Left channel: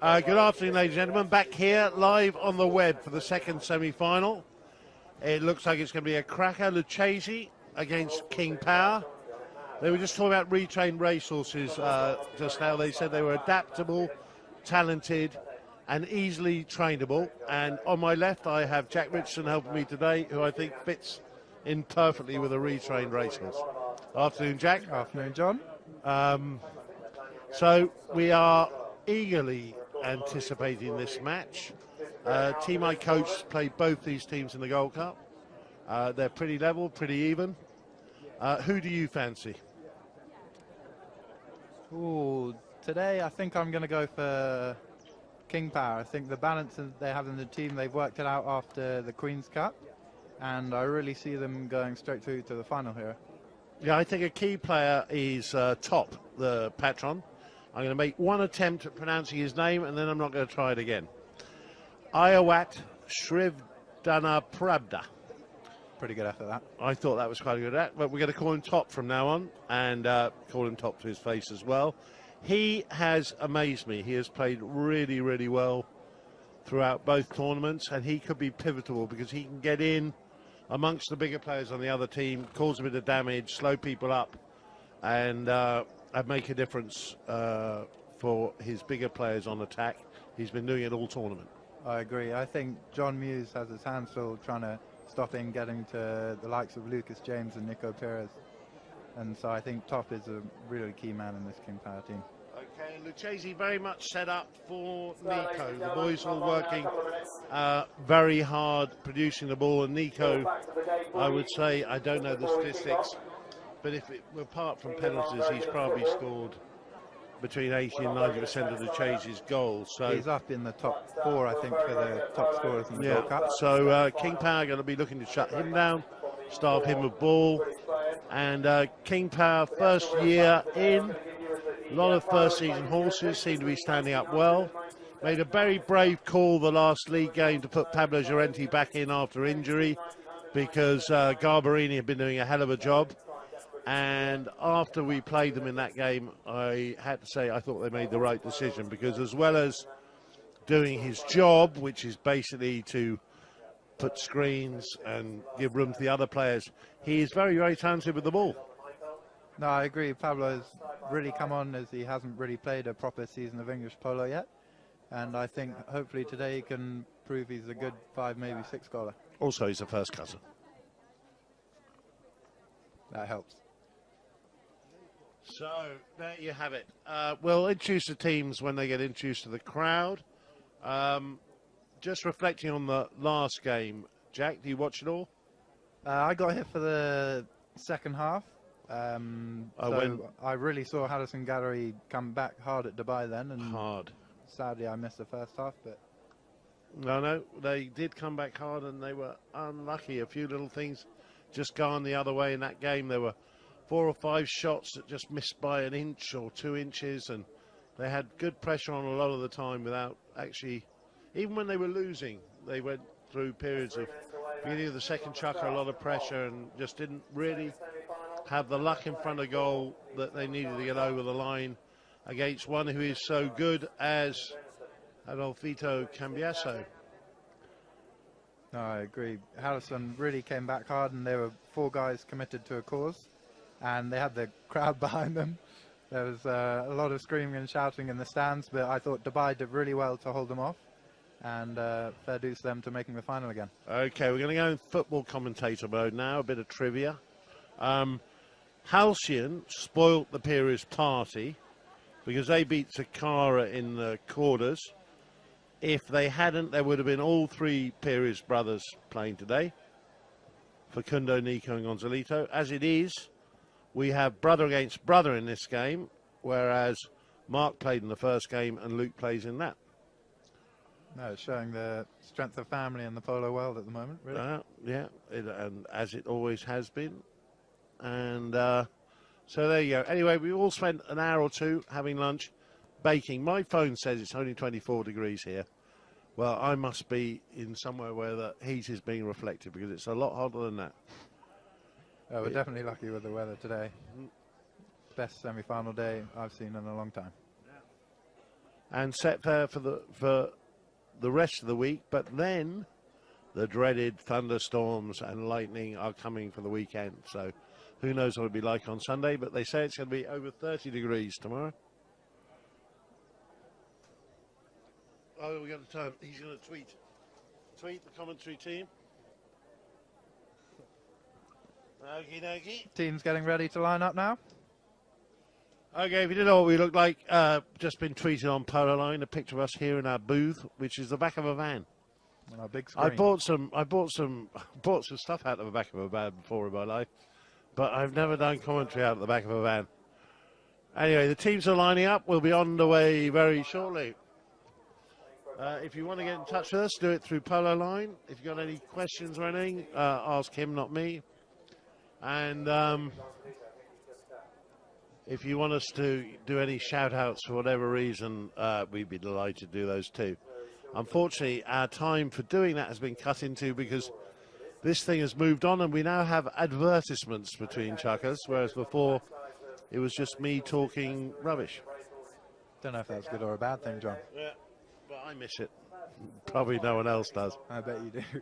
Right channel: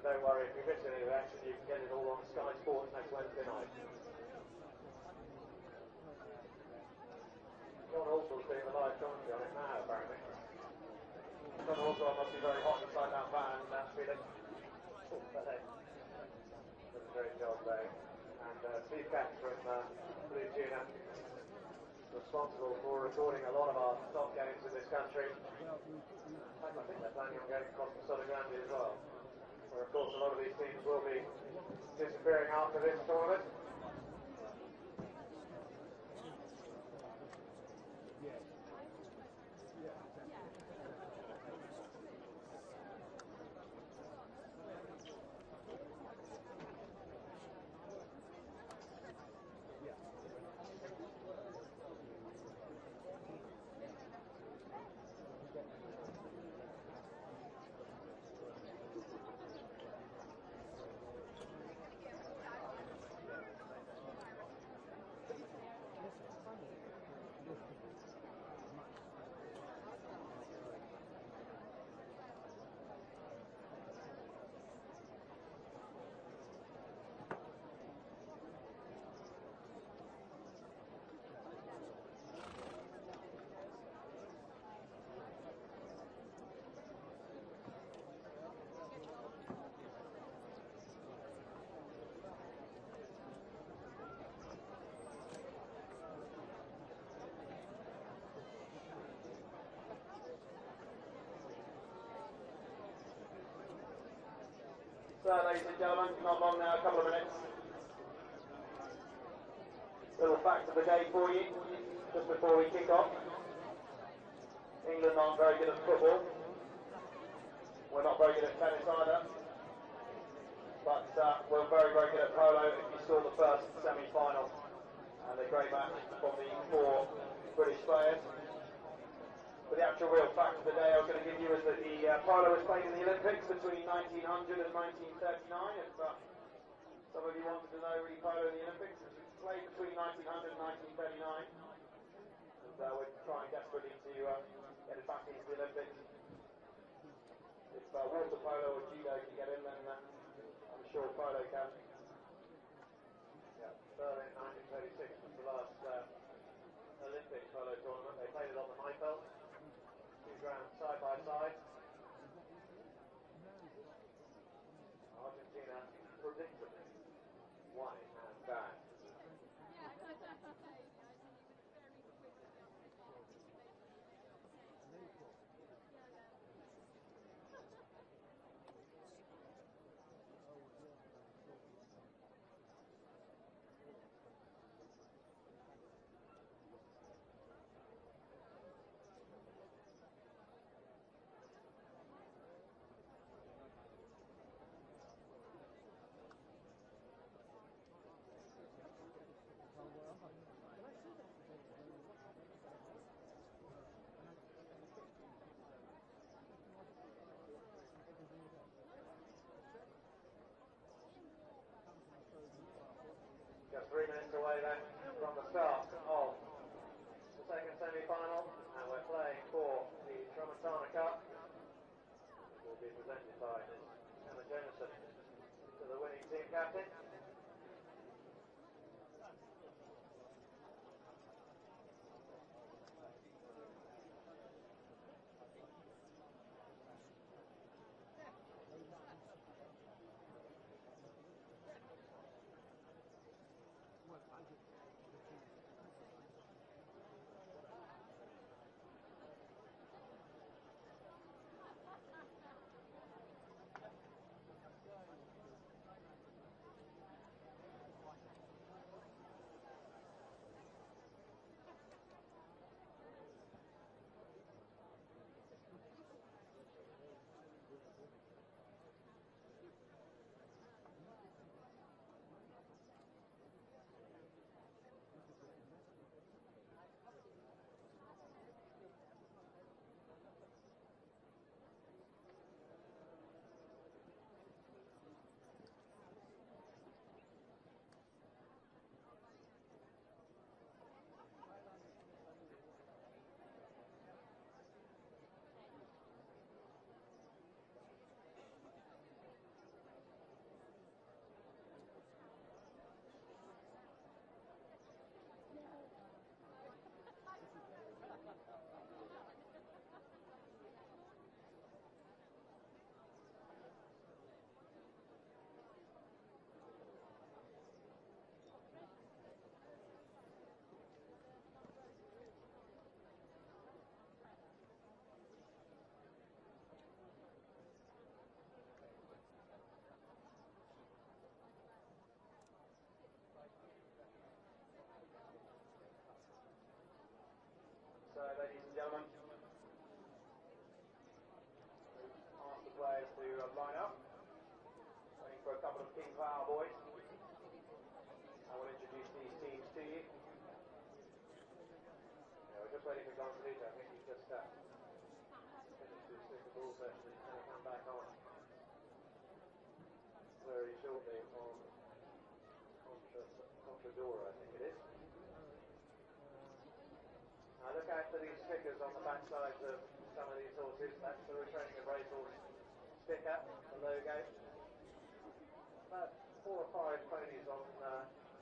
Good afternoon, ladies and gentlemen. Back here live on the web for the second semi-final. It looks like it's going to be a cracker. Lucchese against King Power. They were just talking about retrained racehorses just now. They said they were adaptable, talented, and easily trainable. And on my left, I have Jack Richardson helping me today, who I think fits in perfectly with a retrained racehorse. Afternoon, Jack. Afternoon, John. So we are eagerly anticipating this match. Team I coached played both these teams in the Gold Cup. They're pretty level, pretty even. Who do you fancy? Ooh, today I think I'm going to go for King Power. I think the balance that they have in the team, they've worked it out after the Queen's Cup, and I really see them going straight through to the final here. Yeah, I think a key player is Top, the patron. I'm going to make one attempt at pronouncing his name, and then I'm not going to try it again. Ayawat Shrivdana Pravda. Pretty good after that. I thought that was quite a good act, but we're going to call him Top from now on, and call him Top to his face as well. He has amazed me. He has played really, really well throughout both tournaments, and he could be pivotal because he can get in amongst the bigger players on the other team, cause a bit of damage, slow people up, and make a difference for his bigger players on attack. He's been doing it all tournament. I agree. I think John Muse has his hands full trying to stop him getting to the likes of Lucas James and Nico Perez. And so I think Top is a really key man in this King Power team. Okay, Lucchese very much set up for Nico. The boys were working very hard producing the ball, and Nico, I would say, I don't know the statistics, but if it were apart from penalties, he's probably scored between 80 and 90% of Lucchese's goals. So he's up in the top 4, I think, for the top scorers in the World Cup. So King Power going to be looking to shut him down, starve him with ball. And King Power, first year in, a lot of first season horses seem to be standing up well. Made a very brave call the last league game to put Pablo Llorente back in after injury, because Garbarini had been doing a hell of a job. And after we played them in that game, I had to say I thought they made the right decision, because as well as doing his job, which is basically to put screens and give room to the other players, he is very, very talented with the ball. No, I agree. Pablo has really come on, as he hasn't really played a proper season of English polo yet. And I think hopefully today he can prove he's a good 5, maybe 6 goaler. Also, he's a first cousin. That helps. So, there you have it. We'll introduce the teams when they get introduced to the crowd. Just reflecting on the last game, Jack, do you watch it all? I got here for the second half. I really saw Harrison Gallery come back hard at Dubai then. And hard. Sadly, I missed the first half. But No, they did come back hard, and they were unlucky. A few little things just gone the other way in that game. There were 4 or 5 shots that just missed by an inch or 2 inches, and they had good pressure on a lot of the time without actually, even when they were losing, they went through periods of beginning of the second chukker, a lot of pressure, and just didn't really have the luck in front of goal that they needed to get over the line against one who is so good as Adolfito Cambiaso. No, I agree. Harrison really came back hard, and there were 4 guys committed to a cause, and they had the crowd behind them. There was a lot of screaming and shouting in the stands, but I thought Dubai did really well to hold them off, and fair dues to them to making the final again. Okay, we're going to go in football commentator mode now, a bit of trivia. Halcyon spoilt the Pires party because they beat Takara in the quarters. If they hadn't, there would have been all 3 Pires brothers playing today, Facundo, Nico and Gonzalito. As it is, we have brother against brother in this game, whereas Mark played in the first game and Luke plays in that. No, it's showing the strength of family in the polo world at the moment, really. And as it always has been. And so there you go. Anyway, we all spent an hour or 2 having lunch, baking. My phone says it's only 24 degrees here. Well, I must be in somewhere where the heat is being reflected, because it's a lot hotter than that. Oh, we're definitely lucky with the weather today. Best semi-final day I've seen in a long time. and set fair for the rest of the week. But then the dreaded thunderstorms and lightning are coming for the weekend. So who knows what it'll be like on Sunday, but they say it's going to be over 30 degrees tomorrow. Oh, we got the time. He's going to tweet the commentary team. Okie dokie. Team's getting ready to line up now. Okay, if you didn't know what we look like, just been tweeted on Polo Line a picture of us here in our booth, which is the back of a van. On our big screen. I bought some stuff out of the back of a van before in my life, but I've never done commentary out of the back of a van. Anyway, the teams are lining up. We'll be on the way very shortly. If you want to get in touch with us, do it through Polo Line. If you've got any questions or anything, ask him, not me. And if you want us to do any shout-outs for whatever reason, we'd be delighted to do those too. Unfortunately, our time for doing that has been cut into because this thing has moved on and we now have advertisements between chuckers, whereas before it was just me talking rubbish. Don't know if that's good or a bad thing, John. Yeah, but I miss it. Probably no one else does. I bet you do.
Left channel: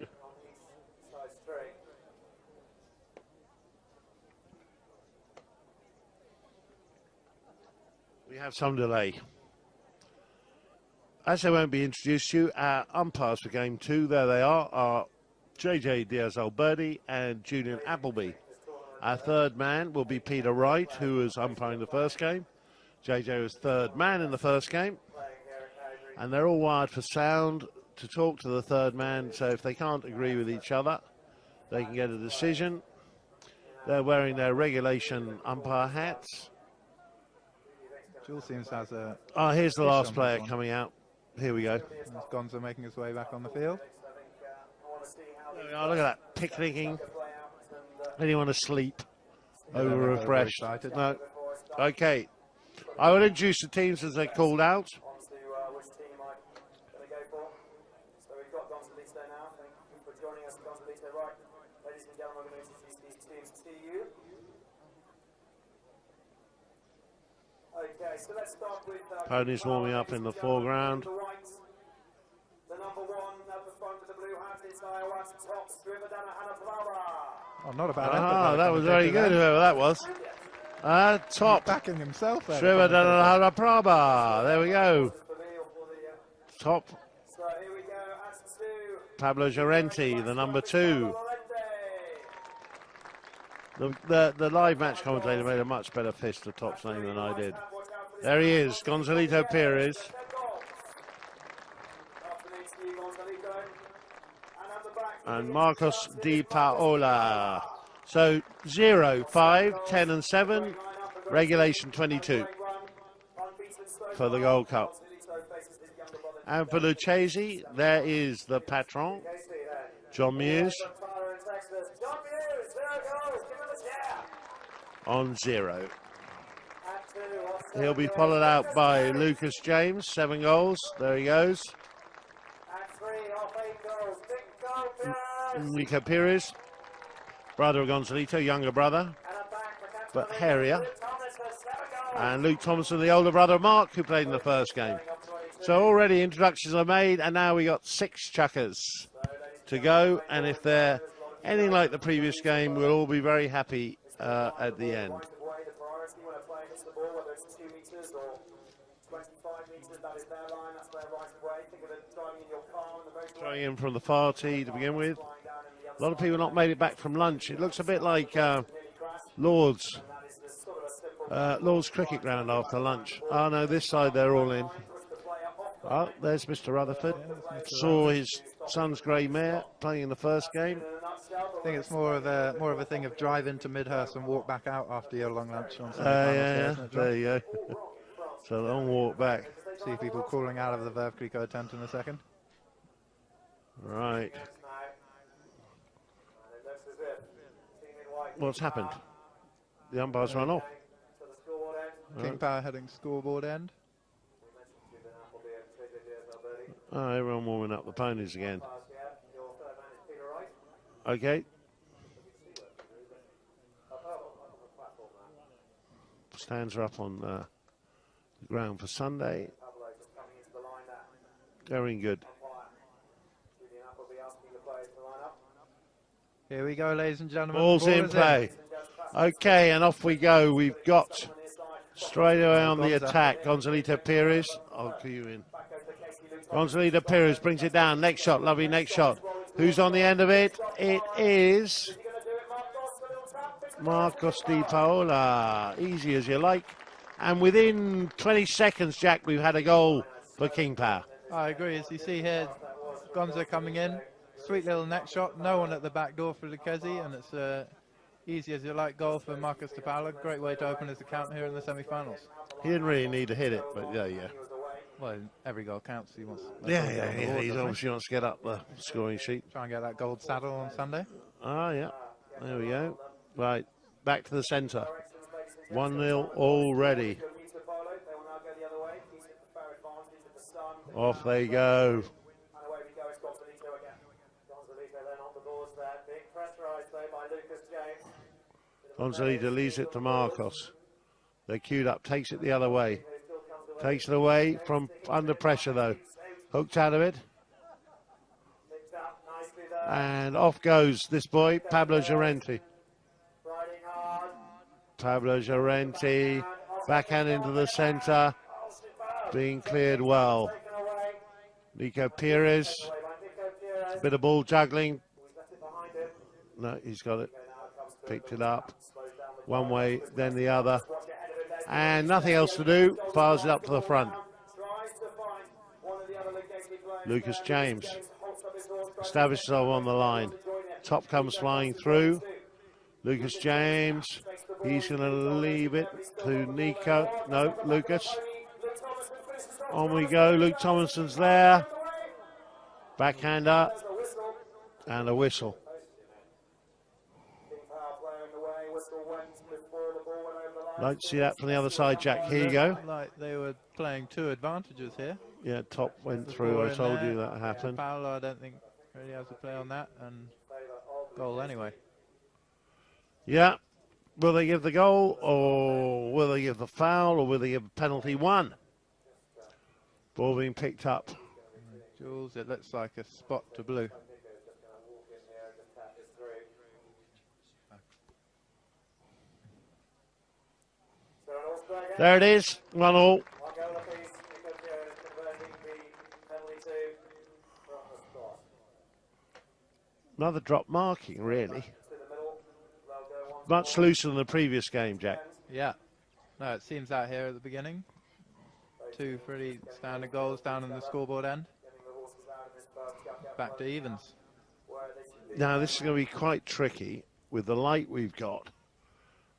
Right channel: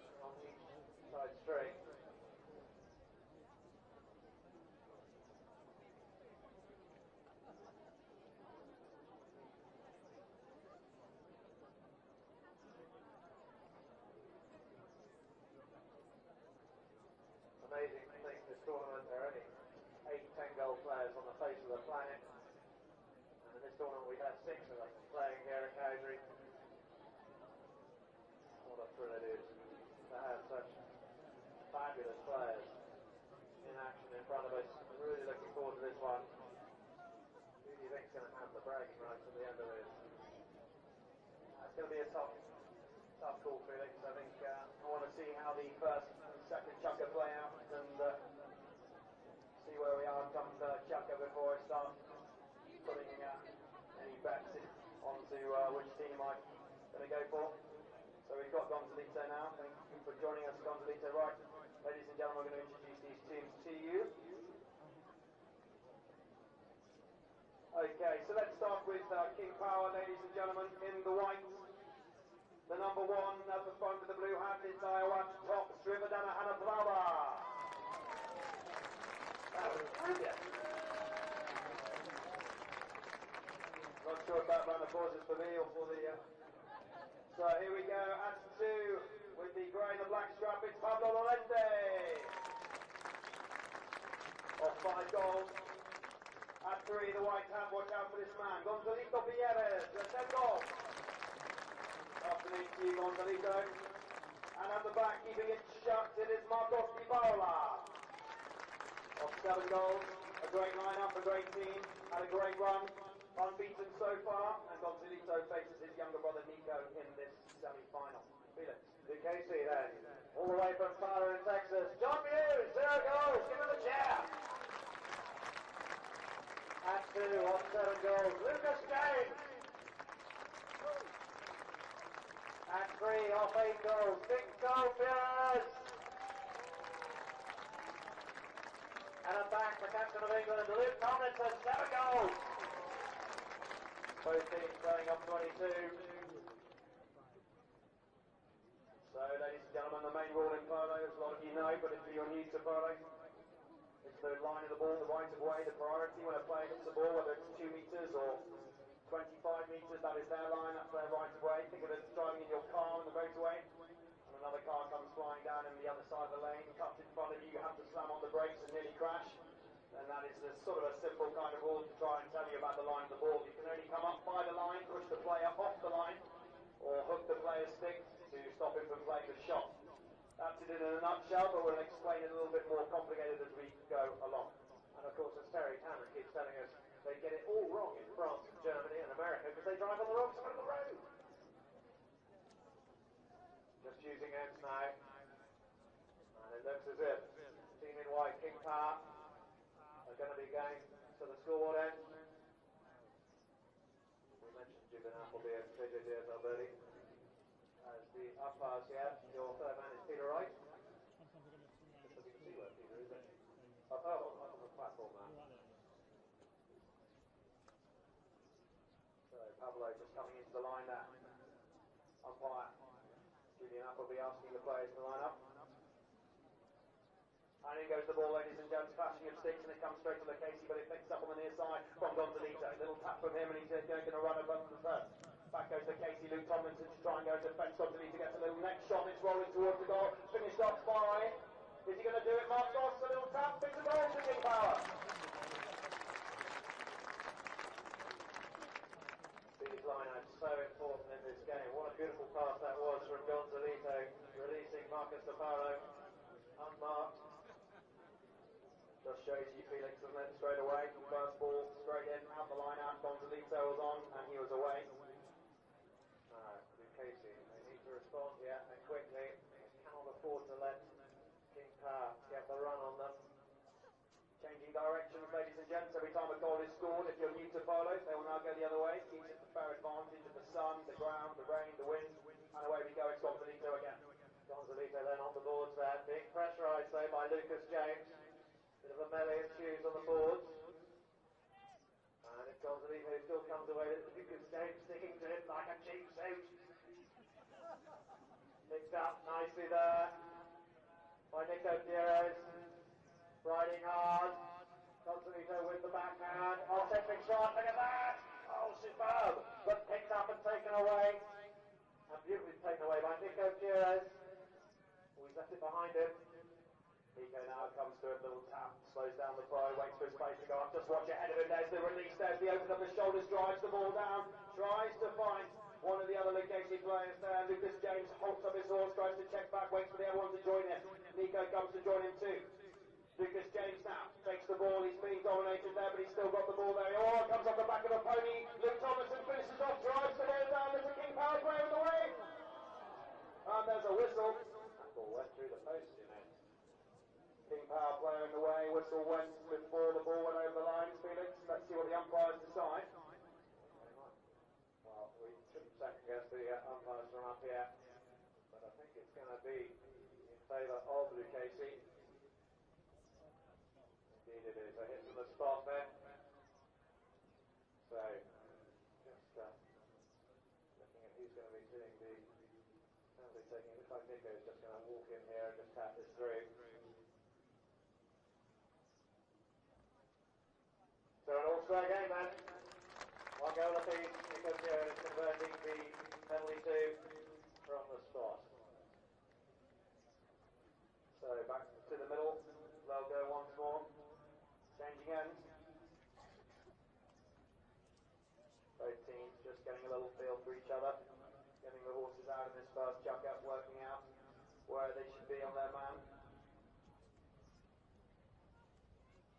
We have some delay. As they won't be introduced to you, our umpires for game 2, there they are JJ Diaz-Alberdi and Julian Appleby. Our third man will be Peter Wright, who was umpiring the first game. JJ was third man in the first game. And they're all wired for sound to talk to the third man, so if they can't agree with each other, they can get a decision. They're wearing their regulation umpire hats. Jules seems has a... Oh, here's the last player coming out. Here we go. Gonzo making his way back on the field. Oh, look at that, picnicking. Anyone asleep? Over refreshed? No. Okay. I will introduce the teams as they're called out. Okay, so let's start with Ponies warming up in the foreground. The number 1 at the front with the blue hat is Iowa's top Striver Dana Oh, not a bad Ah, that was very good, whoever that was. Top backing himself. Striver Dana Praba. There we go. Top. So here we go, as to Pablo Llorente, the number 2. The live match commentator made a much better fist of Top's name than I did. There he is, Gonzalito Perez. And Marcos Di Paola. So 0, 5, 10 and 7, regulation 22 for the Gold Cup. And for Lucchese, there is the patron, John Muse, on 0. He'll be followed out by Lucas James, 7 goals. There he goes. Enrico Perez, brother of Gonzalito, younger brother, but hairier. And Luke Thompson, the older brother of Mark, who played in the first game. So already introductions are made, and now we got 6 chuckers to go. And if they're anything like the previous game, we'll all be very happy at the end. Throwing in from the far tee to begin with. A lot of people not made it back from lunch. It looks a bit like Lord's cricket ground after lunch. Oh no, this side they're all in. Oh, there's Mr. Rutherford. Saw his son's grey mare playing in the first game. I think it's more of a thing of drive into Midhurst and walk back out after your long lunch on Sunday. Yeah, there you go. So a long walk back. See people calling out of the Veuve Clicquot tent in a second. Right. What's happened? The umpires run off. King Power heading scoreboard end. Oh, everyone warming up the ponies again. Okay. Stands are up on the ground for Sunday. Very good. Here we go, ladies and gentlemen. Ball's in play. Okay, and off we go. We've got straight away on the attack, Gonzalito Perez. I'll cue you in. Gonzalito Perez brings it down. Next shot, lovely next shot. Who's on the end of it? It is Marcos Di Paola. Easy as you like. And within 20 seconds, Jack, we've had a goal for King Power. I agree. As you see here, Gonza coming in. Sweet little neck shot. No one at the back door for Lucchese, and it's easy as you like goal for Marcos Di Paola. Great way to open his account here in the semi-finals. He didn't really need to hit it, but yeah. Well, every goal counts. He wants. Yeah. He obviously wants to get up the scoring sheet. Try and get that gold saddle on Sunday. Ah, yeah. There we go. Right, back to the centre. 1-0 already. Off they go. Gonzalito leaves it to Marcos. They're queued up, takes it the other way. Takes it away from under pressure though. Hooked out of it. And off goes this boy, Pablo Llorente. Pablo Llorente, backhand into the centre. Being cleared well. Nico Perez. A bit of ball juggling. No, he's got it. Picked it up. One way, then the other. And nothing else to do. Fires it up to the front. Lucas James establishes himself on the line. Top comes flying through. Lucas James. He's going to leave it to Nico. No, Lucas. On we go. Luke Thomason's there. Backhander. And a whistle. Don't see that from the other side, Jack. Here you go. Like they were playing two advantages here. Yeah, top went through. I told you that happened. Paolo, I don't think really has a play on that, and goal anyway. Yeah. Will they give the goal, or will they give the foul, or will they give penalty one? Ball being picked up. Jules, it looks like a spot to blue. There it is, 1-1. Another drop marking, really. Much looser than the previous game, Jack. Yeah. No, it seems out here at the beginning. Two pretty standard goals down in the scoreboard end. Back to evens. Now, this is going to be quite tricky with the light we've got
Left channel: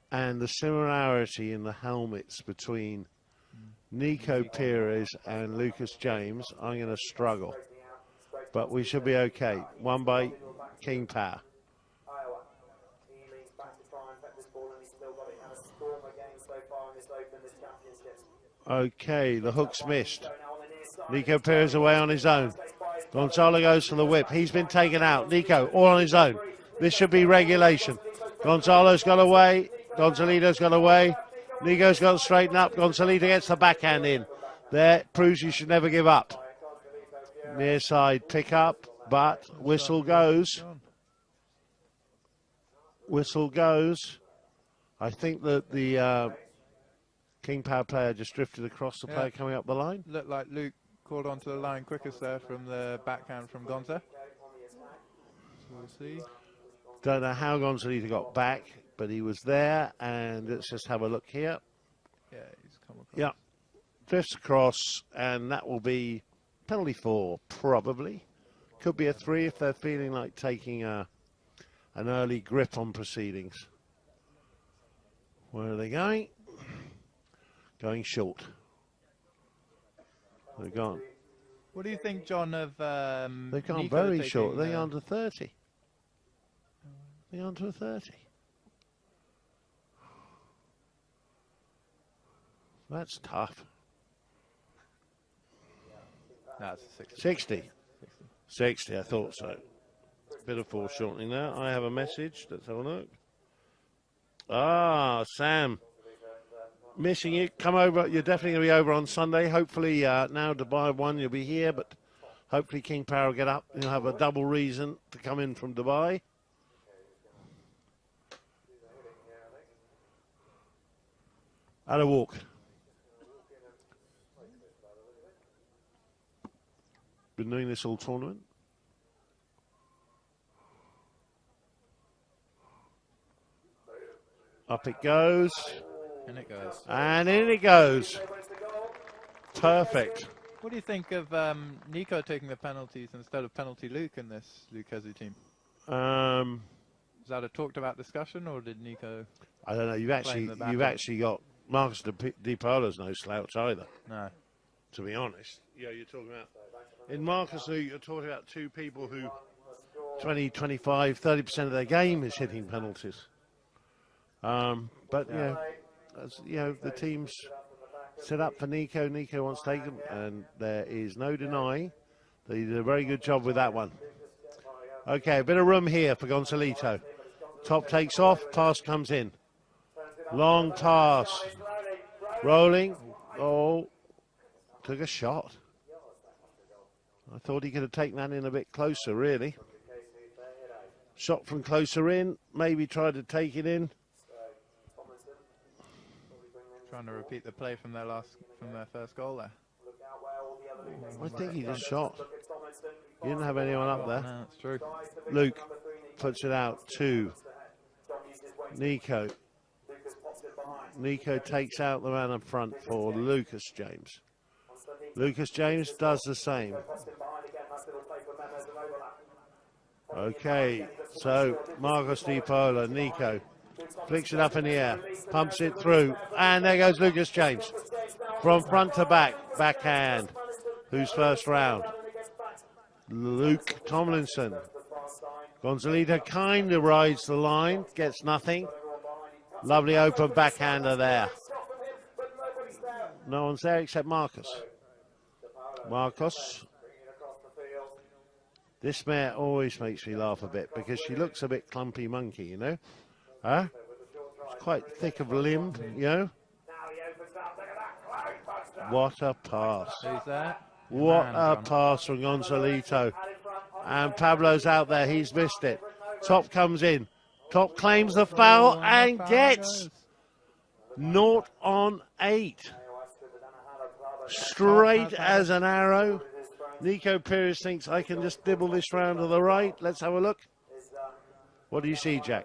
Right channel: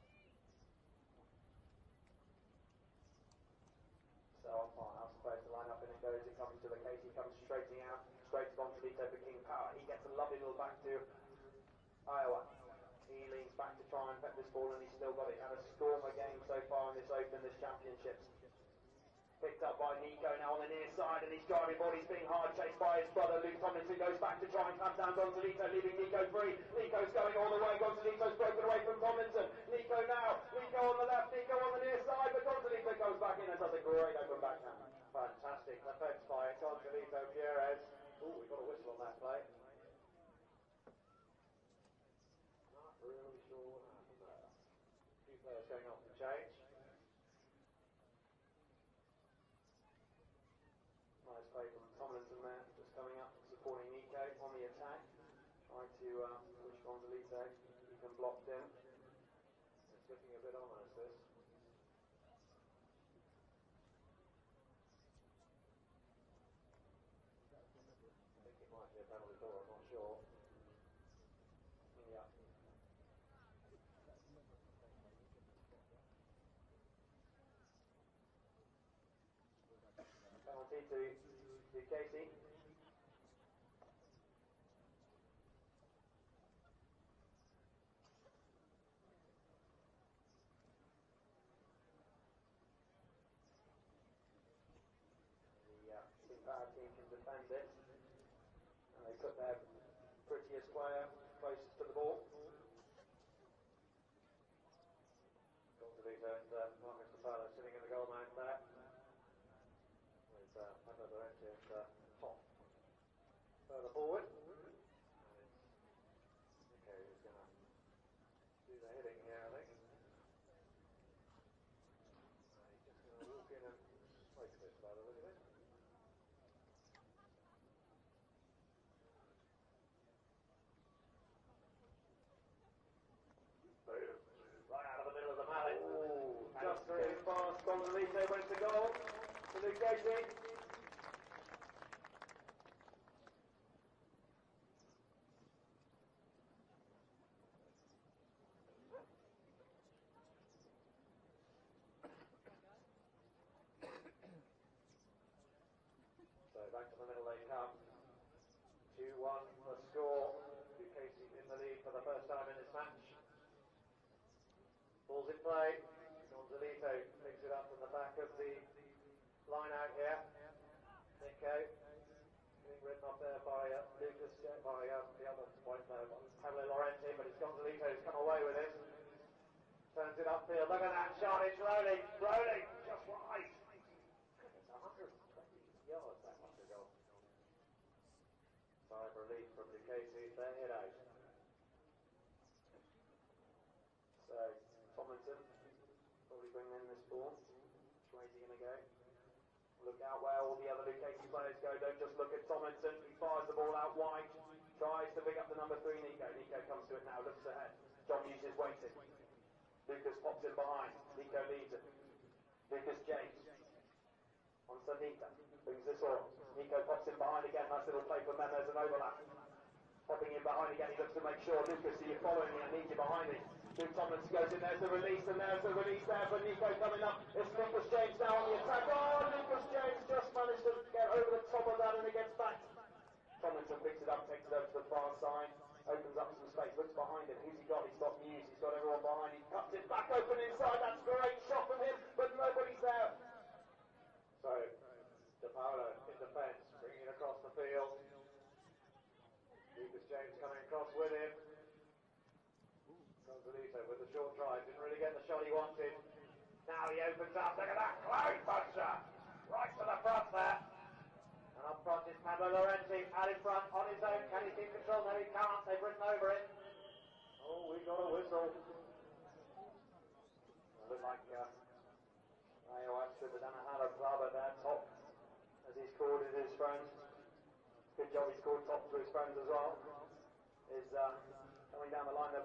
and the similarity in the helmets between Nico Perez and Lucas James. I'm going to struggle, but we should be okay. One by King Power. Okay, the hook's missed. Nico Perez away on his own. Gonzalo goes for the whip. He's been taken out. Nico all on his own. This should be regulation. Gonzalo's got away. Gonzalito's got away. Nico's got to straighten up. Gonzalito gets the backhand in. There, proves you should never give up. Near side pick up, but whistle goes. Whistle goes. I think that the King Power player just drifted across the player coming up the line. Looked like Luke called onto the line quickest there from the backhand from Gonza. We'll see. Don't know how Gonzalito got back, but he was there, and let's just have a look here. Yeah, he's come across. Yeah, drifts across, and that will be penalty 4, probably. Could be a 3 if they're feeling like taking an early grip on proceedings. Where are they going? Going short. They're gone. What do you think, John, of they've gone Nico very taking, short. They're on to 30. They're on to a 30. That's tough. That's 60. 60, I thought so. Bit of foreshortening there. I have a message. Let's have a look. Ah, Sam. Missing you. Come over. You're definitely going to be over on Sunday. Hopefully now Dubai 1 you'll be here, but Hopefully King Power will get up. He'll have a double reason to come in from Dubai. At a walk. Been doing this all tournament. Up it goes. And it goes. And in it goes. Perfect. What do you think of Nico taking the penalties instead of penalty Luke in this Lucchese team? Is that a talked about discussion, or did Nico? I don't know. You've actually got Marcus Di Polo's no slouch either. No. To be honest. Yeah, you're talking about in Marcus Luke. You're talking about two people who 20, 25, 30% of their game is hitting penalties. But the team's set up for Nico. Nico wants to take them, and there is no denying that he did a very good job with that one. Okay, a bit of room here for Gonzalito. Top takes off, pass comes in. Long pass. Rolling. Oh, took a shot. I thought he could have taken that in a bit closer, really. Shot from closer in, maybe tried to take it in. Trying to repeat the play from their first goal there. I think he just shot. He didn't have anyone up there. No, that's true. Luke puts it out to Nico. Nico takes out the man up front for Lucas James. Lucas James does the same. Okay, so Marcos Di Polo, Nico, flicks it up in the air, pumps it through, and there goes Lucas James. From front to back, backhand. Who's first round? Luke Tomlinson. Gonzalito kind of rides the line, gets nothing. Lovely open backhander there. No one's there except Marcus. Marcos. This mare always makes me laugh a bit because she looks a bit clumpy monkey, you know. Huh? She's quite thick of limb, you know. What a pass. What a pass from Gonzalito. And Pablo's out there, he's missed it. Top comes in. Top claims the foul and gets 0 on 8. Straight as an arrow. Nico Pires thinks I can just dibble this round to the right. Let's have a look. What do you see, Jack?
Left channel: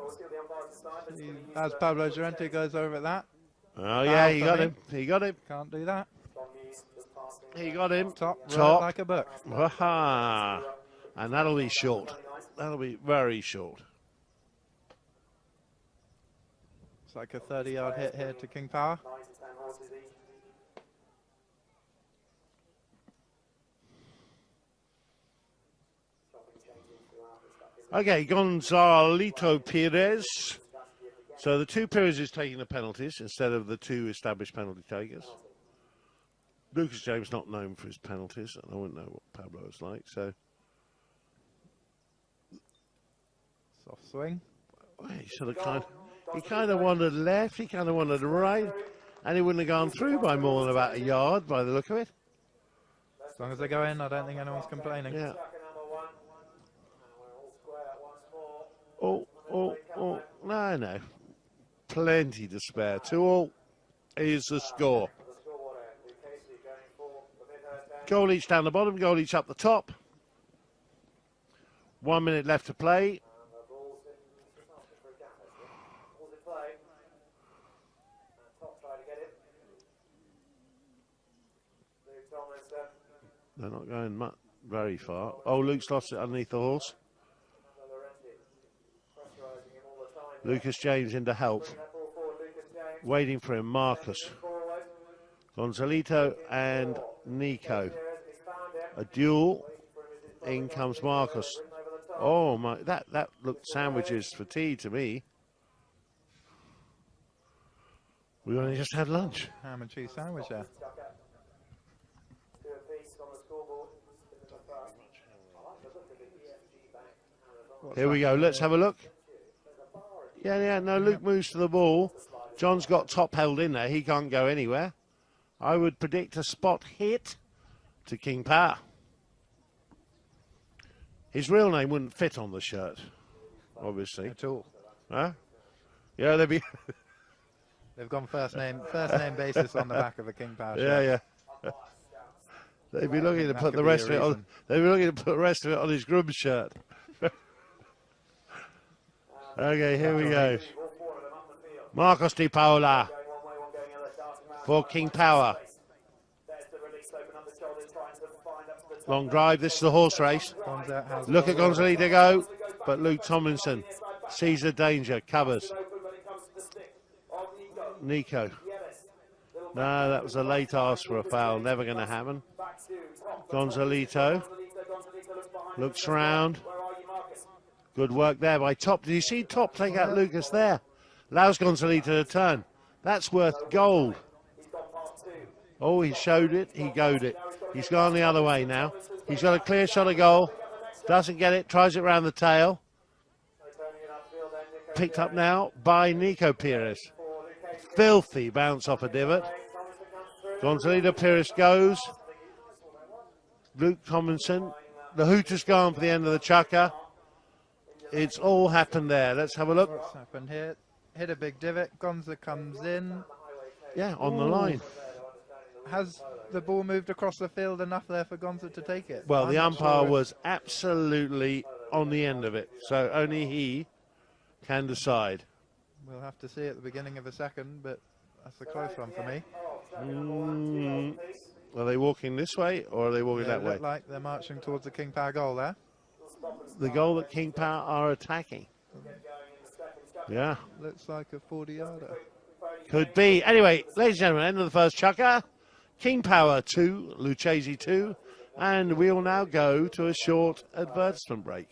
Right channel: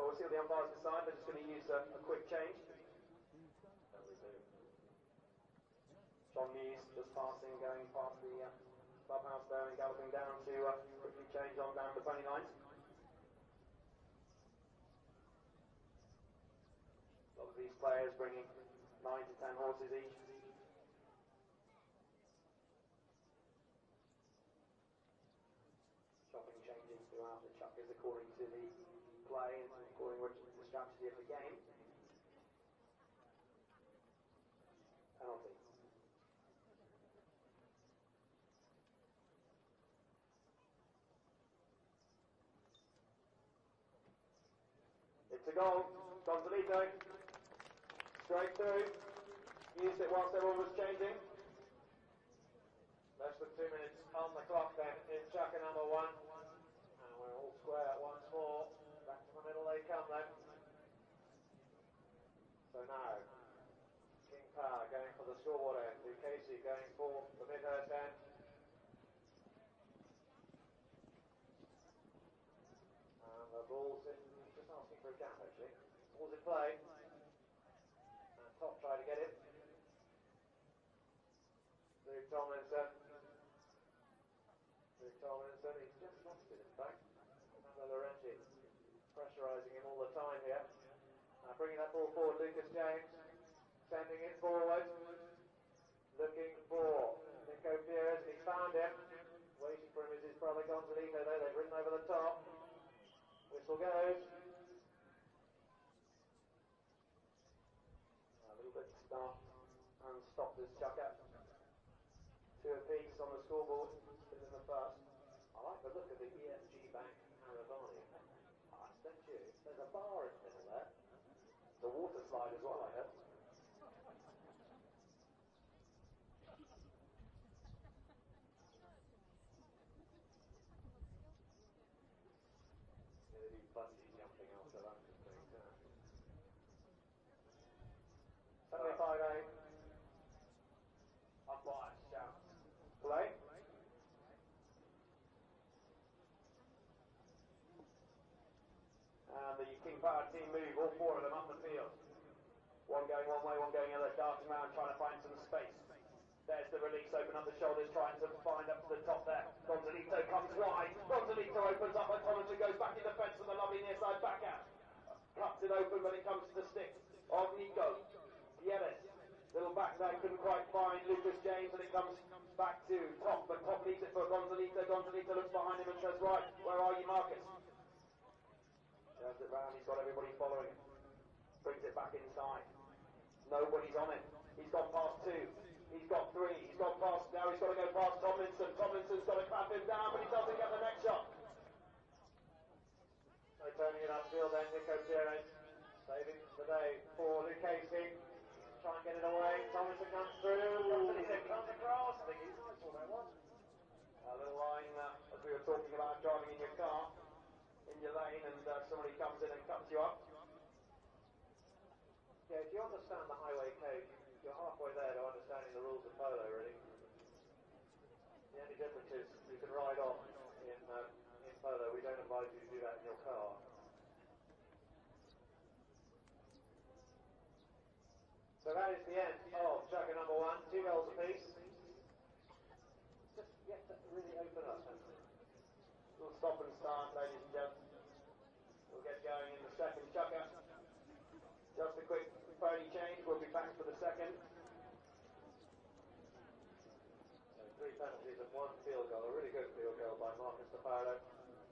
As Pablo Llorente goes over that. Oh, yeah, he got him. He got him. Can't do that. He got him. Top. Like a book. Aha. And that'll be short. That'll be very short. It's like a 30-yard hit here to King Power. Okay, Gonzalito Pires. So the two Pires is taking the penalties instead of the two established penalty takers. Lucas James not known for his penalties, and I wouldn't know what Pablo is like, so. Soft swing. He kind of wandered left, he kind of wandered right, and he wouldn't have gone through by more than about a yard by the look of it. As long as they go in, I don't think anyone's complaining. Yeah. Oh, no. Plenty to spare. 2-2 is the score. Goal each down the bottom, goal each up the top. 1 minute left to play. They're not going very far. Oh, Luke's lost it underneath the horse. Lucas James in to help. Waiting for him, Marcus. Gonzalito and Nico. A duel. In comes Marcus. Oh my, that looked sandwiches for tea to me. We only just had lunch. Ham and cheese sandwich there. Here we go, let's have a look. Yeah, no, Luke moves to the ball. John's got top held in there, he can't go anywhere. I would predict a spot hit to King Power. His real name wouldn't fit on the shirt, obviously. At all. Huh? Yeah, they'd be. They've gone first name basis on the back of a King Power Yeah, shirt. yeah. They'd be looking to That put could the be rest a of it on. reason. They'd be looking to put the rest of it on his groom's shirt. Okay, here we go. Marcos Di Paola for King Power. Long drive. This is the horse race. Look at Gonzalita go, but Luke Tomlinson sees the danger, covers. Nico. No, that was a late ask for a foul. Never going to happen. Gonzalito looks round. Good work there by Top. Did you see Top take out Lucas there? Allows Gonzalito to turn. That's worth gold. Oh, he showed it. He goed it. He's gone the other way now. He's got a clear shot of goal. Doesn't get it. Tries it round the tail. Picked up now by Nico Pires. Filthy bounce off a divot. Gonzalito Pires goes. Luke Tomlinson. The hoot has gone for the end of the chukker. It's all happened there. Let's have a look. What's happened here? Hit a big divot. Gonza comes in. Yeah, on the line. Has the ball moved across the field enough there for Gonza to take it? Well, the I'm not umpire sure. was absolutely on the end of it, so only he can decide. We'll have to see at the beginning of a second, but that's a close one for me. Are they walking this way or are they walking that way? Look like they're marching towards the King Power goal there. The goal that King Power are attacking. Yeah, Looks like a 40-yarder. could be. Anyway, ladies and gentlemen, end of the first chukker. King Power 2, Lucchese 2, and we will now go to a short advertisement break.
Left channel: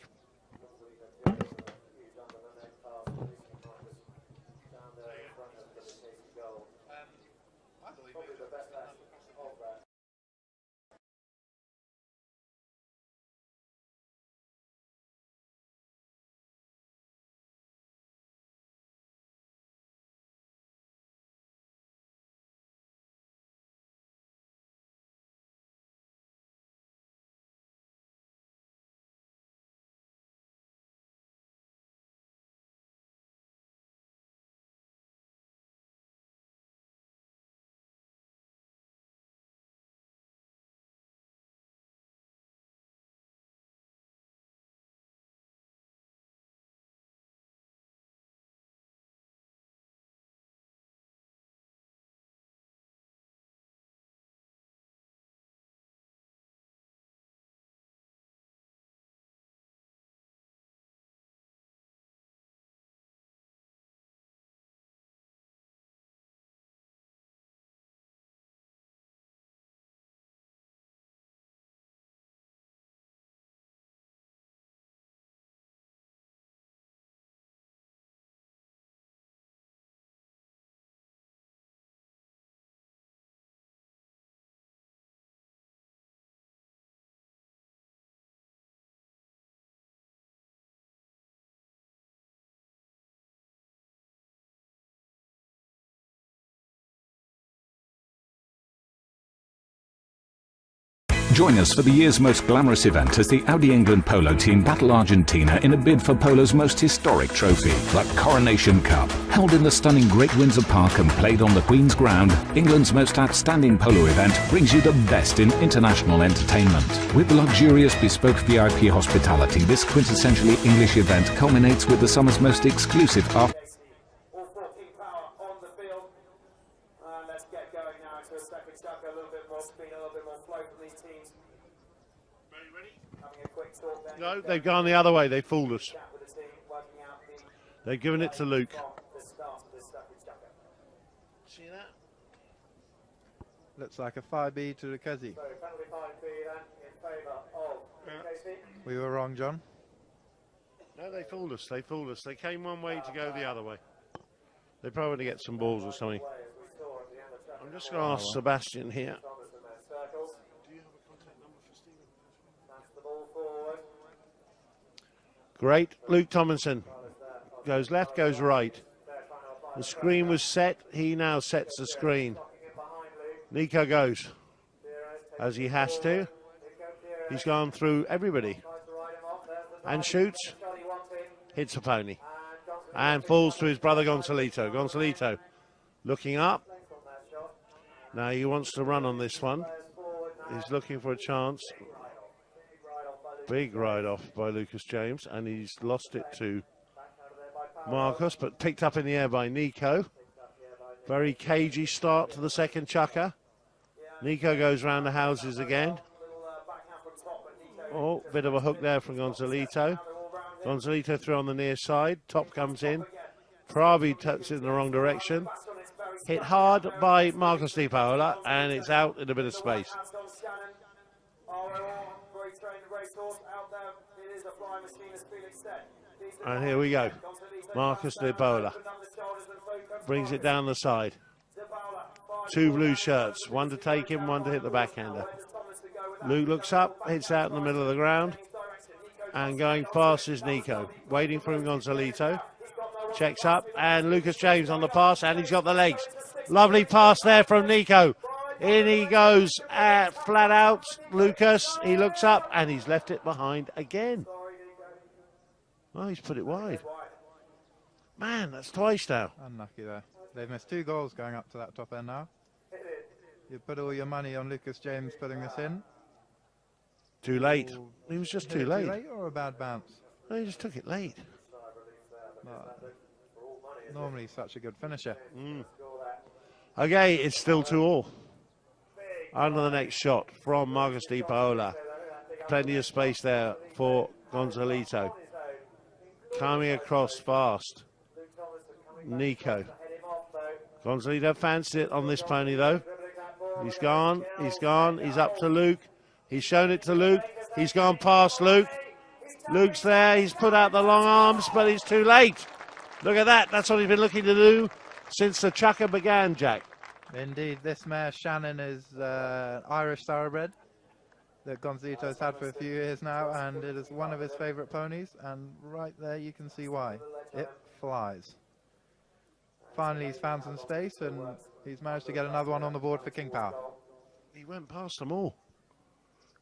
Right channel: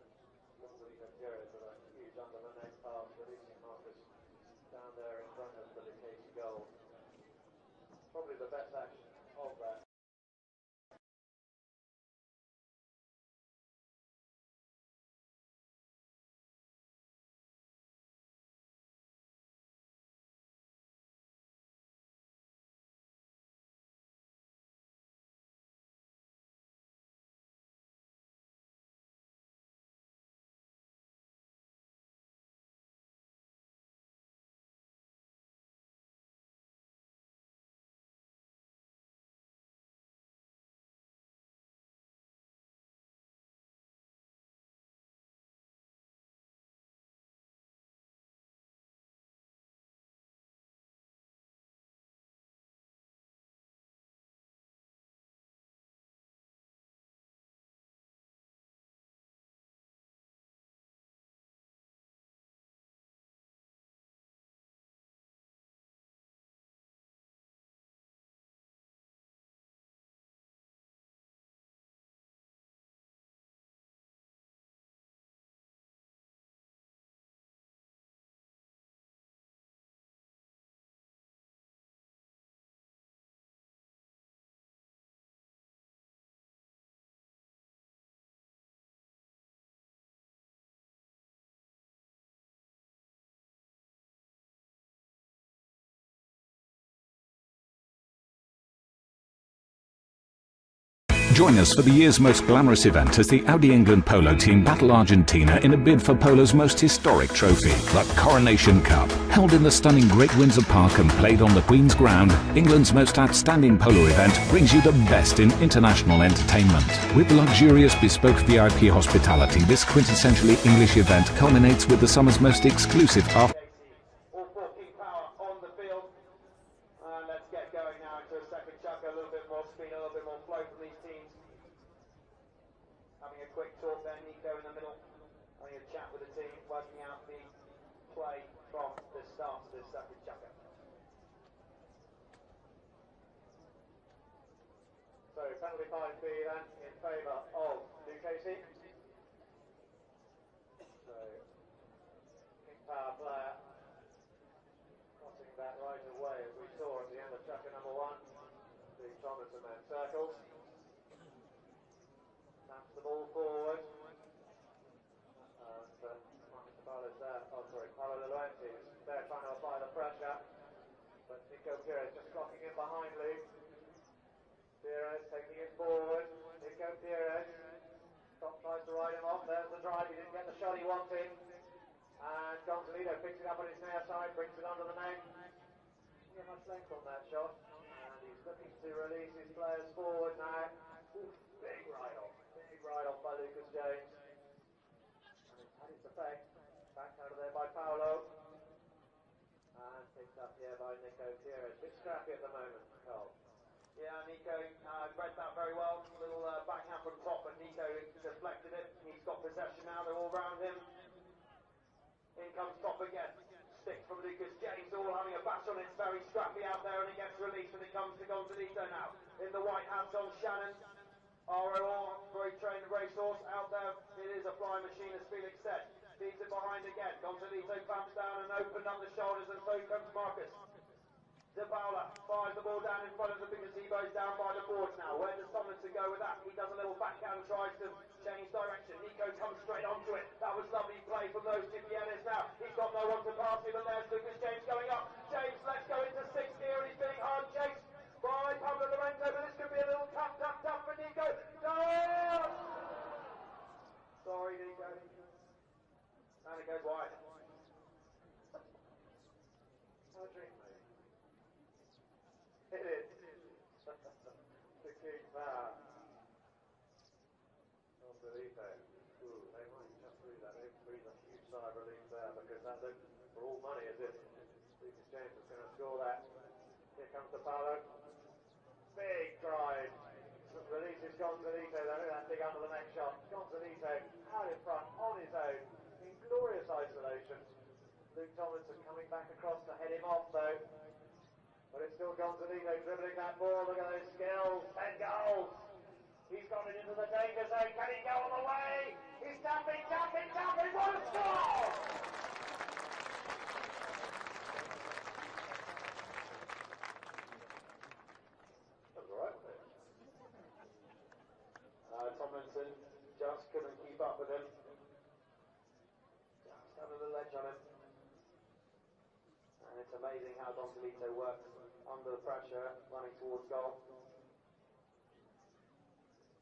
Join us for the year's most glamorous event as the Audi England Polo team battle Argentina in a bid for Polo's most historic trophy, the Coronation Cup. Held in the stunning Great Windsor Park and played on the Queen's Ground, England's most outstanding polo event brings you the best in international entertainment. With luxurious bespoke VIP hospitality, this quintessentially English event culminates with the summer's most exclusive after. All four King Power on the field. Let's get going now into a second chukker. A little bit more speed, a little bit more flow from these teams. Having a quick talk then. No, they've gone the other way. They fooled us. Chat with the team, working out the They've given it to Luke. from the start of this second chukker. See that? Looks like a 5B to Lucchese. So penalty 5B then in favour of Lucchese. We were wrong, John. No, they fooled us. They fooled us. They came one way to go the other way. They probably want to get some balls or something. As we saw at the end of chukker I'm just going to ask Sebastian here. Thomas in their circles. That's the ball forward. Great. Luke Tomlinson goes left, goes right. They're trying to apply The screen was set. He now sets the screen. blocking it behind Luke. Nico goes Pires as he has to. Nico Pires He's gone through everybody. tries to ride him off there. and shoots. Hits a pony. And falls to his brother Gonzalito. Gonzalito looking up. Now he wants to run on this one. He's looking for a chance. Big ride off by Lucas James, and he's lost it to Marcus, but picked up in the air by Nico. Very cagey start to the second chukker. Nico goes round the houses again. Oh, bit of a hook there from Gonzalito. Gonzalito through on the near side. Top comes in. Pravi taps it in the wrong direction. Hit hard by Marcos Di Paola, and it's out in a bit of space. And here we go. Marcos Di Paola brings it down the side. Two blue shirts, one to take him, one to hit the backhander. Luke looks up, hits out in the middle of the ground, and going fast is Nico. Waiting for him, Gonzalito. Checks up, and Lucas James on the pass, and he's got the legs. Lovely pass there from Nico. In he goes, flat out. Lucas, he looks up, and he's left it behind again. Oh, he's put it wide. Man, that's twice now. Unlucky there. They've missed 2 goals going up to that top end now. You put all your money on Lucas James putting this in. Too late. He was just too late. Too late or a bad bounce? No, he just took it late. Normally such a good finisher. Okay, it's still 2-2. On to the next shot from Marcos Di Paola. Plenty of space there for Gonzalito. Coming across fast. Nico. Gonzalito fancied it on this pony though. He's gone, he's up to Luke. He's shown it to Luke. He's gone past Luke. Luke's there, he's put out the long arms, but he's too late. Look at that, that's what he's been looking to do since the chukker began, Jack. Indeed, this mare, Shannon, is Irish thoroughbred that Gonzalito's had for a few years now, and it is one of his favourite ponies, and right there you can see why. It flies. Finally he's found some space, and he's managed to get another one on the board for King Power. He went past them all.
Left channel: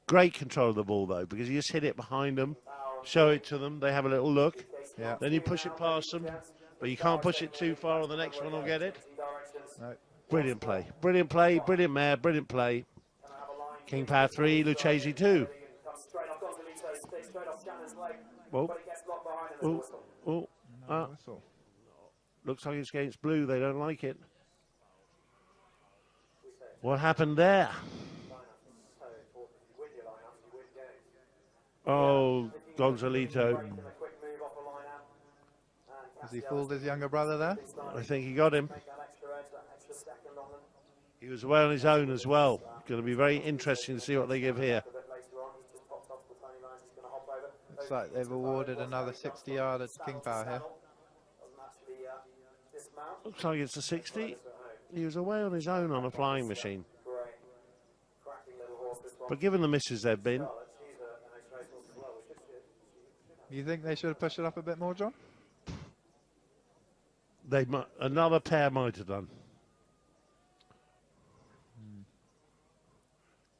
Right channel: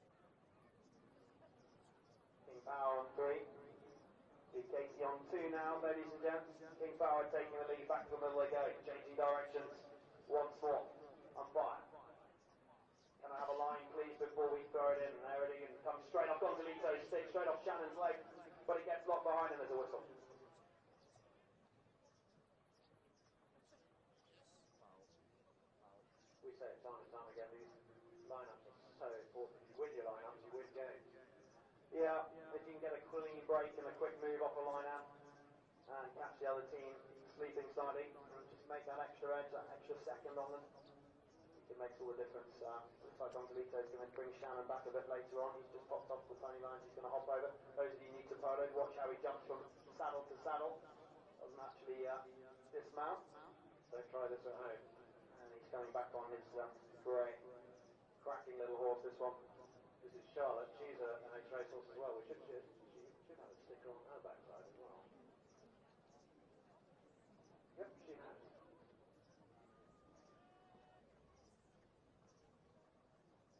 Great control of the ball though, because you just hit it behind them, show it to them, they have a little look, then you push it past them, but you can't push it too far or the next one will get it. No. Brilliant play, brilliant play, brilliant mare, brilliant play. King Power 3, Lucchese 2. Oh, oh, oh. Looks like it's against blue, they don't like it. What happened there? Oh, Gonzalito. Has he fooled his younger brother there? I think he got him. He was away on his own as well. Going to be very interesting to see what they give here. Looks like they've awarded another 60-yarder to King Power here. Looks like it's a 60. He was away on his own on a flying machine. But given the misses they've been... You think they should have pushed it up a bit more, John? They another pair might have done.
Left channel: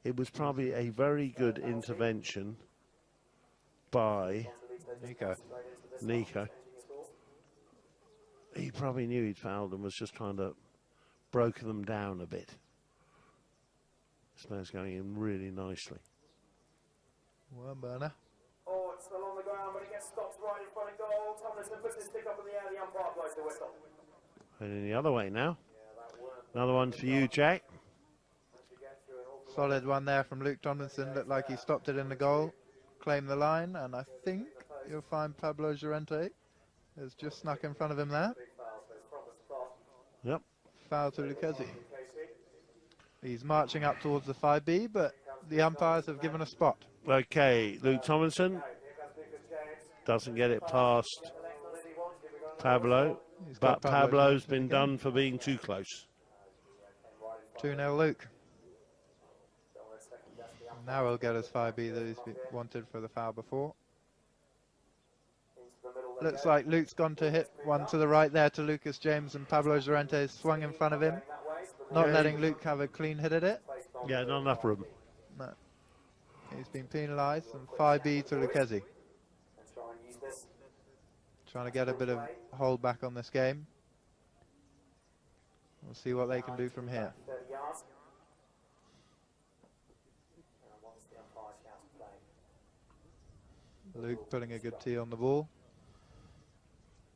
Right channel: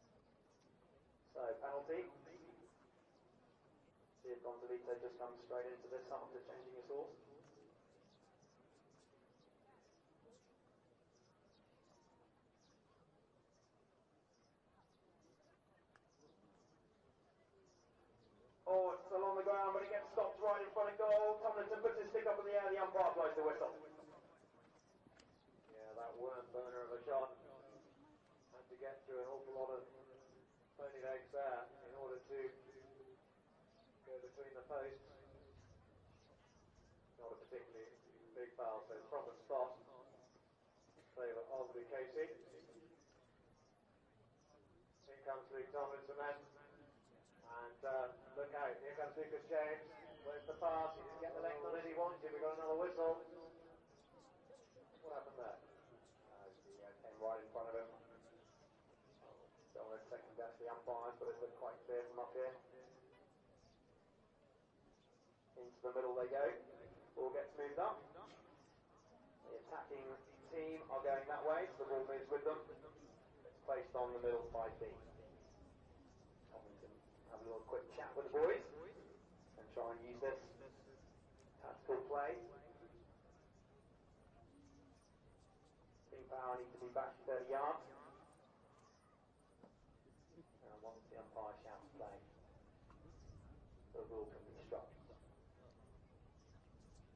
It was probably a very good intervention by Nico. He probably knew he'd fouled and was just trying to broker them down a bit. This man's going in really nicely. Well, burner. Oh, it's still on the ground, but it gets stopped right in front of goal. Tomlinson puts his stick up in the air, the umpire blows the whistle. And in the other way now. Another one for you, Jack. Solid one there from Luke Tomlinson. Looked like he stopped it in the goal, claimed the line, and I think you'll find Pablo Llorente has just snuck in front of him there. Yep. Foul to Lucchese. He's marching up towards the 5B, but the umpires have given a spot. Okay, Luke Tomlinson doesn't get it past Pablo, but Pablo's been done for being too close. 2-0 Luke. Now he'll get his 5B that he's wanted for the foul before. Looks like Luke's gone to hit one to the right there to Lucas James, and Pablo Llorente swung in front of him, not letting Luke have a clean hit at it. Yeah, not enough room. No. He's been penalised, and 5B to Lucchese. trying to get a bit of hold back on this game. We'll see what they can do from here. Luke putting a good tee on the ball.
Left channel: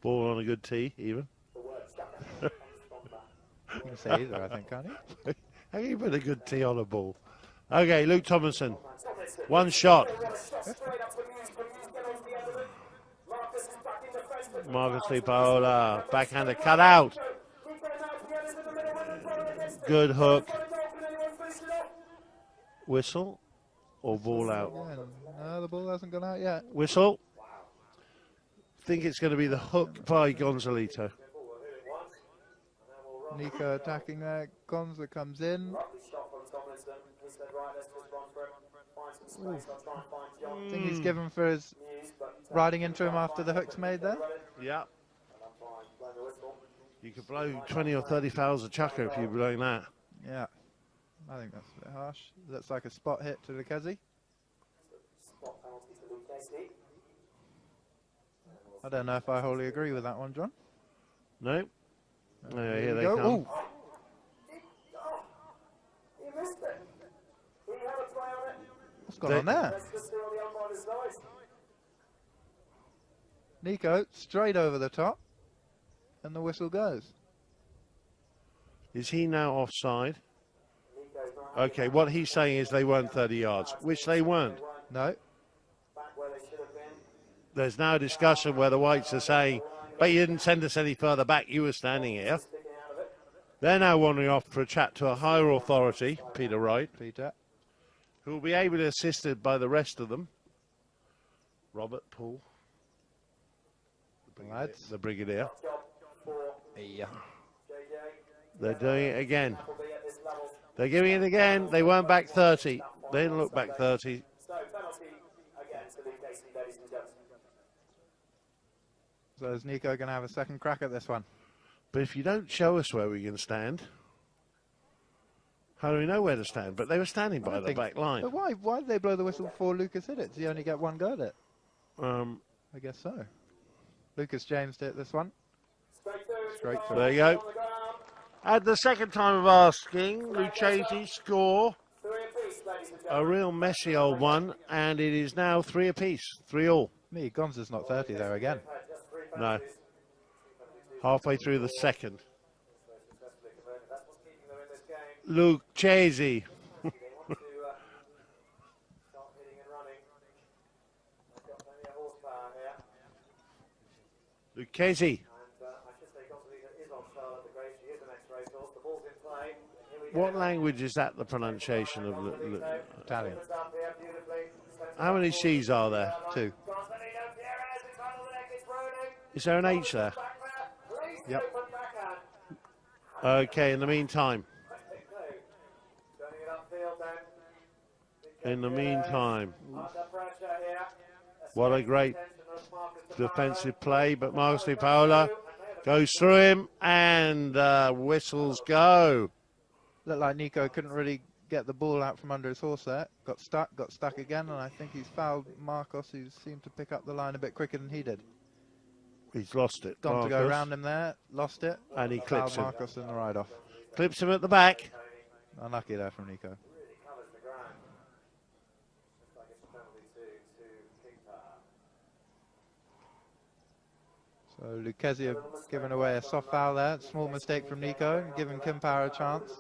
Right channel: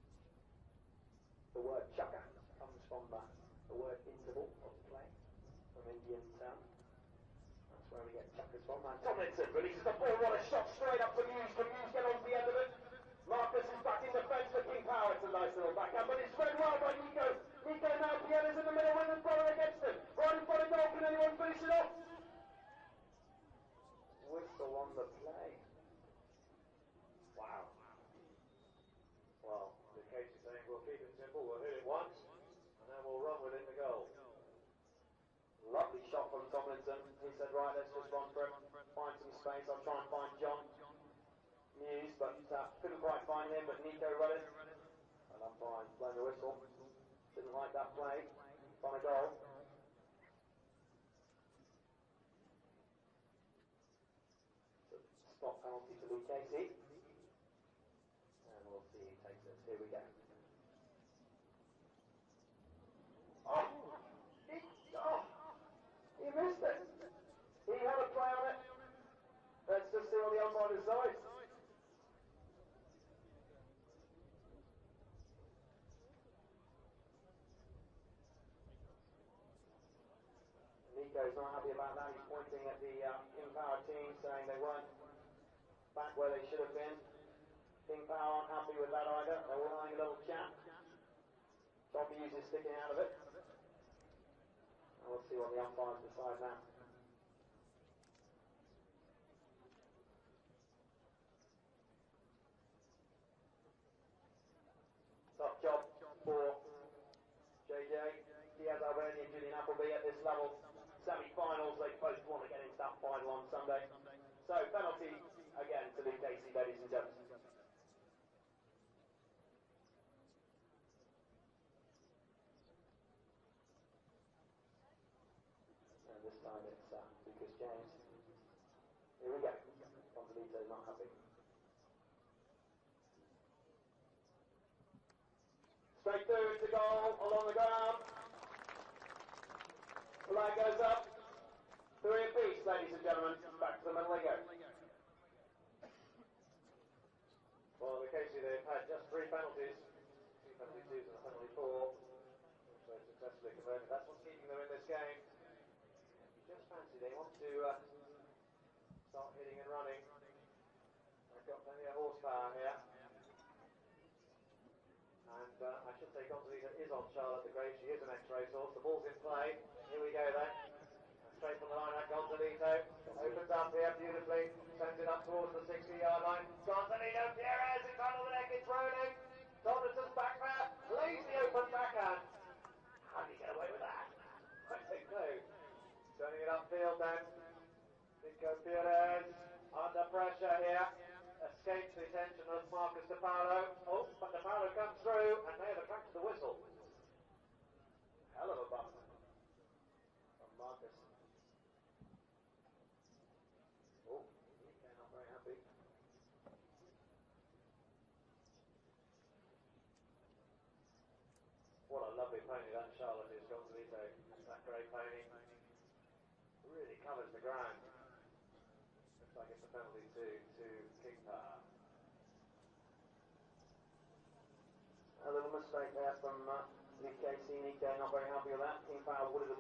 Ball on a good tee, even. You can say either, I think, can't you? How can you put a good tee on a ball? Okay, Luke Tomlinson. One shot. Marcus Paola, backhander cut out. Good hook. Whistle or ball out? No, the ball hasn't gone out yet. Whistle. Think it's going to be the hook by Gonzalito. Nico attacking there. Gonza comes in. I think he's given for his riding into him after the hook's made there. Yeah. You could blow 20 or 30 fouls of Chucker if you're blowing that. Yeah. I think that's a bit harsh. Looks like a spot hit to Lucchese. I don't know if I wholly agree with that one, John. No. Here they come. Ooh. He missed it. He had a play on it. What's going on there? Let's just see what the umpire decides. Nico straight over the top, and the whistle goes. Is he now offside? Okay, what he's saying is they weren't 30 yards, which they weren't. No. Back where they should have been. There's now a discussion where the Whites are saying, but you didn't send us any further back, you were standing here. They're now wandering off for a chat to a higher authority, Peter Wright, who will be able to assisted by the rest of them. Robert, Paul, the Brigadier. Yeah. They're doing it again. They're giving it again. They weren't back 30. They didn't look back 30. So penalty again to Lucchese, ladies and gentlemen. So is Nico going to have a second crack at this one? But if you don't show us where we can stand, how do we know where to stand? But they were standing by the back line. But why did they blow the whistle before Lucas hit it? Does he only get one go at it? I guess so. Lucas James did this one. Straight for There you go. At the second time of asking, Lucchese score a real messy old one, and it is now 3 apiece, 3-all. Me, Gonza's not 30 there again. No. Halfway through the second. Lucchese. Lucchese. What language is that, the pronunciation of the Italian. How many C's are there? 2. Is there an H there? Yep. Okay, in the meantime. What a great defensive play, but Marcus Paola goes through him, and whistles go. Looked like Nico couldn't really get the ball out from under his horse there. Got stuck again, and I think he's fouled Marcos, who seemed to pick up the line a bit quicker than he did. He's lost it. Gone to go around him there, lost it, and he clips him. Marcos in the ride-off. Clips him at the back. Unlucky there from Nico. So Lucchese have given away a soft foul there. Small mistake from Nico, giving Kim Power a chance.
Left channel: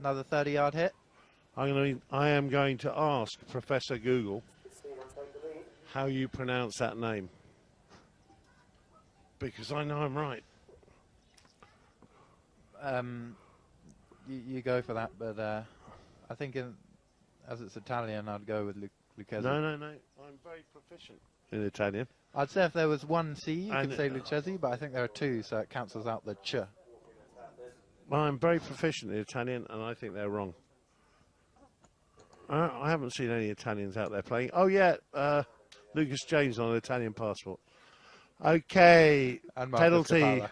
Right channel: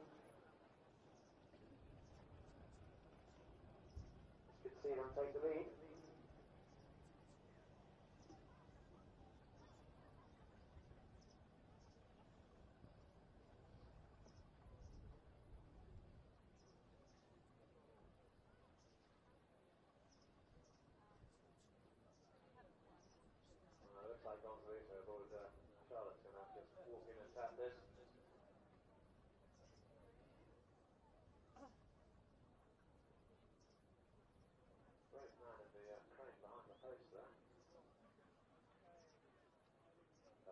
Another 30-yard hit. I am going to ask Professor Google how you pronounce that name, because I know I'm right. You go for that, but I think as it's Italian, I'd go with Lucchese. No. I'm very proficient in Italian. I'd say if there was one C, you could say Lucchese, but I think there are 2, so it cancels out the ch. Well, I'm very proficient in Italian, and I think they're wrong. I haven't seen any Italians out there playing. Oh, yeah, Lucas James on an Italian passport. Okay, And penalty.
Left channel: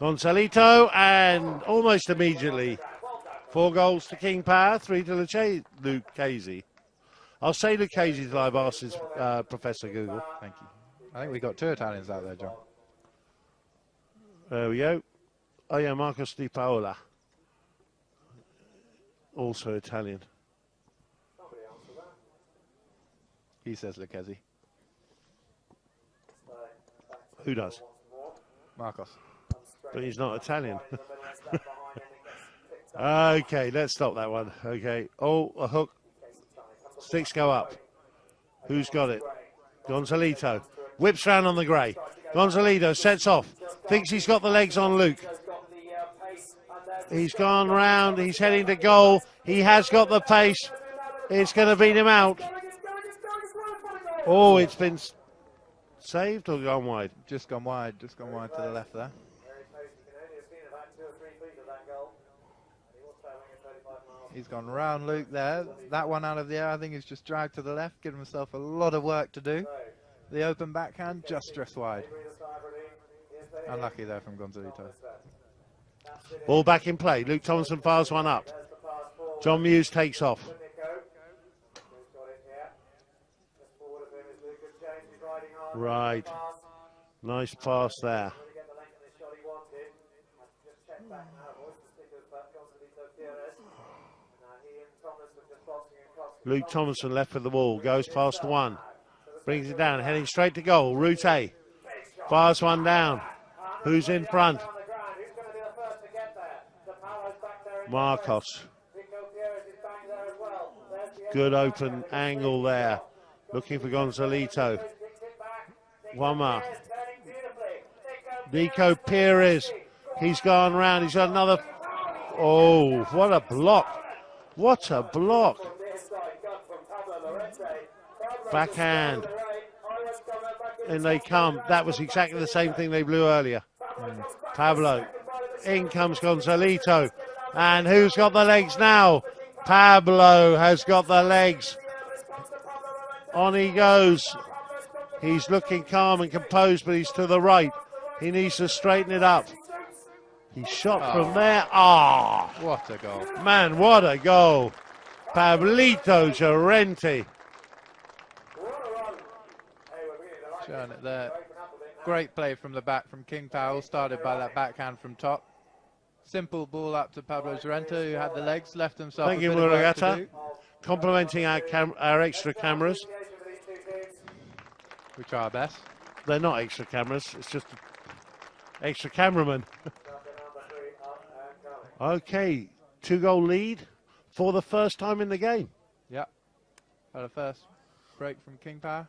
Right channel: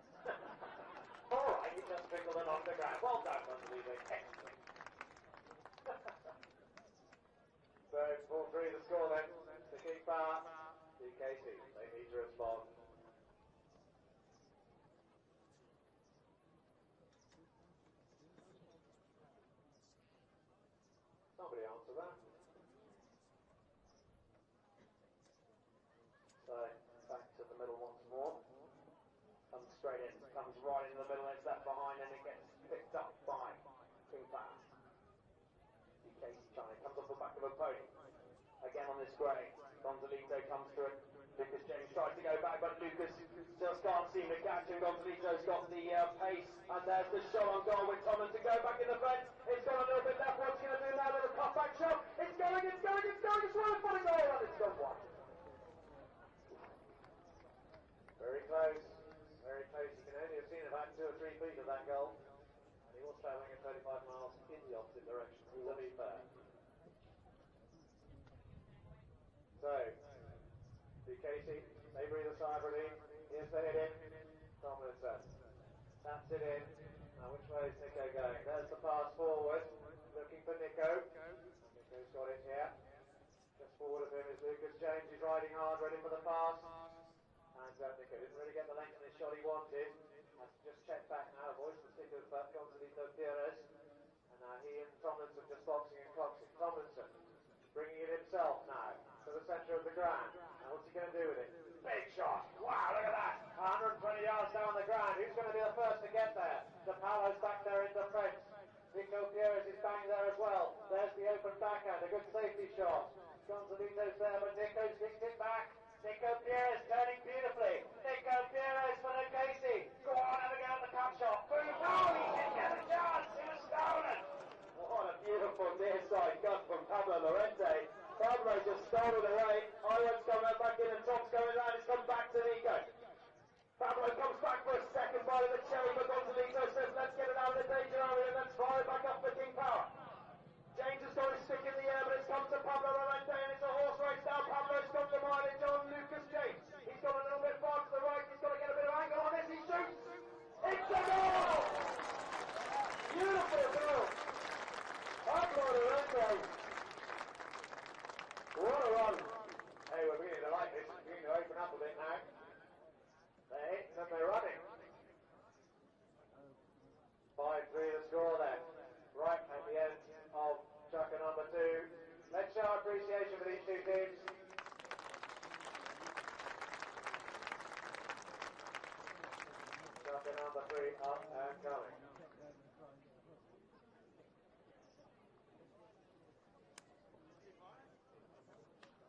Gonzalito, and almost immediately 4 goals to King Power, 3 to Lucchese. I'll say Lucchese till I've asked his Professor Google. Thank I think we got 2 Italians out there, John. There we go. Oh yeah, Marcos Di Paola. Also Italian. Somebody answer that. He says Lucchese. So, back to Who the does? once more. Marcos. Comes straight But he's in, not comes Italian. wide in the middle, it's left behind, and it gets picked up. Okay, let's stop that one. Okay. Oh, a hook. Sticks go up. Who's got it? Gonzalito. Whips round on the grey. Gonzalito sets off. Thinks he's got the legs on Luke. He's gone round. He's heading to goal. He has got the pace. It's going to beat him out. Oh, it's been saved or gone wide? Just gone wide to the left there. Very close, you can only have seen about 2 or 3 feet of that goal. And he was travelling at 35 miles. He's gone round Luke there. That one out of the air, I think he's just dragged to the left, given himself a lot of work to do. The open backhand just drifts wide. Unlucky there from Gonzalito. Ball back in play. Luke Thompson fires one up. John Muse takes off. Right. Nice pass there. Luke Thompson left with the ball. Goes past one. Brings it down. Heading straight to goal. Route A. Fires one down. Who's in front? Marcos. Good open angle there. Looking for Gonzalito. One more. Nico Perez. He's gone round. He's got another. Oh, what a block. What a block. Backhand. In they come. That was exactly the same thing they blew earlier. Pablo. In comes Gonzalito. And who's got the legs now? Pablo has got the legs. On he goes. He's looking calm and composed, but he's to the right. He needs to straighten it up. He shot from there. Ah! What a goal. Man, what a goal. Pablito Llorente. Showing it there. Great play from the back from King Powell. Started by that backhand from top. Simple ball up to Pablo Llorente, who had the legs, left himself Thank a you, bit of work to Muragata. do. Complimenting our extra cameras. We try our best. They're not extra cameras, it's just extra cameramen. Okay, 2-goal lead for the first time in the game. Yep. Had a first break from King Power.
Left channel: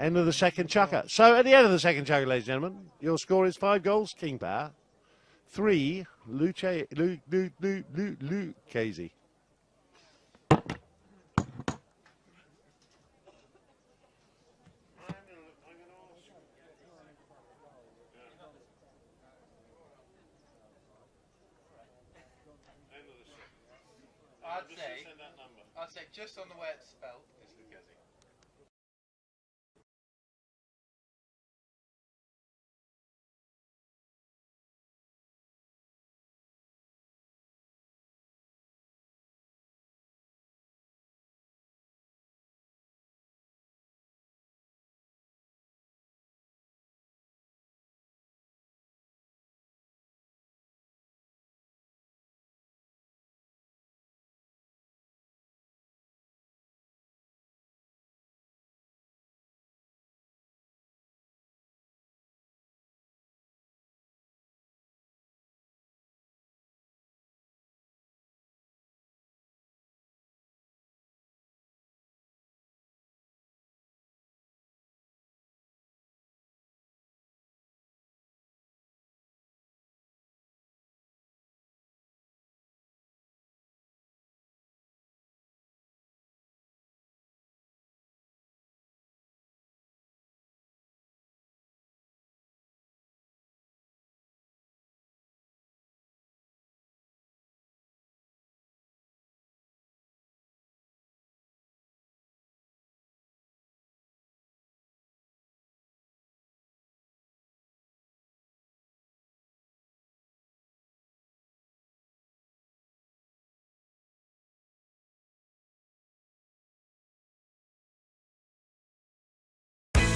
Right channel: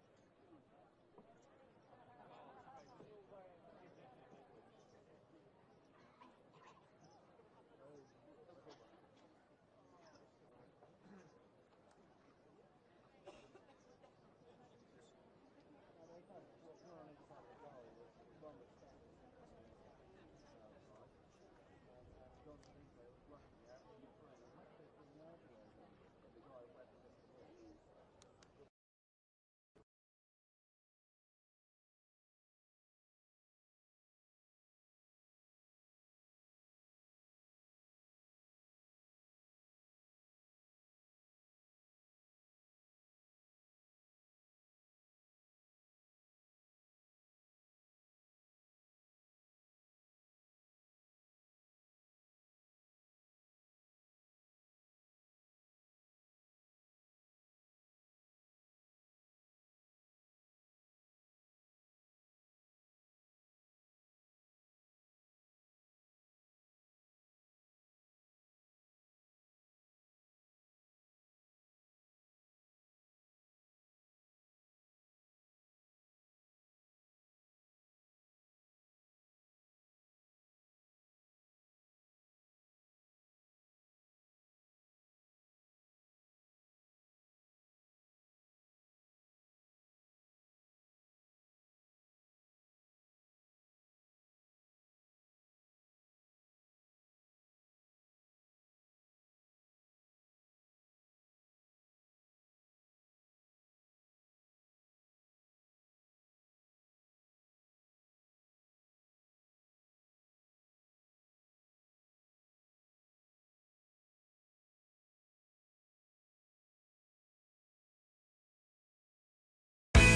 End of the second chukker. So at the end of the second chukker, ladies and gentlemen, your score is 5 goals, King Power, 3, Lucchese. I'd say just on the way it's spelled.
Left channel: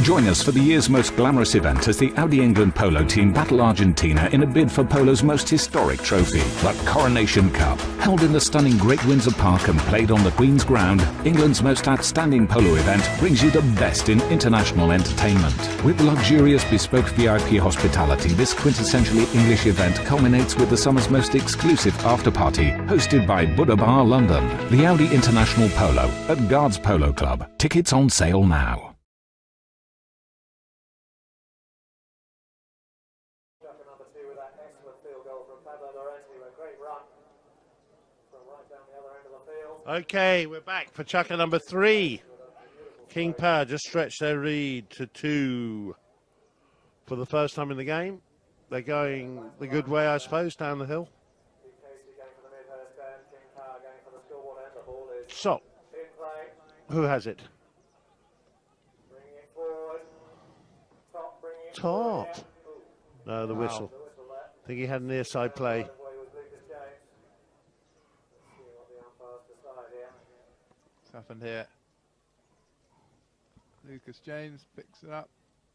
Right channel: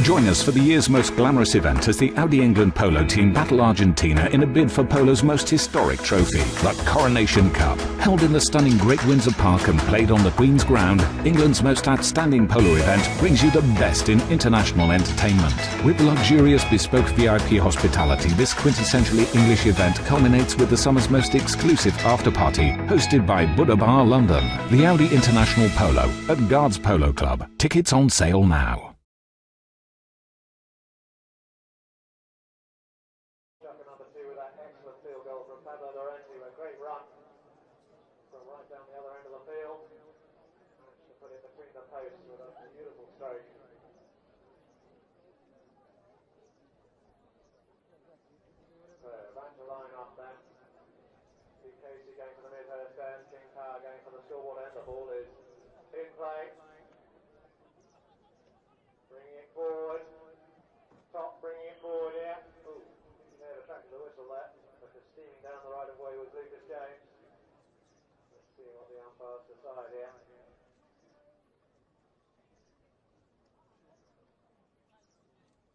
Join us for the year's most glamorous event as the Audi England Polo team battle Argentina in a bid for Polo's most historic trophy, the Coronation Cup. Held in the stunning Great Windsor Park and played on the Queen's Ground, England's most outstanding polo event brings you the best in international entertainment. With luxurious bespoke VIP hospitality, this quintessentially English event culminates with the summer's most exclusive after-party, hosted by Buddha Bar London. The Audi International Polo at Guards Polo Club. Tickets on sale now. Okay, we're back for chucker number 3. King Power just stretched their lead to 2 for the first time in the game. They're going the good way, I suppose, down the hill. So, who has it? Top. No, the whistle. I think he had a near side play. What's happened here? Lucas James picks it up.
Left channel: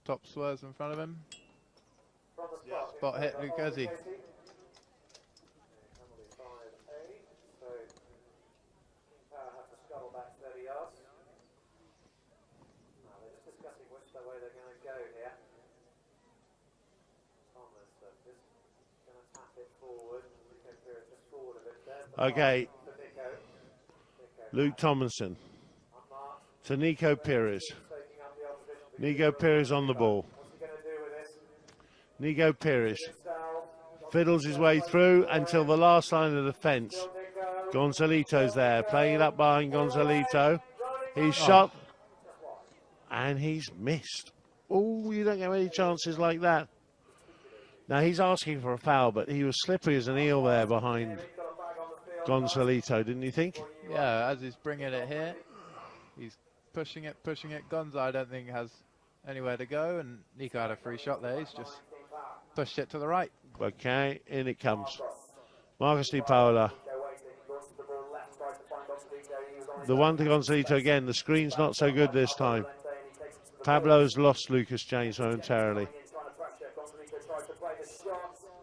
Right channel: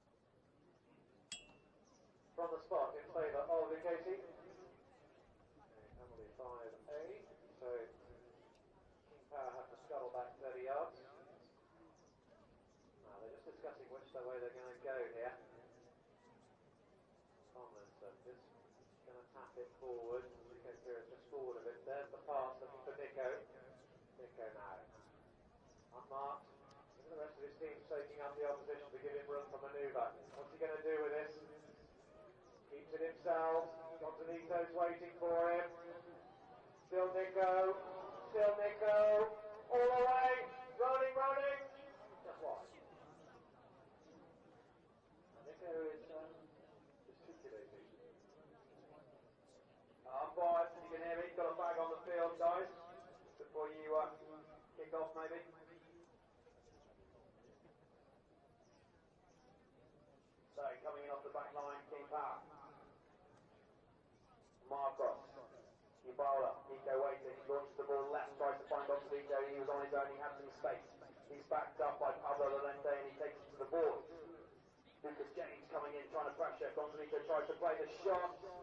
Top swerves in front of him. Spot hit Lucchese. Okay. Luke Tomlinson to Nico Pires. Nico Pires on the ball. Nico Pires fiddles his way through until the last line of defence. Gonzalito's there, playing it up behind Gonzalito. He's shot and he's missed. Oh, you don't get many chances like that. Now he's asking for a foul, but he was slippery as an eel there behind Gonzalito, didn't you think? Yeah, as he's bringing it here, he's pushing it. Gonza, I don't think, has anywhere to go, and Nico had a free shot there. He's just pushed it to the right. Okay, in it comes. Marcus Di Paola. The one to Gonzalito again. The screen's not so good this time. Pablo's lost Lucas James momentarily.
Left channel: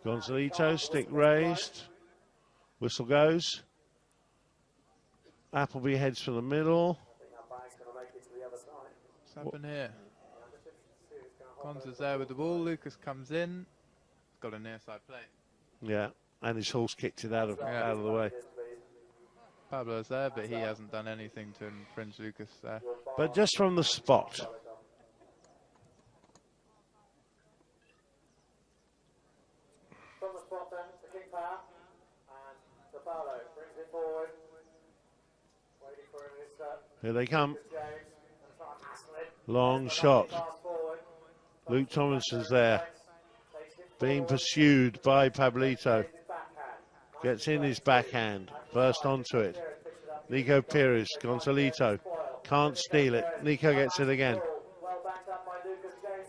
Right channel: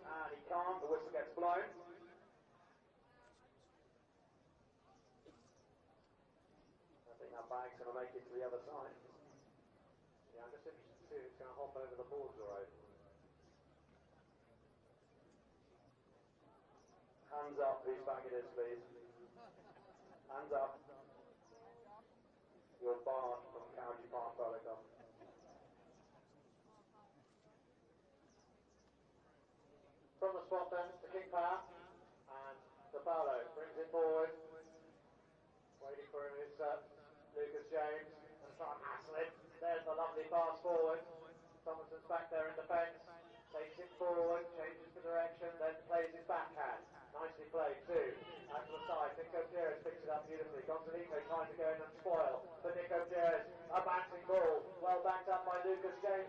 Gonzalito, stick raised. Whistle goes. Appleby heads for the middle. What's happened here? Gonza's there with the ball. Lucas comes in. Got a near side play. Yeah, and his horse kicked it out of the way. Pablo's there, but he hasn't done anything to infringe Lucas there. But just from the spot. From the spot then, the King Power, and the Polo brings it forward. Waiting for his Here they come. James, and try and hassle it. Long shot. Luke Tomlinson's there. Being pursued by Pablito. Gets in his backhand. First onto it. Nico Pires, Gonzalito. Can't steal it. Nico gets it again.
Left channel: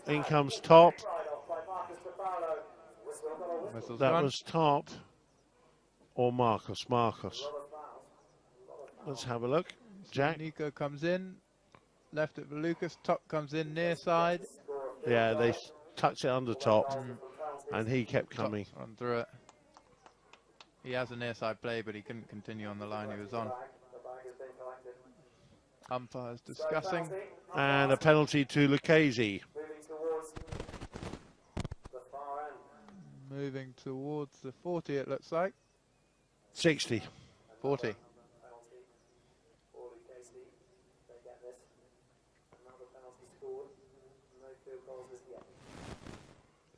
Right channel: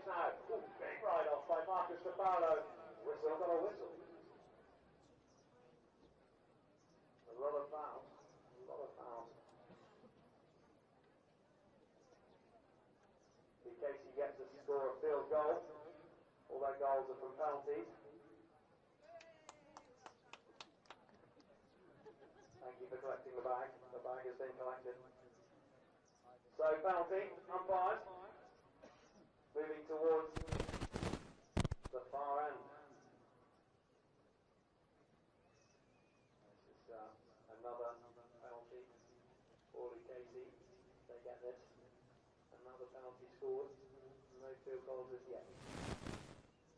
In comes Top. That was Top or Marcus. Let's have a look. Jack. Nico comes in. Left it for Lucas. Top comes in near side. Yeah, they touched it under Top. And he kept coming. On through it. He has a near side play, but he couldn't continue on the line he was on. Umpires discussing. And a penalty to Lucchese. Moving towards the 40, it looks like. 60. 40.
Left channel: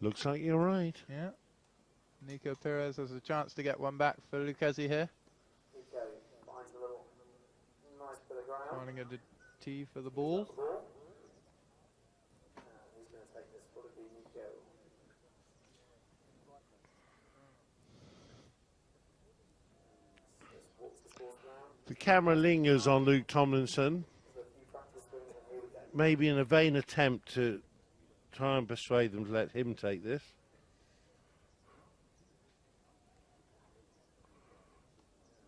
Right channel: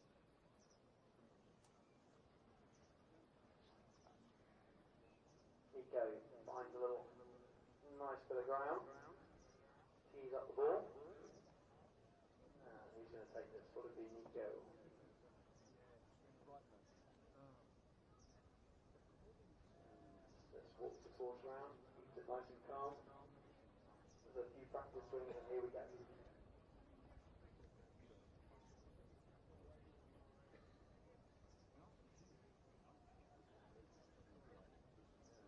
Looks like you're right. Yeah. Nico Pires has a chance to get one back for Lucchese here. Nico finds a little nice bit of ground. Running a tee for the ball. He's going to take this. Would it be Nico? The camera lingers on Luke Tomlinson. Maybe in a vain attempt to try and persuade them to let him take this.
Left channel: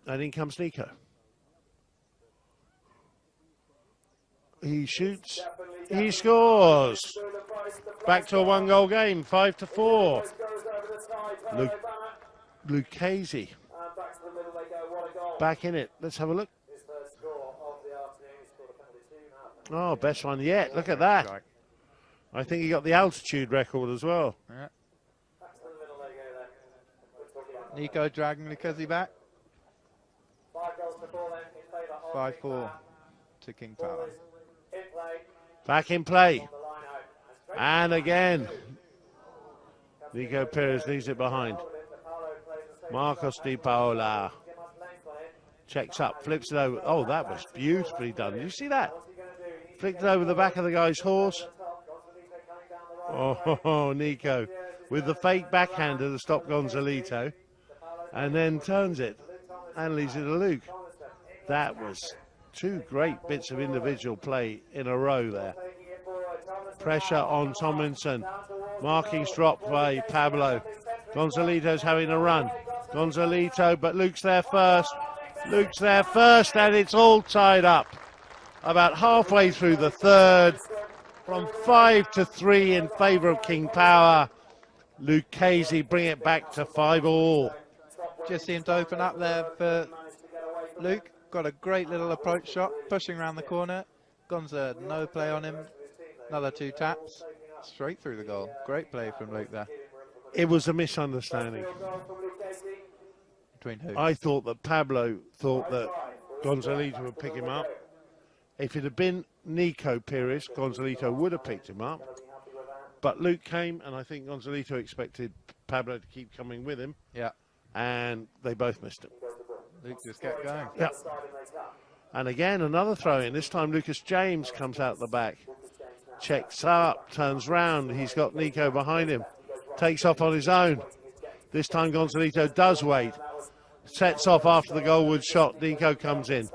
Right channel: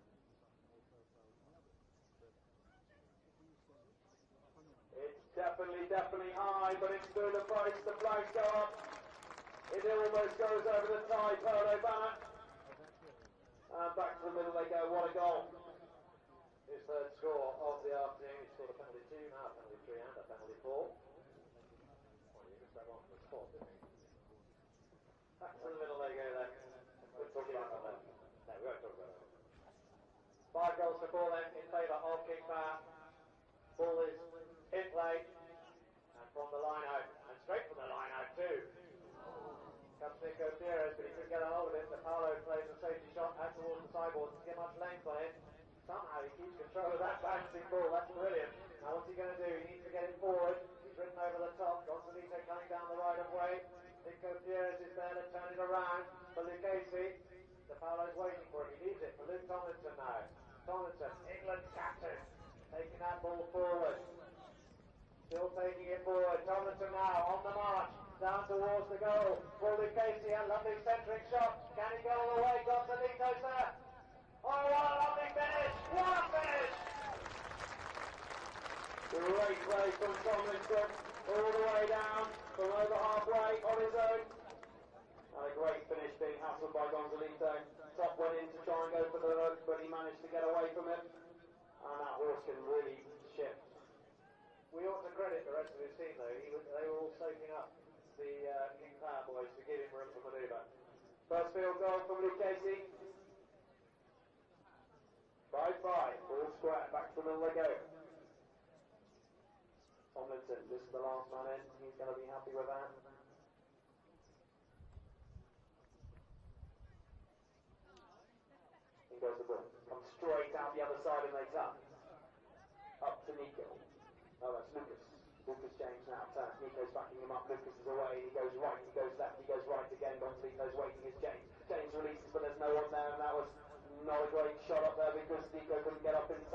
And in comes Nico. he shoots, he scores. Back to a 1-goal game, 5-4. Lucchese back in it. Let's have a look. Oh, best one yet. Look at that. I think he got the altitude record as well. Yeah. Nico dragging Lucchese back. 5-4 to King Power. Back in play. And again, Nico Perez leaves it behind. Marcos Di Paola checks up, flips it over. Oh, that was beautifully done. Did you see that? Flicked it over the back of the guy's horse. Oh, Nico with the fake backhander to stop Gonzalito, and then turns it and leaves it to Luke. That was two great bits of individual play in a row there. Pressure on Tomlinson. Markings dropped by Pablo. Gonzalito's having a run. Gonzalito, but Luke's there first. Luke's there first, and it's all tied up. About halfway through the third, from 5-3 in favour of King Power. Lucchese bring it back to 5-all. Just seemed to open up there for Luke. Got a great little approach shot, pushing around the corner. Gonza, no play on him. Another 2 taps, straight through the goal. Great play from Luke there. It was a misunderstanding. Between who? I thought that Pablo thought that Gonzalito would pick him up. If it had been Nico Perez, Gonzalito would have picked him up. But Luke came, and I think Gonzalito expected Pablo to keep coming with him. Yeah. And they both missed it. Luke just kept going. Yep. And again, another throw in. This time Lucas James comes out the back. Checks up, turns round. He's got Nico behind him. Takes off on his own. This time Gonzalito does wait. Sets off after the goalwood shot. Nico comes in.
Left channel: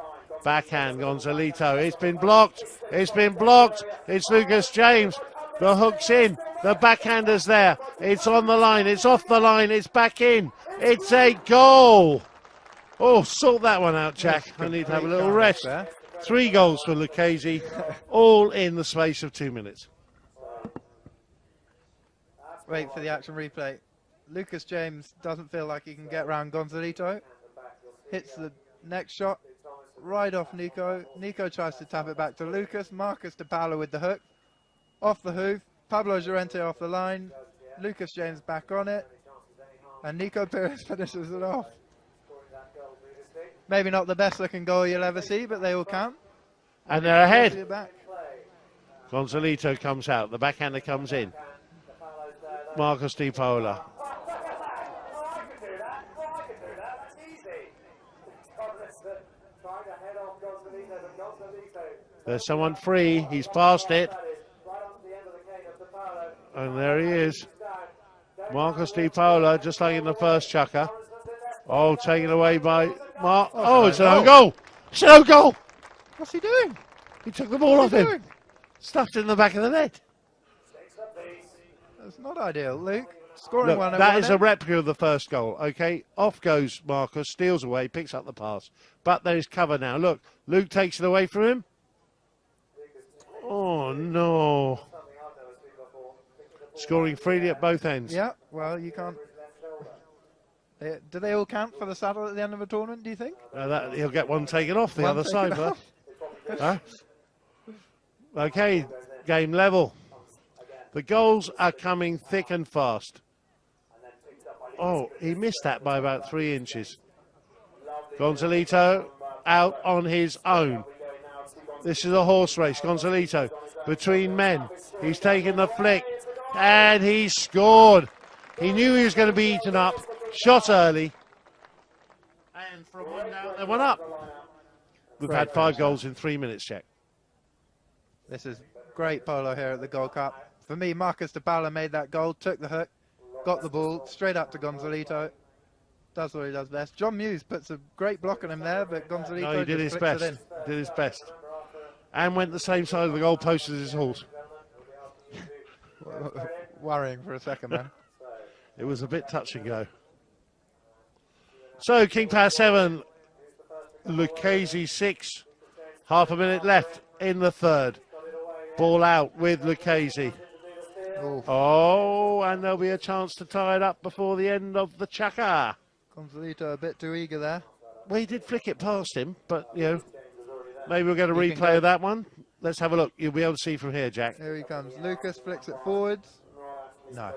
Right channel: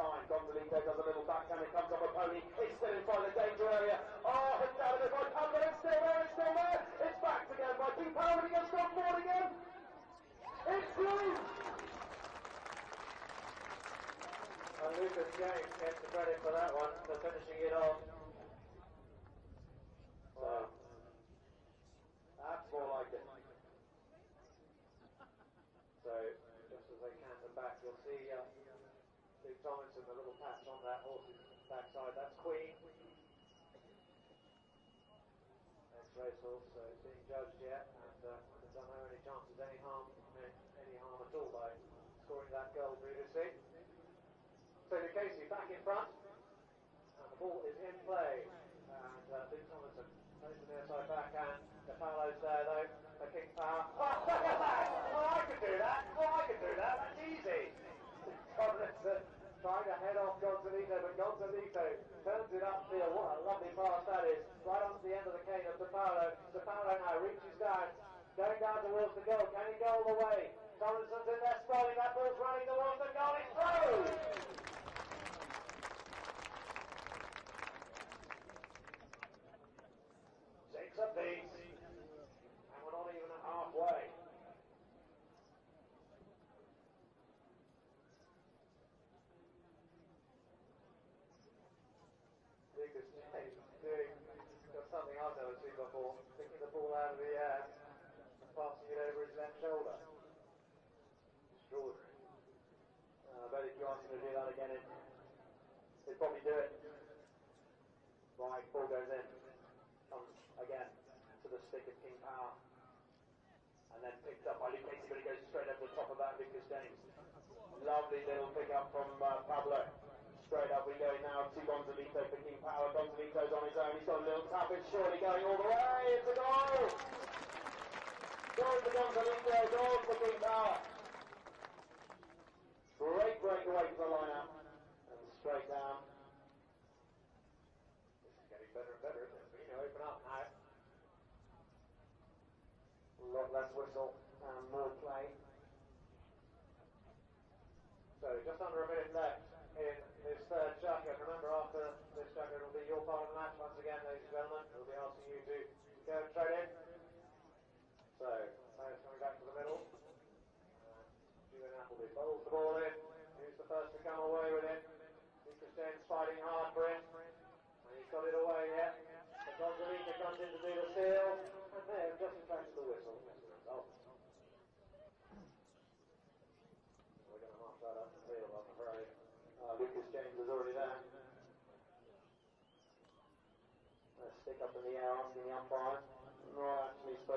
Backhand, Gonzalito. It's been blocked. It's been blocked. It's Lucas James. The hook's in. The backhander's there. It's on the line. It's off the line. It's back in. It's a goal. Oh, sort that one out, Jack. I need to have a little rest. 3 goals for Lucchese, all in the space of 2 minutes. Wait for the action replay. Lucas James doesn't feel like he can get around Gonzalito. Hits the next shot right off Nico. Nico tries to tap it back to Lucas. Marcus Di Paola with the hook. Off the hoof. Pablo Llorente off the line. Lucas James back on it. And Nico Perez finishes it off. Maybe not the best looking goal you'll ever see, but they all count. And they're ahead. Gonzalito comes out. The backhander comes in. Marcos Di Paola. There's someone free. He's passed it. And there he is. Marcos Di Paola, just like in the first chucker. Oh, taken away by Mark. Oh, it's an own goal. It's an own goal. What's he doing? He took the ball off him. Stuffed it in the back of the net. That's not ideal, Luke. Scoring Look, one. that is a replica of the first goal. Okay, off goes Marcus, steals away, picks up the pass. But there is cover now. Look, Luke takes it away from him. Oh, no. Scoring freely at both ends. Yeah, well, you can't. Do they all count for the saddle at the end of a tournament, do you think? He'll get one taken off the other side. Huh? Okay, game level. The goals are coming thick and fast. Oh, he missed that by about 3 inches. Gonzalito out on his own. This is a horse race. Gonzalito between men. He's taken the flick and he scored. He knew he was going to be eaten up. Shot early. And from one down, they went up. We've had 5 goals in 3 minutes, Jack. This is great polo here at the Gold Cup. For me, Marcus Di Paola made that goal, took the hook, got the ball straight up to Gonzalito. Does what he does best. John Muse puts a great block on him there, but Gonzalito No, he did his just best. flicks it in. Did his best. And went the same side of the goal post as his horse. Worrying for a second there. It was a bit touch and go. So, King Power 7, Lucchese 6, half a minute left. in the third. Ball out with Lucchese. Oh, and there'll be a chance to tie it up before the end of the chukka. Gonzalito a bit too eager there. Well, he did flick it past him, but, you know, maybe we'll get a He can replay go. of that one. Let's have a look. You'll be able to see from here, Jack. Here he comes. Lucas flicks it forwards. No.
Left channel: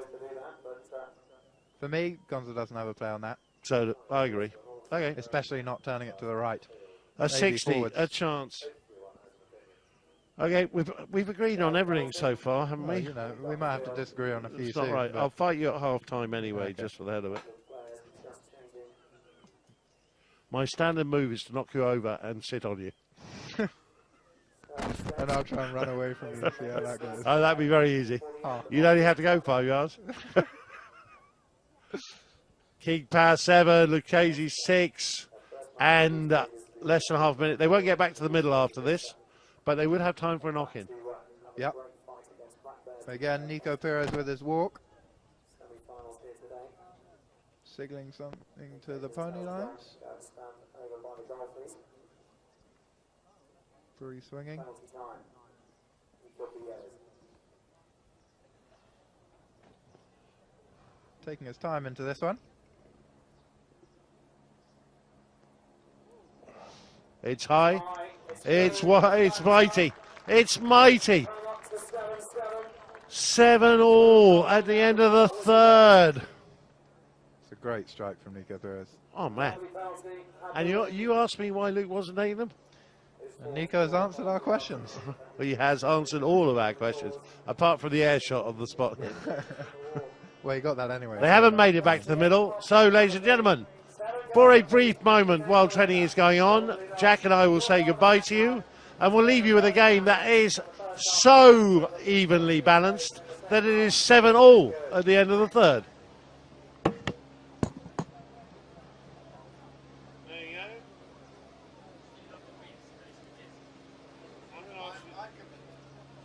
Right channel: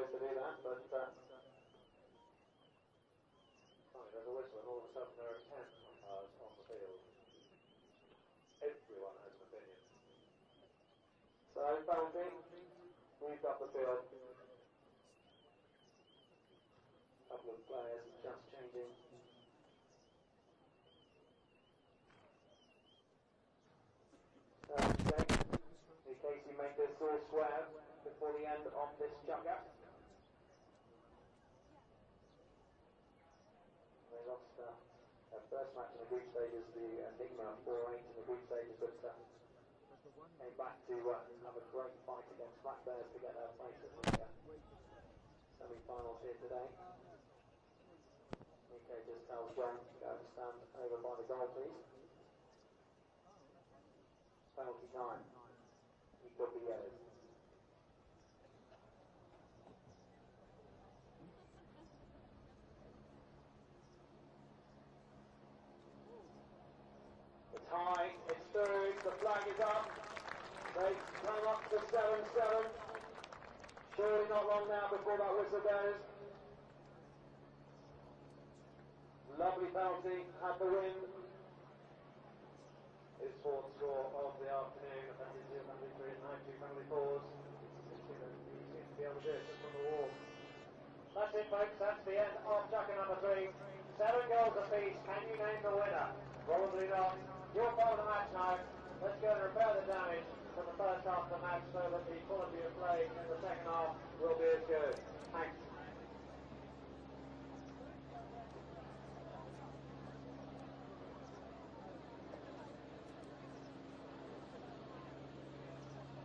For me, Gonza doesn't have a play on that. So, I agree. Okay. Especially not turning it to the right. A Maybe 60, forwards. a chance. Okay, we've agreed on everything so far, haven't Well, we? you know, we might have to disagree on a few It's not soon, right. but I'll fight you at half-time anyway, Okay. just for the hell of it. My standard move is to knock you over and sit on you. and I'll try and run away from you. See how that goes. Oh, that'd be very easy. Oh. You'd only have to go 5 yards. King Power 7, Lucchese 6, and less than half a minute. They won't get back to the middle after this, but they would have time for a knock-in. Yep. Again, Nico Perez with his walk. Signaling something to the pony lines. Free swinging. Taking his time into this one. It's high. It's mighty. It's mighty. 7-all at the end of the third. It's a great strike from Nico Perez. Oh, man. And you asked me why Luke wasn't taking them? And Nico's answered our questions. Well, he has answered all of our questions, apart from the air shot on the spot. Well, he got that anyway. They haven't made it back to the middle. So, ladies and gentlemen, for a brief moment while training is going on, Jack and I will say goodbye to you, and we'll leave you with a game that is so evenly balanced that it is 7-all at the end of the third. There you go.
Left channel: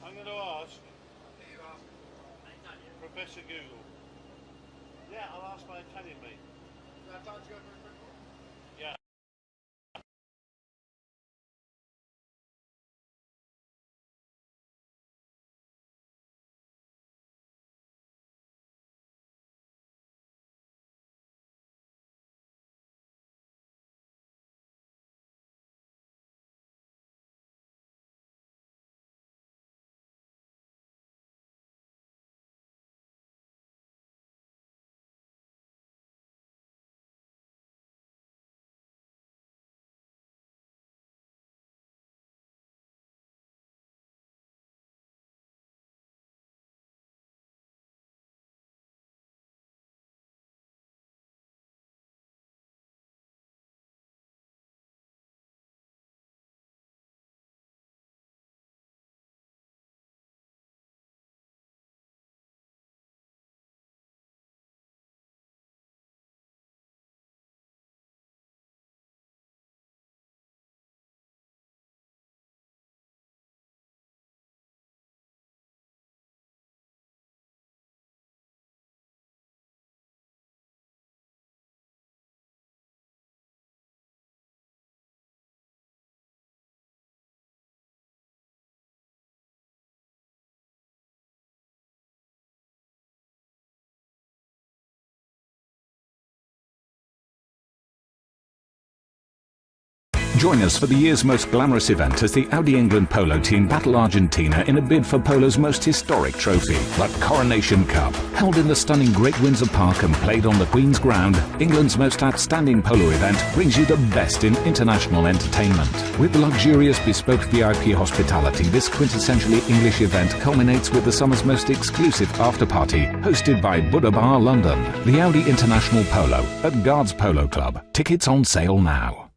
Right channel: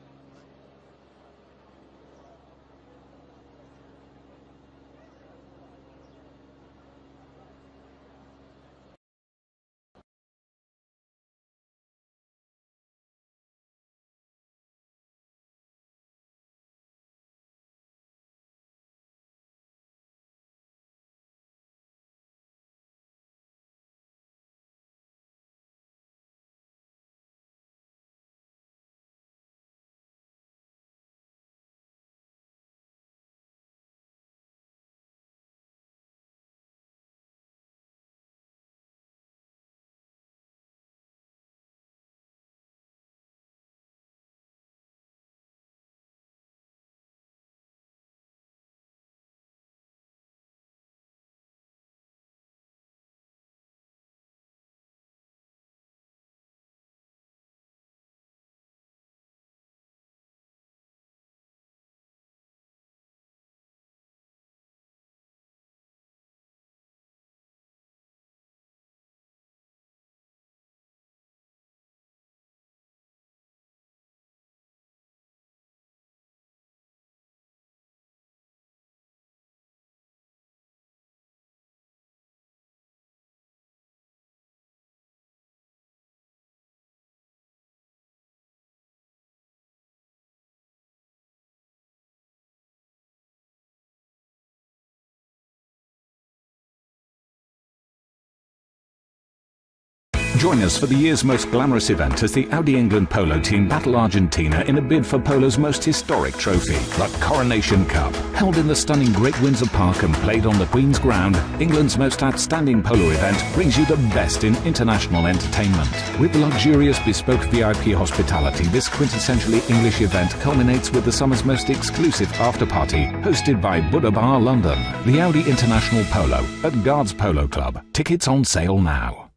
I'm going to ask Professor Google. Yeah, I'll ask my Italian mate. Yeah. Join us for the year's most glamorous event as the Audi England Polo team battle Argentina in a bid for Polo's most historic trophy, the Coronation Cup. Held in the stunning Great Windsor Park and played on the Queen's Ground, England's most outstanding polo event brings you the best in international entertainment. With luxurious bespoke VIP hospitality, this quintessentially English event culminates with the summer's most exclusive after-party, hosted by Buddha Bar London. The Audi International Polo at Guards Polo Club. Tickets on sale now.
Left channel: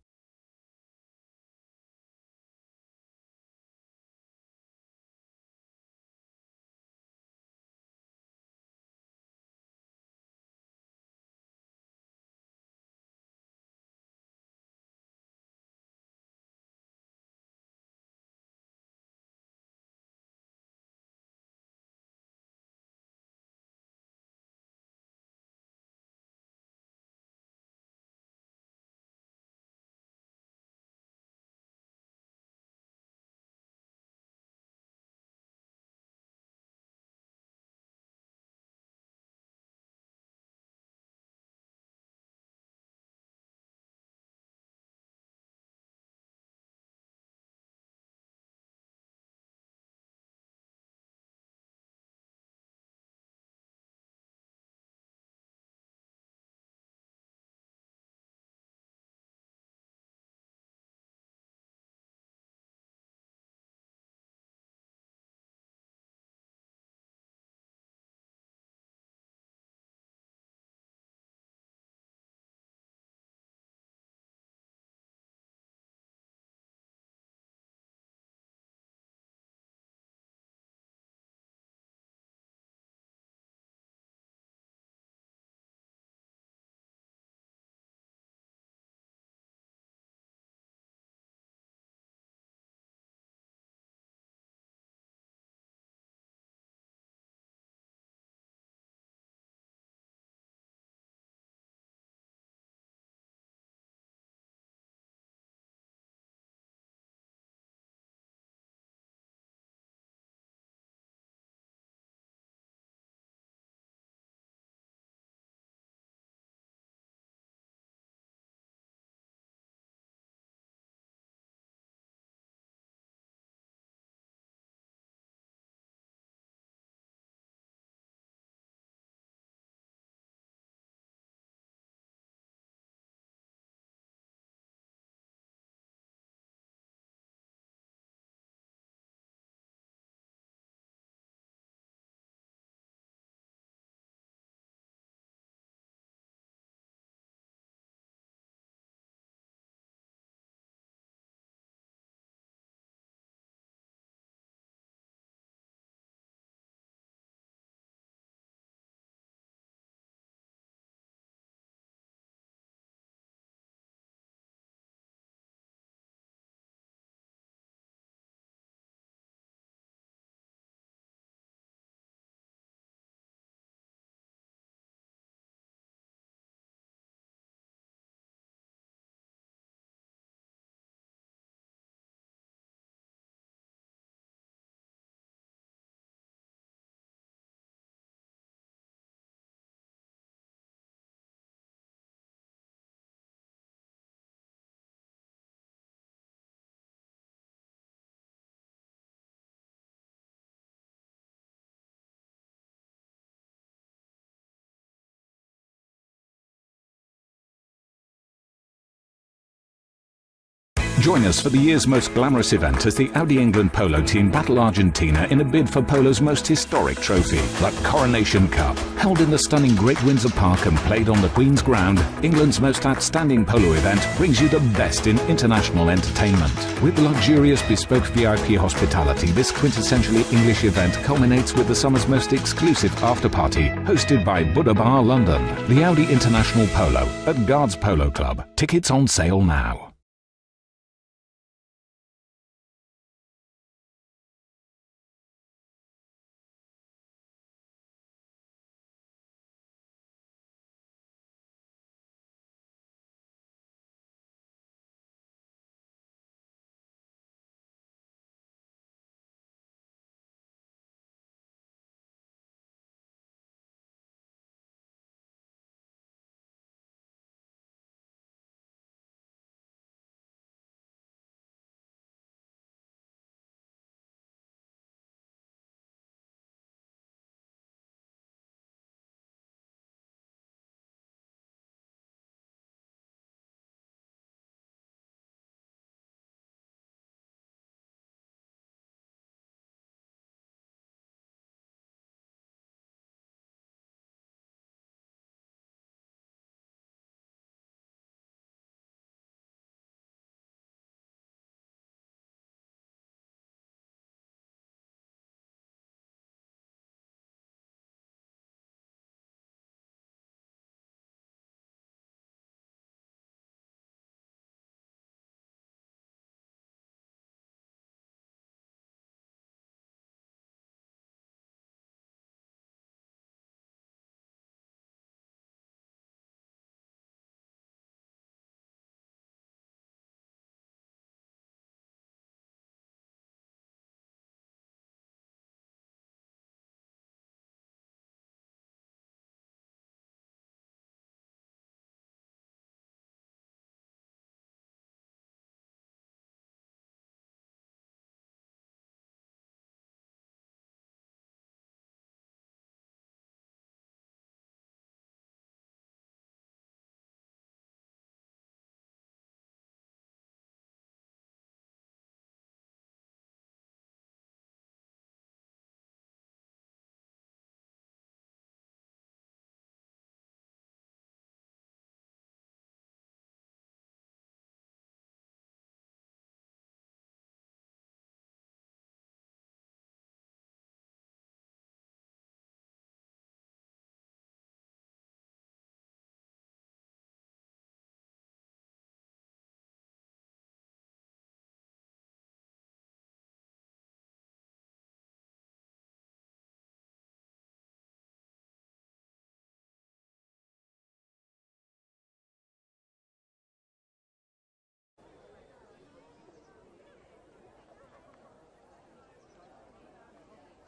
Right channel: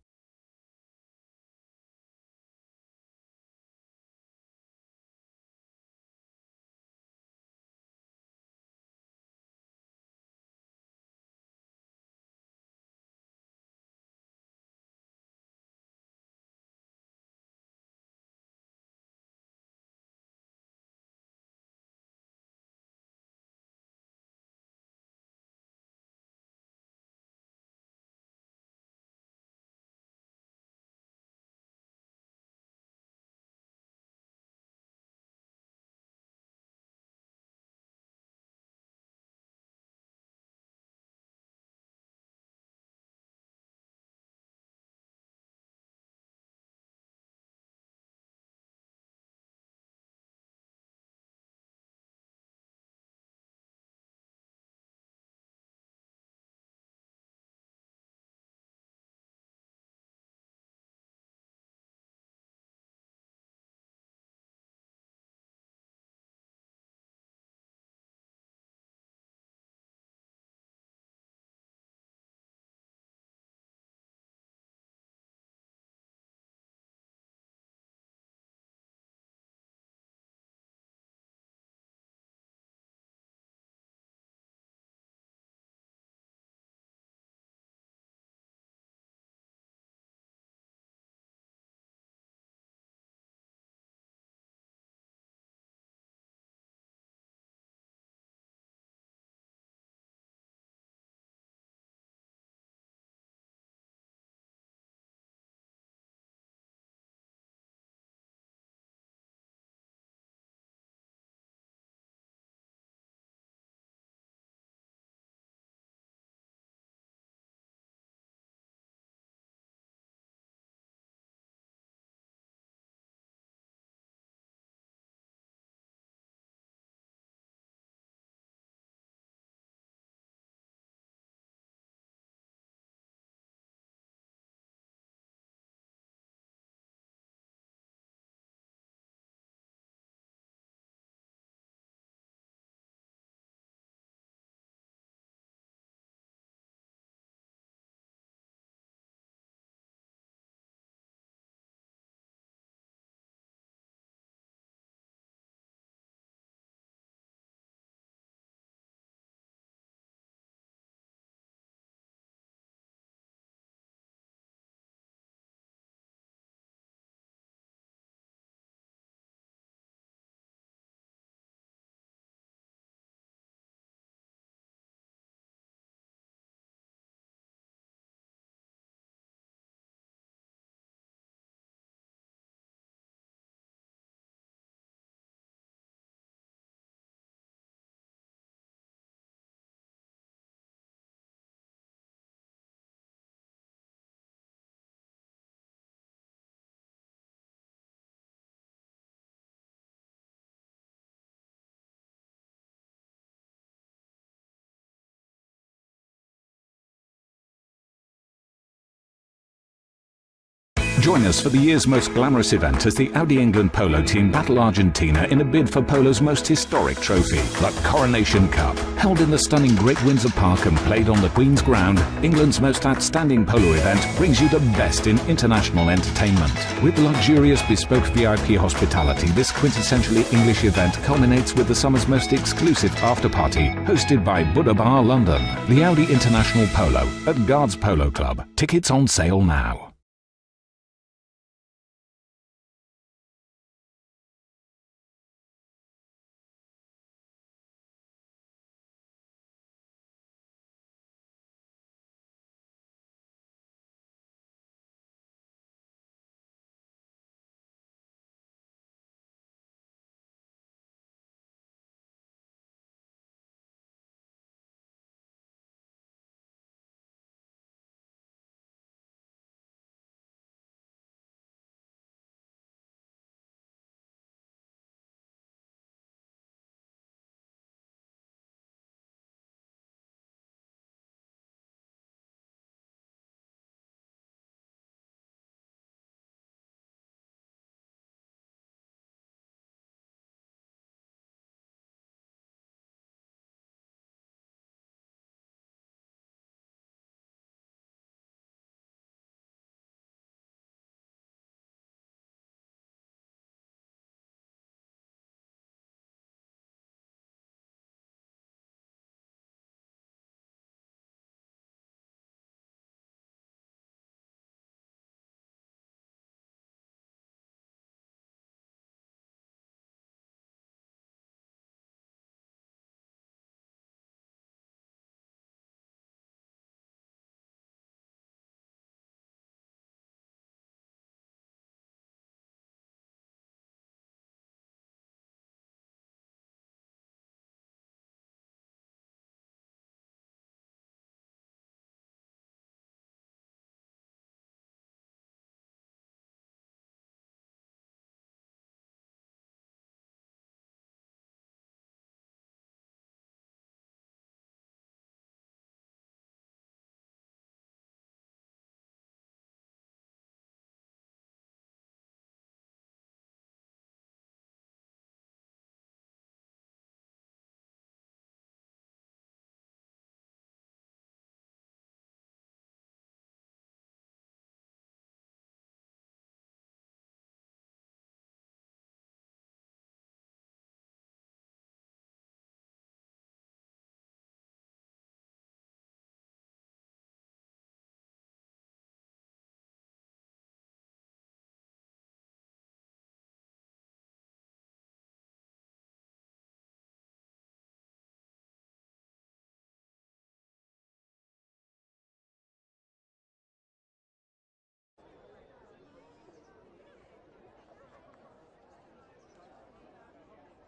Join us for the year's most glamorous event as the Audi England Polo team battle Argentina in a bid for Polo's most historic trophy, the Coronation Cup. Held in the stunning Great Windsor Park and played on the Queen's Ground, England's most outstanding polo event brings you the best in international entertainment. With luxurious bespoke VIP hospitality, this quintessentially English event culminates with the summer's most exclusive after-party, hosted by Buddha Bar London. The Audi International Polo at Guards Polo Club. Tickets on sale now.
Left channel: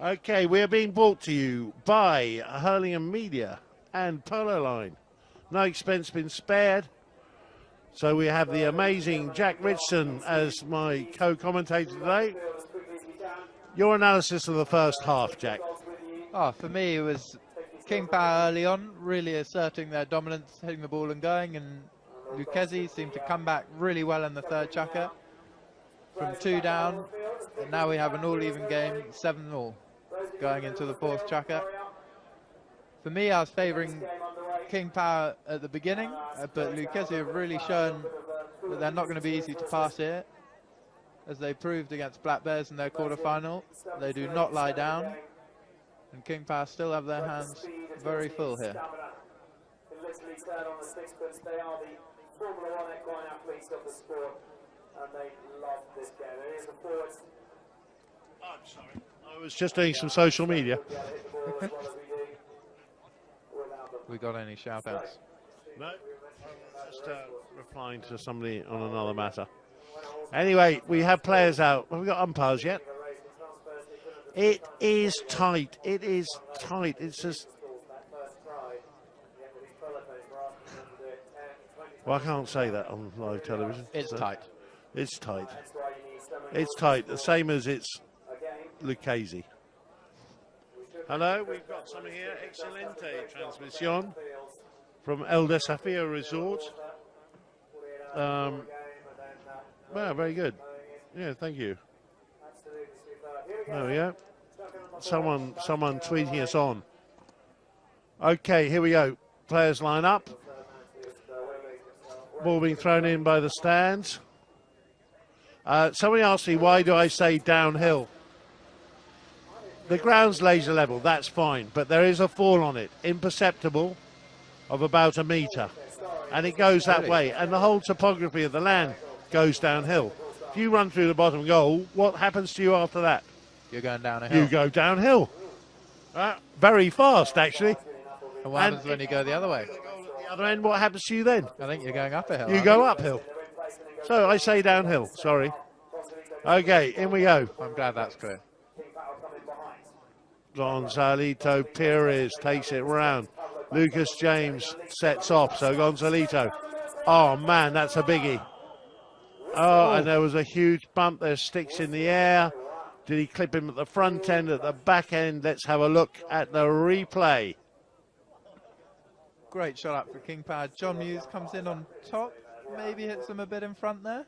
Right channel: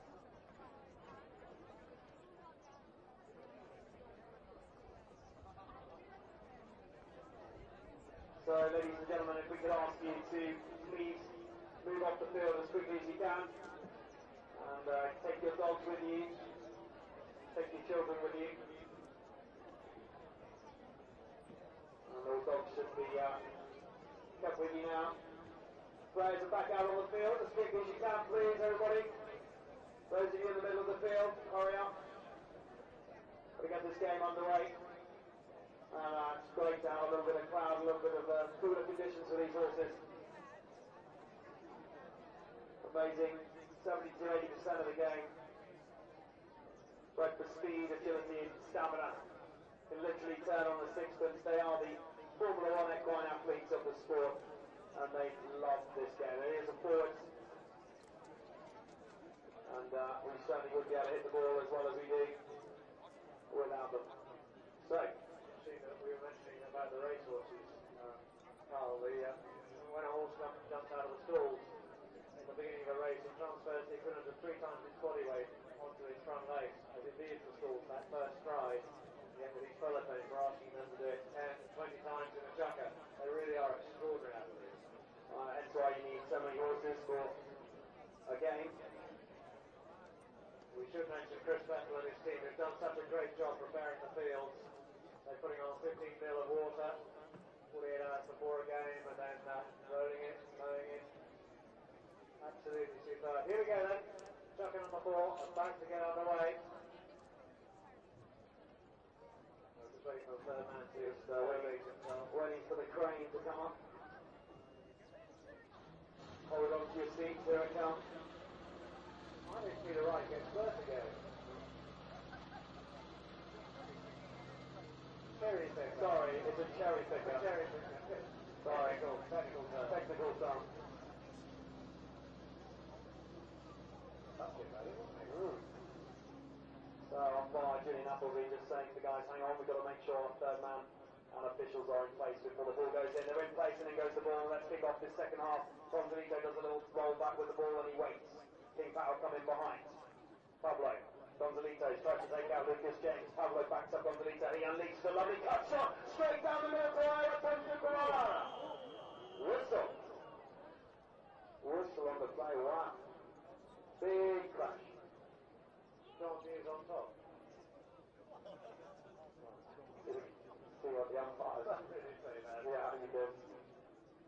Okay, we are being brought to you by Hurlingham Media and Polo Line. No expense been spared. So we have the amazing Jack Richardson as my co-commentator today. Your analysis of the first half, Jack. Oh, for me, it was King Power early on, really asserting their dominance, hitting the ball and going, and Lucchese seemed to come back really well in the third chukka. From 2 down, and now we have an all-even game, 7-all, going into the fourth chukka. For me, I was favouring King Power at the beginning, but Lucchese have really shown that they're not going to be easy to pass here, as they proved against Black Bears in their quarter-final. They do not lie down, and King Power still have their hands very full here. Literally turn on the sixpence. They are the Formula 1 equine athletes of the sport, and they love this game. It is a forward. I was just doing some social media. We got any shout-outs? No, just replying to somebody on another matter. Anyway, we have players out. Have we got umpires yet? It is tight. It is tight. It's just... Well, I can't say that on live television. It's tight. It's tight. It's tight. The same as it's Lucchese. Hello, we've got some here. Excelente transmission from El Desafío Resort. Well, very good. Yeah, thank you. Absolutely superb. Here we go. Oh, yeah. Chucking on the floor. Someone tweeting us on. Okay, here we go. Players line up. Ball being thrown in by the stands. Somebody asked me, why do I say downhill? The ground's laser level, that's fine, but there is a fall on it, imperceptible, of about a metre. And it goes that way, and the whole topography of the land goes downhill. If you run through the bottom goal, what happens to you after that? You're going down a hill. You go downhill. Very fast, actually. And what happens when you go the other way? The other end, what happens to you then? I think you're going up a hill. You go uphill. So I say downhill, sorry. Okay, in we go. I'm glad that's clear. Gonzalito Perez takes it round. Lucas James sets off, so Gonzalito. Oh, man, that's a biggie. Oh, and there was a huge bump. There's sticks in the air. Did he clip him at the front end, at the back end? Let's have a look at the replay. Great shot up for King Power. John Muse comes in on top. Maybe hits him a bit in front there.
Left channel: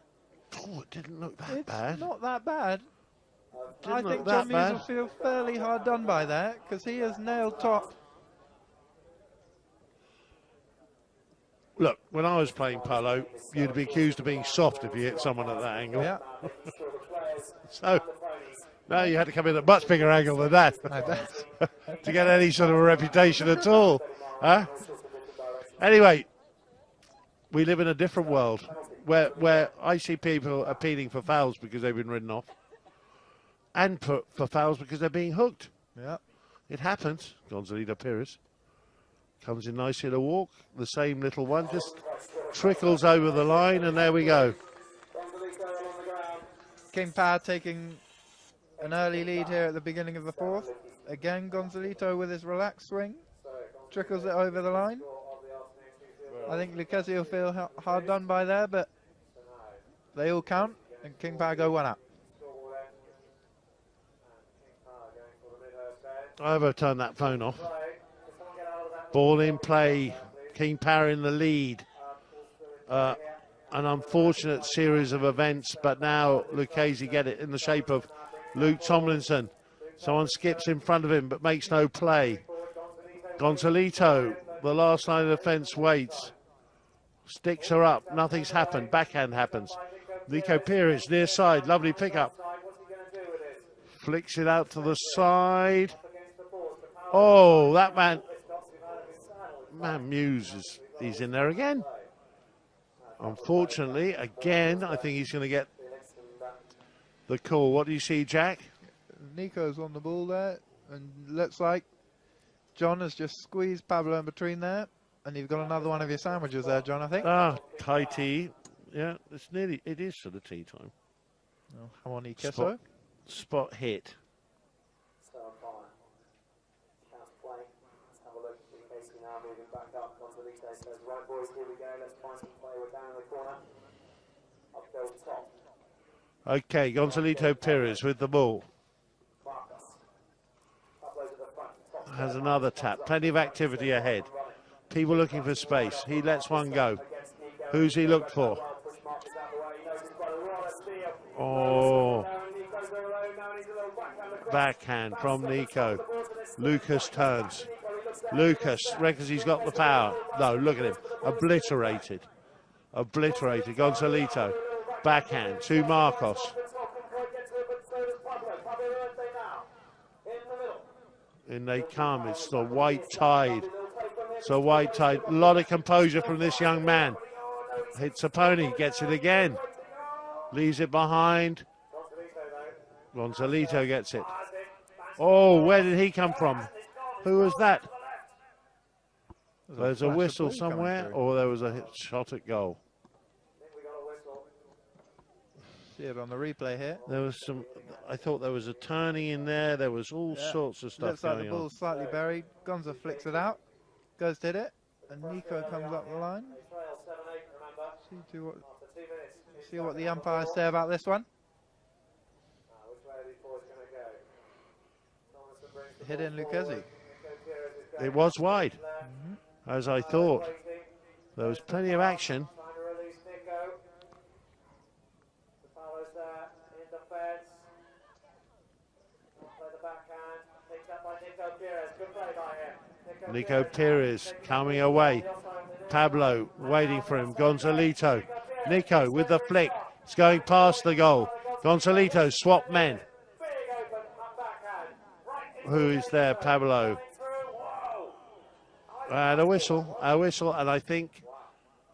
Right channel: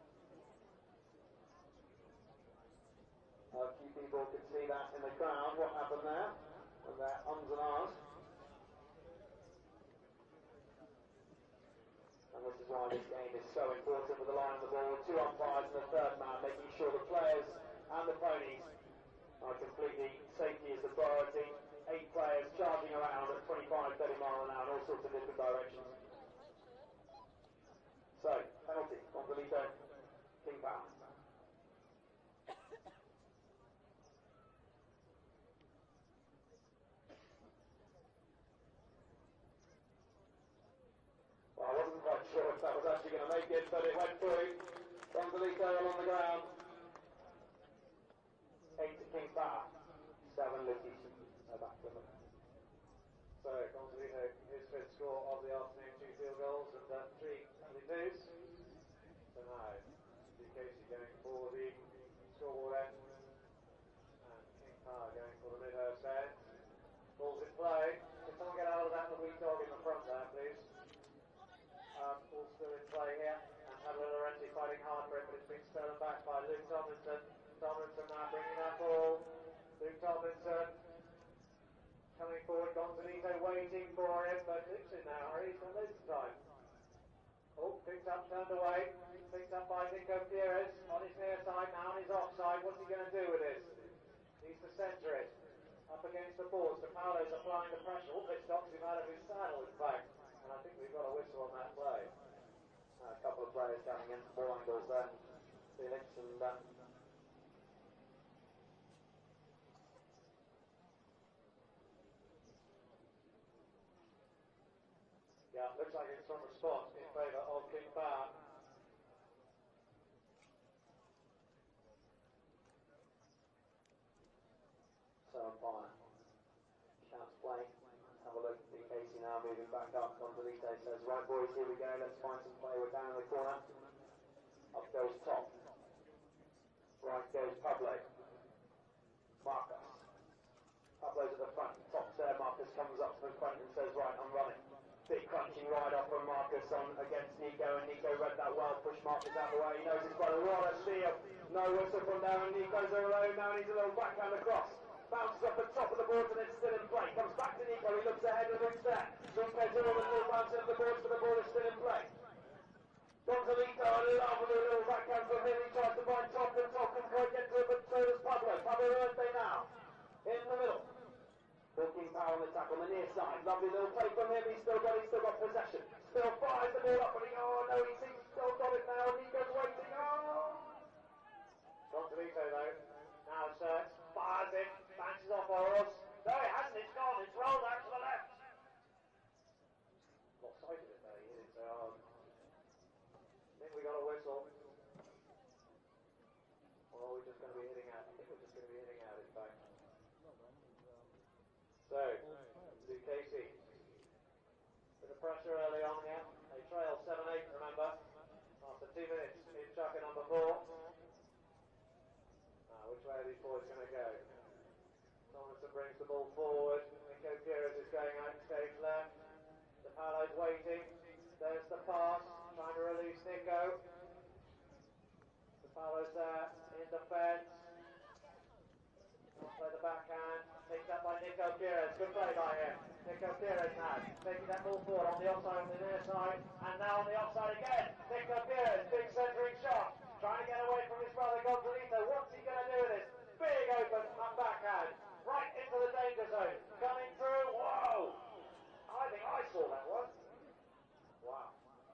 Oh, it didn't look that bad. It's not that bad. I Didn't think look John that Muse bad. will feel fairly hard done by that, because he has nailed top. Look, when I was playing polo, you'd be accused of being soft if you hit someone at that angle. Yeah. So, no, you had to come in at a much bigger angle than that to get any sort of a reputation at all. Huh? Anyway, we live in a different world where I see people appealing for fouls because they've been ridden off, and for fouls because they're being hooked. Yeah. It happens. Gonzalito Perez comes in nicely to walk. The same little one just trickles over the line, and there we go. King Power taking an early lead here at the beginning of the fourth. Again, Gonzalito with his relaxed swing trickles it over the line. I think Lucchese will feel hard done by there, but they all count, and King Power go one up. I ever turned that phone off. Ball in play. King Power in the lead. An unfortunate series of events, but now Lucchese get it in the shape of Luke Tomlinson. Someone skips in front of him but makes no play. Gonzalito, the last line of defense, waits. Sticks her up. Nothing's happened. Backhand happens. Nico Perez near side. Lovely pickup. Flicks it out to the side. Oh, that man Muse he's in there again. Unfortunately, again, I think he's going to get the call. What do you see, Jack? Nico's on the ball there, and looks like John has just squeezed Pablo in between there, and you've got another one of your sandwiches there, John, I think. Ah, Thai tea. Yeah, it is sort of tea time. Oh, jamón y queso. Spot hit. So on fire. Chance play. Let's have a look. Casey now moving back up. Gonzalito says, right boys, here we go. Let's find some play. We're down in the corner. Up goes top. Okay, Gonzalito Perez with the ball. Marcus. Pablo's at the front. Top Has another tap. Plenty of activity ahead. People looking for space. He lets one go. Who's he looked for? Oh. Backhand from Nico. Lucas turns. Lucas reckons he's got the power. No, look at him. Obliterated. Obliterated. Gonzalito. Backhand to Marcos. In they come. It's the white tide. It's a white tide. A lot of composure from this young man. Hits a pony. Gets it again. Leaves it behind. Gonzalito gets it. Oh, where did he come from? Who was that? There's a whistle somewhere, or there was a shot at goal. See it on the replay here. There was some. I thought there was a turning in there. There was all sorts of stuff Looks like the going on. ball's slightly buried. Gonza flicks it out. Goes to hit it. And Nico comes up the line. See what the umpires say about this one. Hit in Lucchese. It was wide, as I thought. There was plenty of action. Nico Pires coming away. Pablo waiting for him. Gonzalito. Nico with the flick. It's going past the goal. Gonzalito swap men. Who is there? Pablo. And a whistle, and I think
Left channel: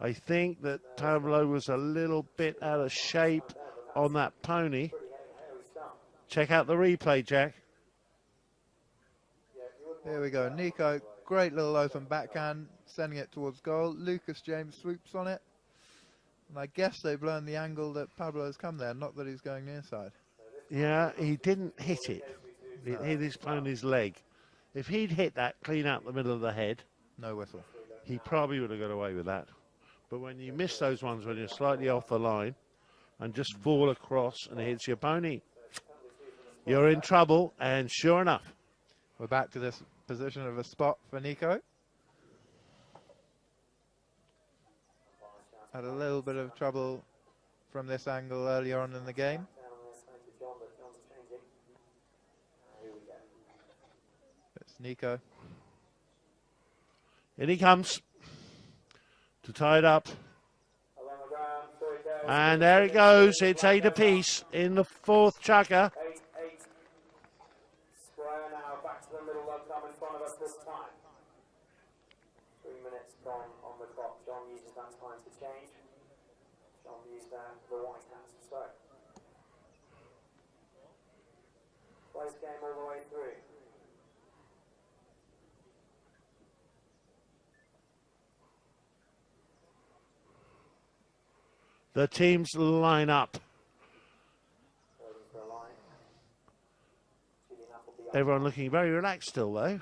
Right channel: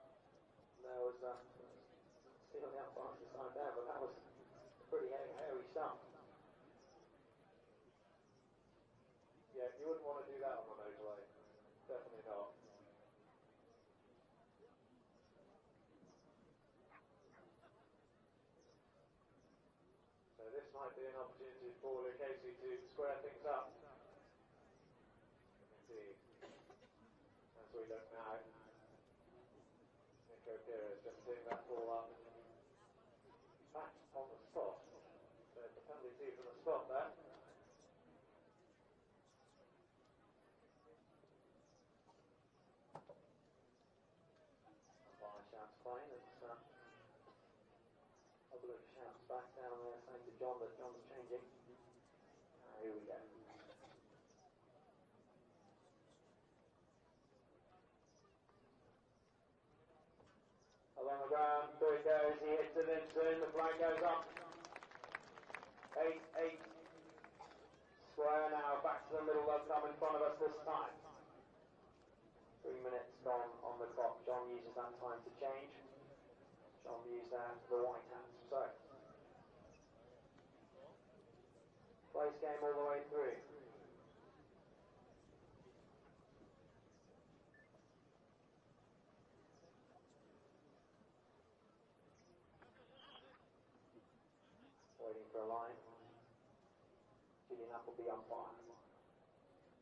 that Pablo was a little bit out of shape on that pony. Check out the replay, Jack. Here we go. Nico, great little open backhand, sending it towards goal. Lucas James swoops on it. And I guess they've learned the angle that Pablo has come there, not that he's going near side. Yeah, he didn't hit it. It hit his pony's leg. If he'd hit that clean out the middle of the head, no whistle. He probably would have got away with that. But when you miss those ones when you're slightly off the line and just fall across and it hits your pony, you're in trouble. And sure enough, we're back to this position of a spot for Nico. Had a little bit of trouble from this angle earlier on in the game. It's Nico. In he comes to tie it up. And there it goes. It's 8 apiece in the fourth chukker. 8-8. Square now, back to the middle of come in front of us this time. 3 minutes gone on the clock. John uses that time to change. John used the white hats. So, close game all the way through. The teams line up. Waiting for a line. Everyone looking very relaxed still, though.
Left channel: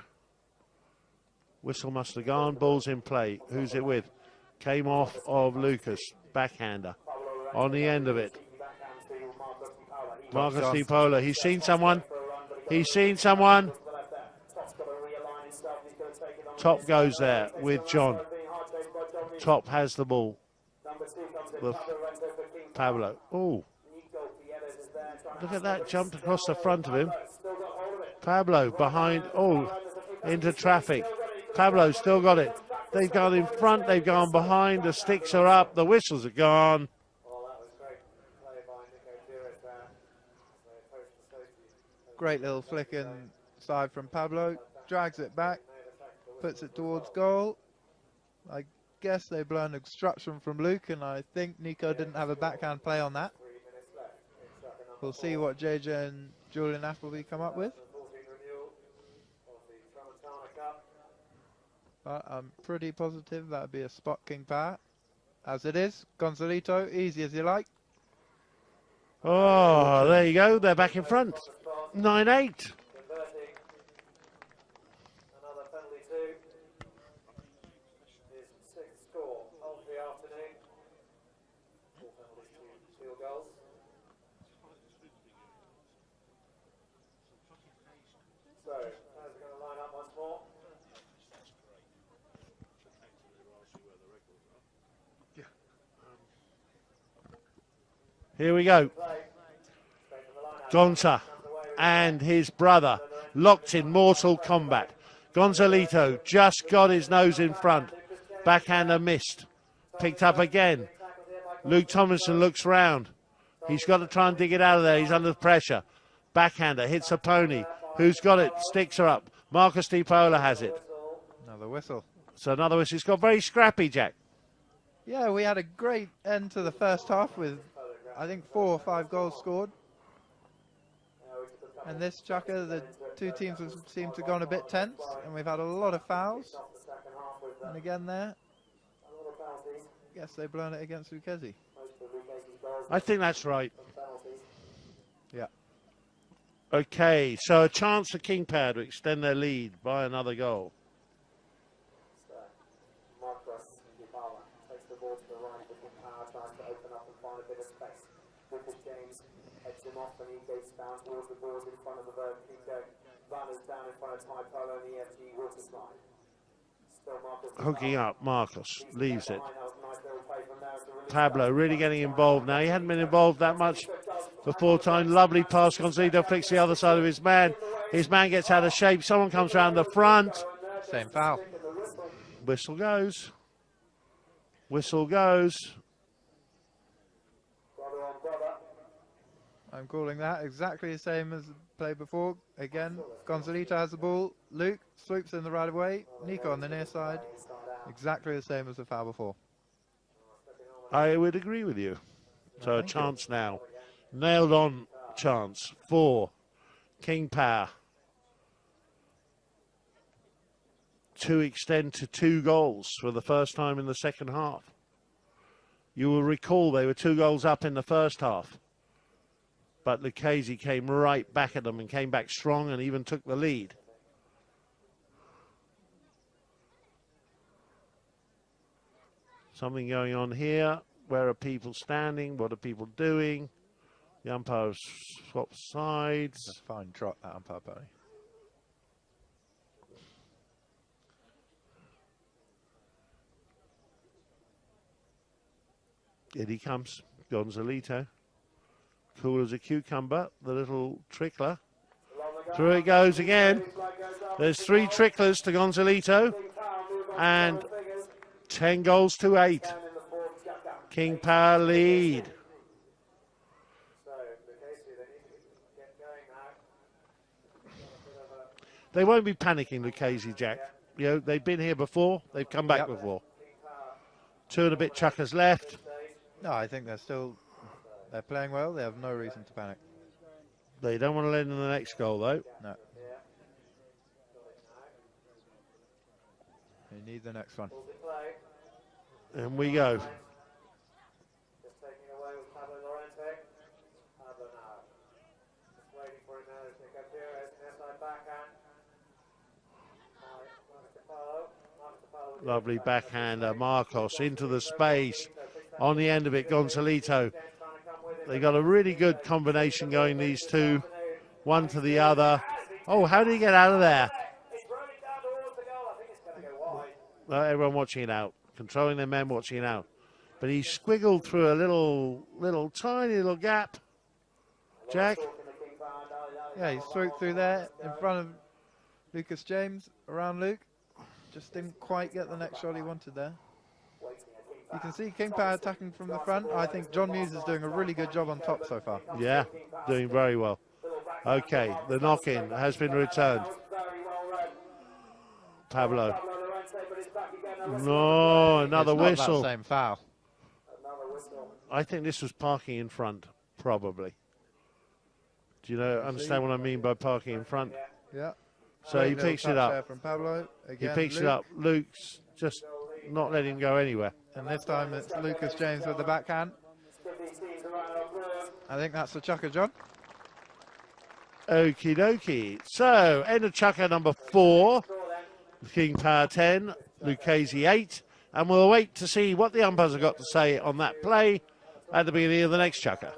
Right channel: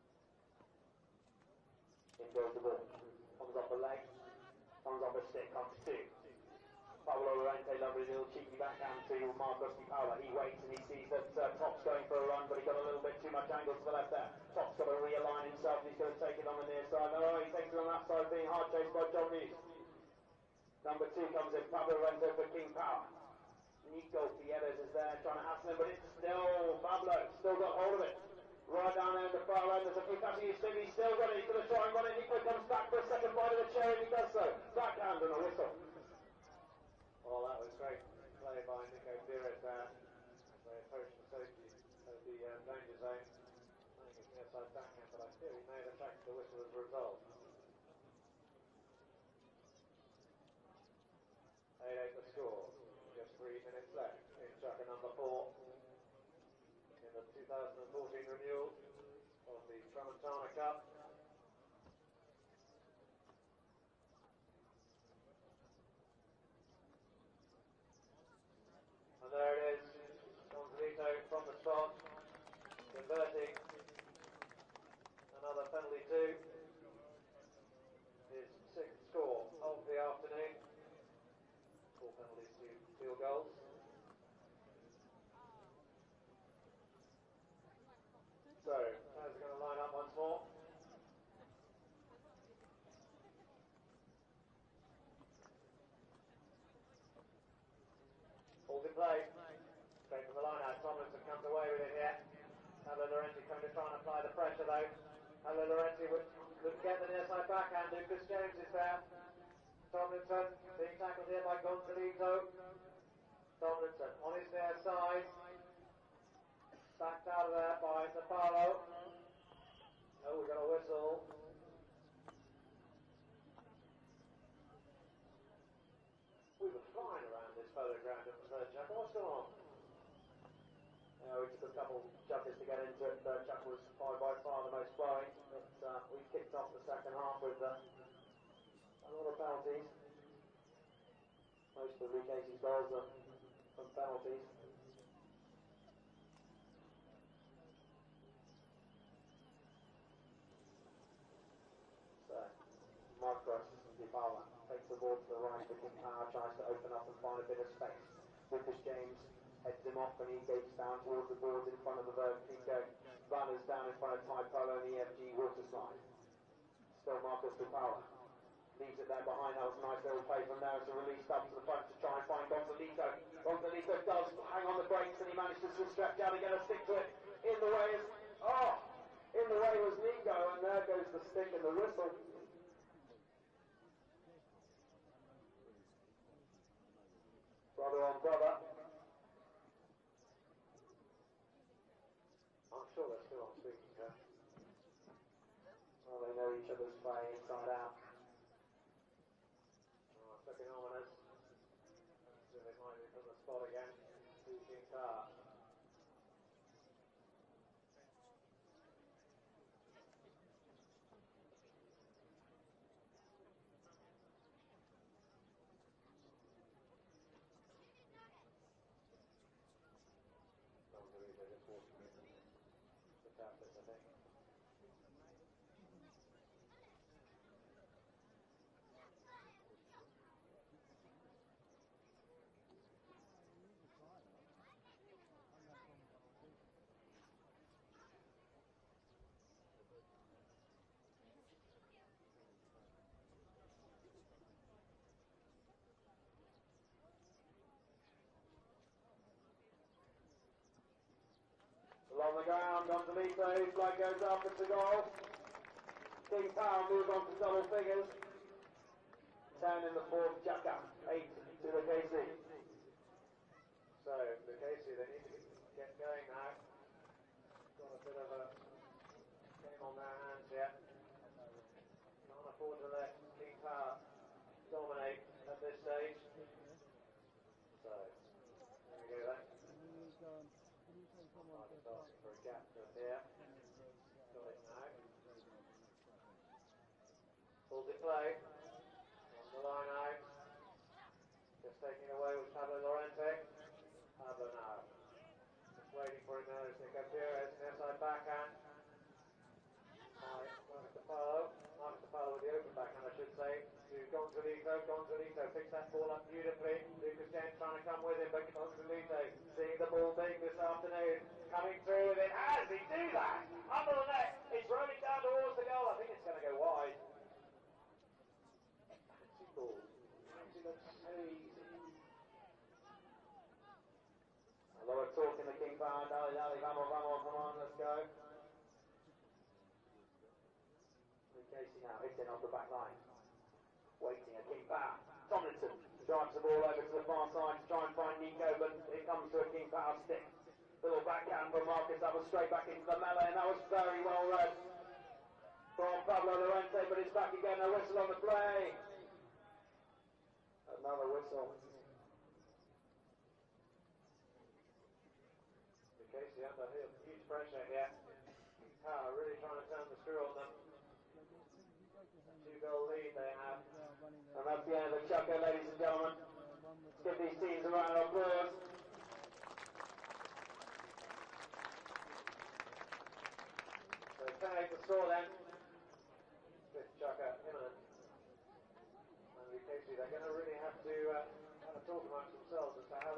Whistle must have gone. Ball's in play. Who's it with? Came off of Lucas. Backhander. On the end of it. Marcus Di Polo. He's seen someone. He's seen someone. Top goes there with John. Top has the ball. Pablo. Oh. Look at that. Jumped across the front of him. Pablo behind. Oh. Into traffic. Pablo still got it. They've gone in front. They've gone behind. The sticks are up. The whistles are gone. Great little flick inside from Pablo. Drags it back. Puts it towards goal. I guess they've learned obstruction from Luke, and I think Nico didn't have a backhand play on that. We'll see what JJ and Julian Appleby come up with. But I'm pretty positive that would be a spot King Power. As it is, Gonzalito, easy as you like. Oh, there you go. They're back in front. 9-8. Another penalty too. His sixth score of the afternoon. 4 penalties, 2 field goals. So, players are going to line up once more. Here we go. Gonza and his brother locked in mortal combat. Gonzalito just got his nose in front. Backhander missed. Picked up again. Luke Tomlinson looks round. He's got to try and dig it out of there. He's under pressure. Backhander hits a pony. Who's got it? Sticks her up. Marcus Di Polo has it. Another whistle. So another whistle. It's got very scrappy, Jack. Yeah, we had a great end to the first half with, I think, 4 or 5 goals scored. And this chukker, the two teams seem to have gone a bit tense, and we've had a lot of fouls. And again there, I guess they've blown it against Lucchese. I think that's right. Yeah. Okay, so a chance for King Power to extend their lead by another goal. Marcus Di Polo takes the ball to the right for King Power, tries to open up and find a bit of space. Lucas James heads him off and he goes down towards the boards in front of the Veuve Clicquot. Vanna's down in front of Ty Polo and the EFG water slide. Still Marcus Hooking up, Marcus leaves it. Pablo really getting involved now. He hadn't been involved that much before time. Lovely pass. Gonzalito flicks the other side of his man. His man gets out of shape. Someone comes around the front. Same foul. Whistle goes. Whistle goes. I'm calling that exactly the same as the play before. Again, Gonzalito has the ball. Luke swoops in the right of way. Nico on the near side. Exactly the same as the foul before. I would agree with you. So a chance now. Nailed on chance for King Power to extend to 2 goals for the first time in the second half. You will recall they were 2 goals up in the first half. But Lucchese came right back at them and came back strong and even took the lead. Something going on here. Where are people standing? What are people doing? The umpire swaps sides. A fine trot, that umpire, buddy. In he comes, Gonzalito. Cool as a cucumber, the little trickler. Through it goes again. There's 3 tricklers to Gonzalito. And 10 goals to 8. King Power lead. They won't be panicking, Lucchese, Jack. You know, they've been here before. They've come back before. 2 and a bit chuckers left. No, I think they're playing well. They have no reason to panic. They don't want to let in the next goal, though. No. They need the next one. And we go. Just taking away with Pablo Lorente. Pablo now. Just waiting for him now to pick up here as an inside backhand. Lovely backhander, Marcos into the space. On the end of it, Gonzalito. They got a really good combination going, these two. One to the other. Oh, how did he get out of there? Everyone watching it out. Controlling their men, watching it out. But he squiggled through a little tiny little gap. Jack? Yeah, he swooped through there in front of Lucas James, around Luke. Just didn't quite get the next shot he wanted there. You can see King Power attacking from the front. I think John Muse is doing a really good job on top so far. Yeah, doing very well. Okay, the knock-in has been returned. Pablo. No, another whistle. That same foul. I think this was parking in front, probably. Do you understand what I mean by parking in front? Yeah. So he picks it up. From Pablo. Again, He picks Luke. it up. Luke's just not letting him go anywhere. And this time it's Lucas James with the backhand. I think that's the chucker, John. Okie dokie. So, end of chucker number 4. King Power 10, Lucchese 8. And we'll wait to see what the umpires have got to say on that play at the beginning of the next chucker.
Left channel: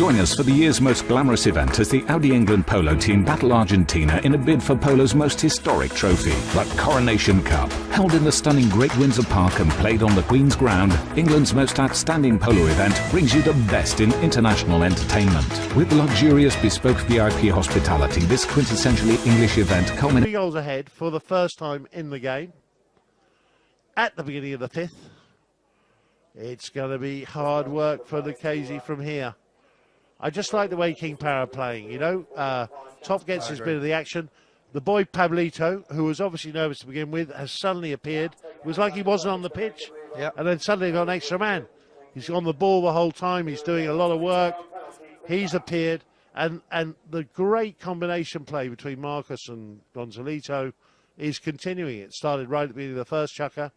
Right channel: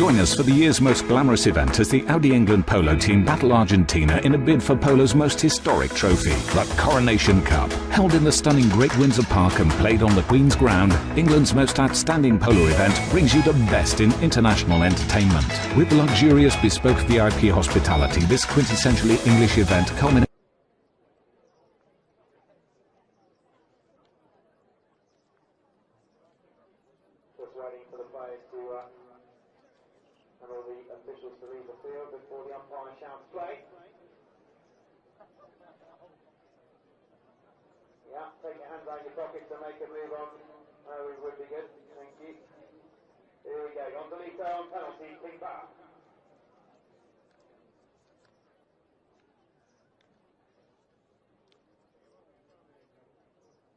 Join us for the year's most glamorous event as the Audi England Polo team battle Argentina in a bid for Polo's most historic trophy, the Coronation Cup. Held in the stunning Great Windsor Park and played on the Queen's Ground, England's most outstanding polo event brings you the best in international entertainment. With luxurious bespoke VIP hospitality, this quintessentially English event culminates 3 goals ahead for the first time in the game. At the beginning of the 5th. It's going to be hard work for Lucchese from here. I just like the way King Power are playing, you know. Top gets his bit of the action. The boy Pablito, who was obviously nervous to begin with, has suddenly appeared. It was like he wasn't on the pitch, and then suddenly got an extra man. He's on the ball the whole time. He's doing a lot of work. He's appeared. And the great combination play between Marcus and Gonzalito is continuing. It started right at the beginning of the first chukker.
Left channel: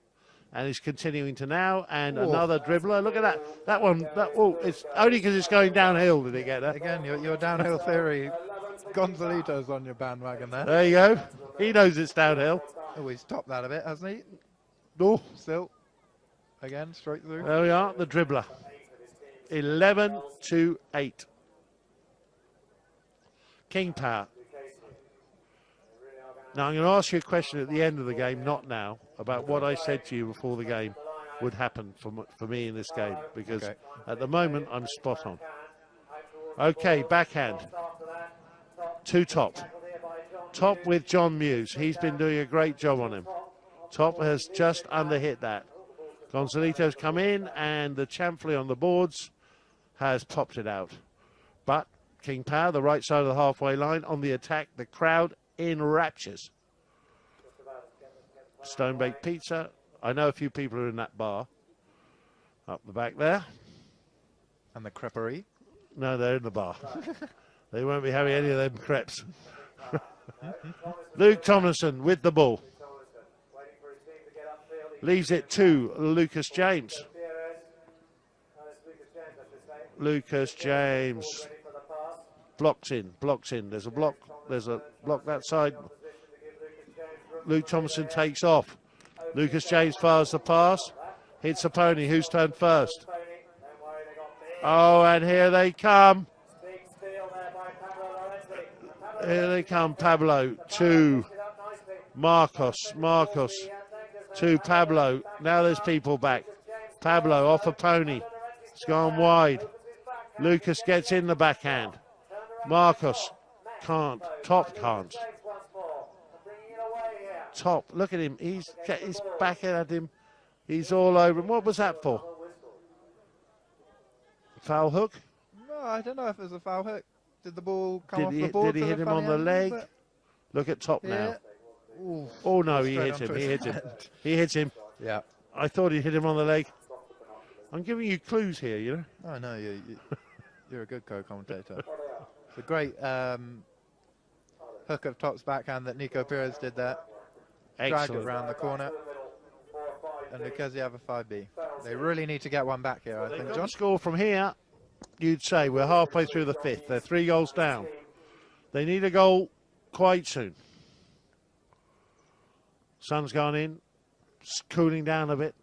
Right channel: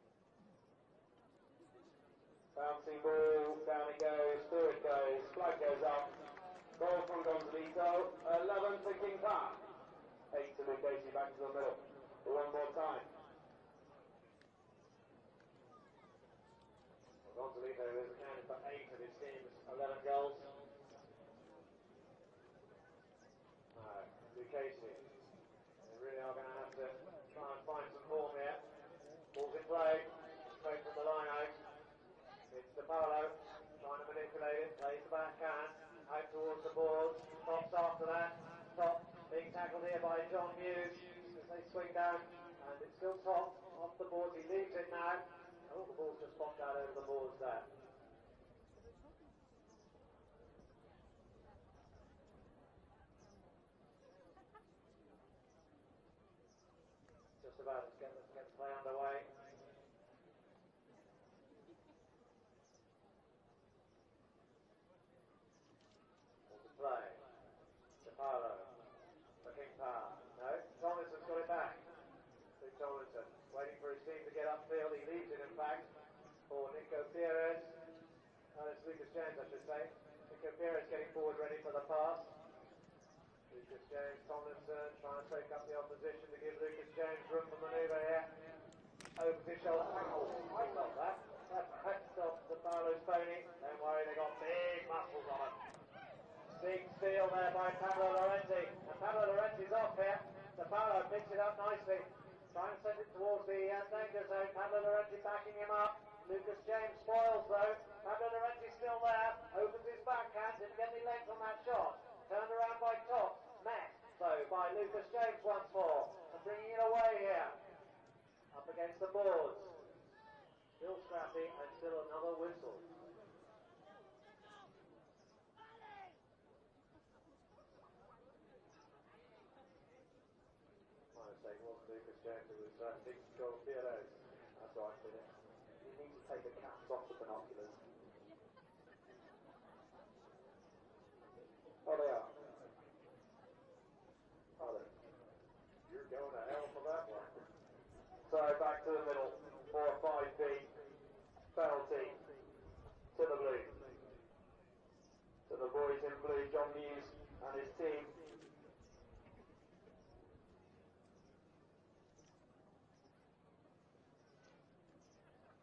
And he's continuing to now, and another dribbler. Look at that. That one, it's only because it's going downhill did it get there. Again, your downhill theory. Gonzalito's on your bandwagon there. There you go. He knows it's downhill. Oh, he's topped that a bit, hasn't he? Oh. Still. Again, straight through. There we are, the dribbler. 11-8. King Power. Now, I'm going to ask you a question at the end of the game, not now, about what I said to you before the game would happen for me in this game, because at the moment, I'm spot on. Okay, backhand. To Top. Top with John Muse. He's been doing a great job on him. Top has just underhit that. Gonzalito's come in, and the chamfley on the boards has popped it out. But King Power, the right side of the halfway line, on the attack, the crowd in raptures. Stone baked pizza. I know a few people are in that bar up the back there. And the creperie. No, they're in the bar. They won't be having any of them crepes. Luke Tomlinson with the ball. Leaves it to Lucas James. Lucas James blocks in. There's a block that side. Luke Thompson takes off. Lucas James fires the pass. Hits a pony. Who's turned first? Oh, and here they come. Here they come. Pablo to Marcos. Marcos to Pablo. Now there's people back. Pablo off a pony. It's gone wide. Lucas gets in the backhand. Marcos can't. Top can't. Top, look at him. He's back at him. He's all over him. What was that for? Foul hook? No, I don't know if it was a foul hook. Did the ball come off the board? Did he hit him on the leg? Look at Top now. Ooh, oh no, he hit him. He hit him. Yeah. I thought he hit him on the leg. I'm giving you clues here, you know. Oh no, you're a good co-commentator. It's a great hook of Top's backhand that Nico Perez did there. Drag it around the corner. And because you have a 5B. They really need to get one back here, I think, John. Score from here, you'd say we're halfway through the 5th. They're 3 goals down. They need a goal quite soon. Sun's gone in. It's cooling down a bit.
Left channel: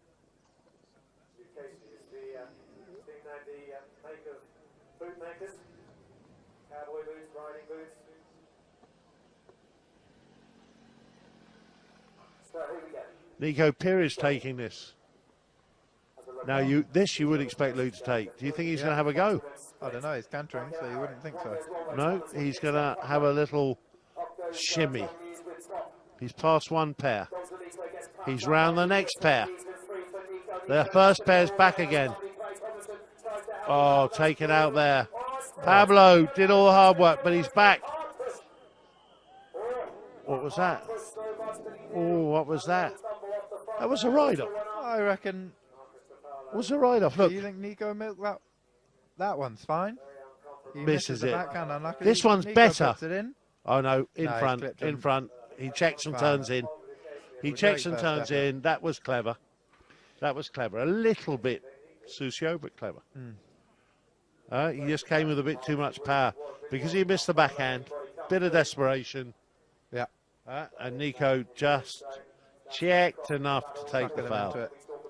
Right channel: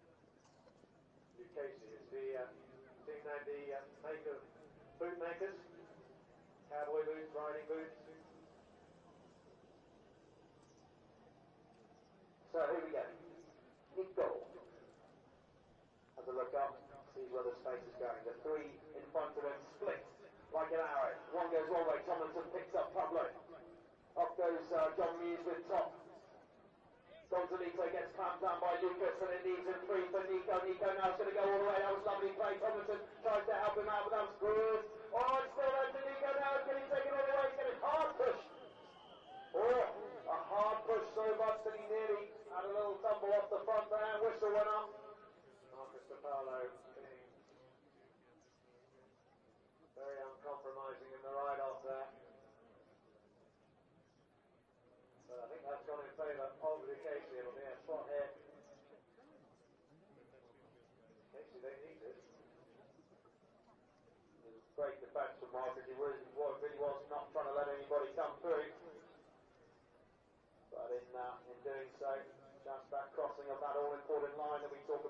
Nico Perez taking this. Now, you would expect Luke to take. Do you think he's going to have a go? I don't know. He's cantering, so you wouldn't think so. No, he's going to have a little shimmy. He's past one pair. He's round the next pair. Their first pair's back again. Oh, taken out there. Pablo did all the hard work, but he's back. What was that? Oh, what was that? That was a ride-off. I reckon. It was a ride-off. Look. Do you think Nico milked that? That one's fine. He misses it. This one's Nico better. puts it in. Oh no, in front. He checks and turns in. He checks and turns in. That was clever. That was clever. A little bit Susio, but clever. He just came with a bit too much power because he missed the backhand. Bit of desperation. Yeah. And Nico just checked enough to take the foul.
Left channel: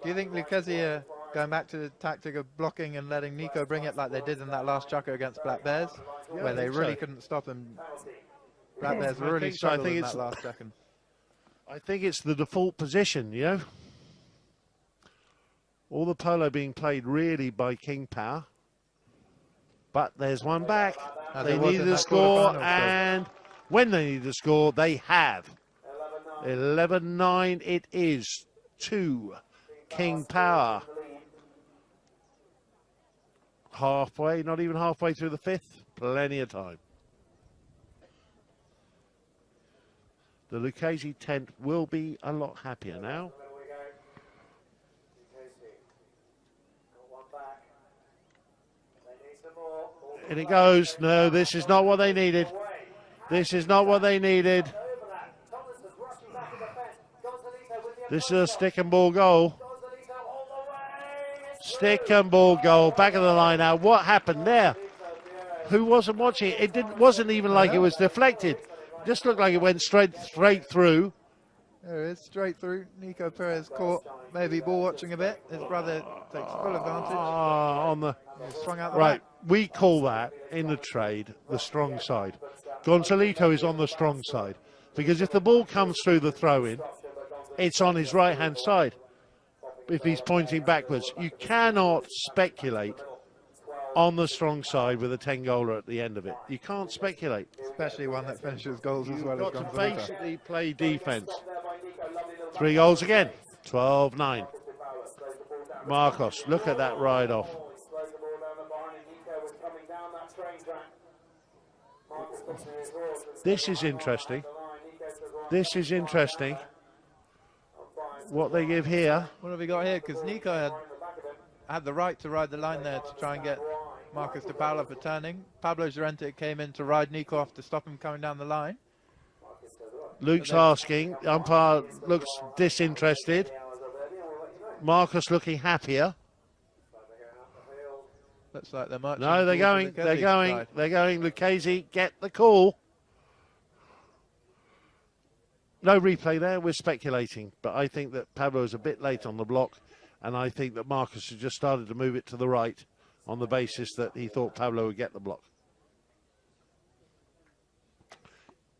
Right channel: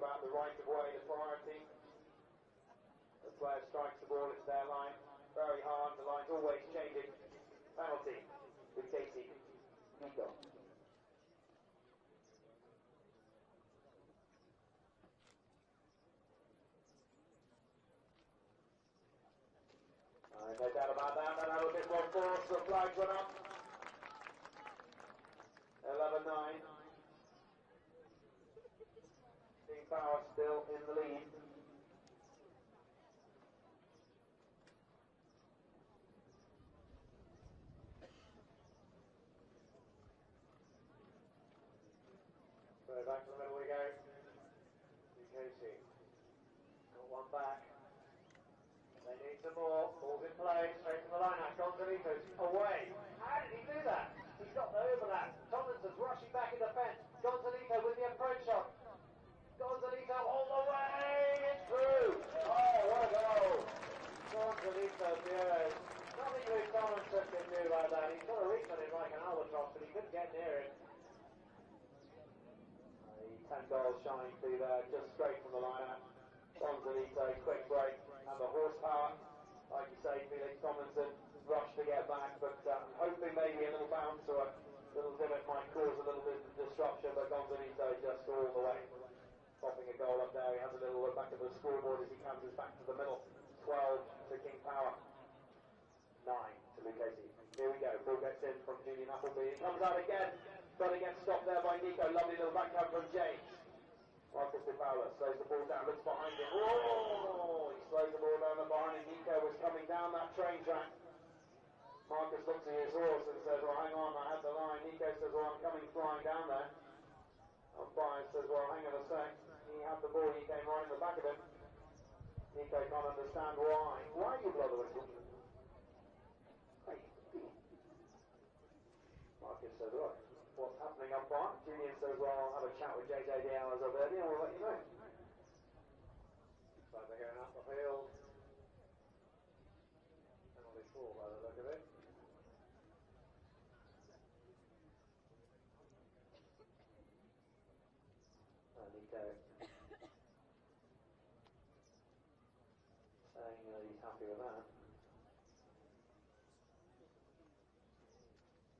Do you think Lucchese going back to the tactic of blocking and letting Nico bring it like they did in that last chucker against Black Bears, where they really couldn't stop him. Black Bears really struggled in that last second. I think it's the default position, you know. All the polo being played really by King Power. But there's one back. They needed a score, and when they needed a score, they have. 11-9 it is to King Power. Halfway, not even halfway through the fifth. Plenty of time. The Lucchese tent will be a lot happier now. And it goes. No, this is not what they needed. This is not what they needed. This is a stick and ball goal. Stick and ball goal. Back of the line now. What happened there? Who wasn't watching it? It wasn't even like it was deflected. It just looked like it went straight through. There it is, straight through. Nico Perez caught, maybe ball watching a bit. His brother takes full advantage. On the swung out the right, back. we call that in the trade the strong side. Gonzalito is on the strong side because if the ball comes through the throw-in, it's on his right-hand side. If he's pointing backwards, you cannot speculate on the strong side with a 10-goaler at the end of it. You can't speculate. Especially one that finishes goals as well as You've got to Gonzalito. basically play defense. 3 goals again. 12-9. Marcos, look at that ride off. This is interesting. This is interesting. What they give here. What have we got here? Because Nico had the right to ride the line there to try and get Marcos de Paula for turning. Pablo Llorente came in to ride Nico off to stop him coming down the line. Luke's asking. Umpire looks disinterested. Marcus looking happier. Looks like they're marching. No, they're going. They're going. They're going. Lucchese, get the call. No replay there. We're speculating, but I think that Pablo is a bit late on the block, and I think that Marcus has just started to move it to the right on the basis that he thought Pablo would get the block.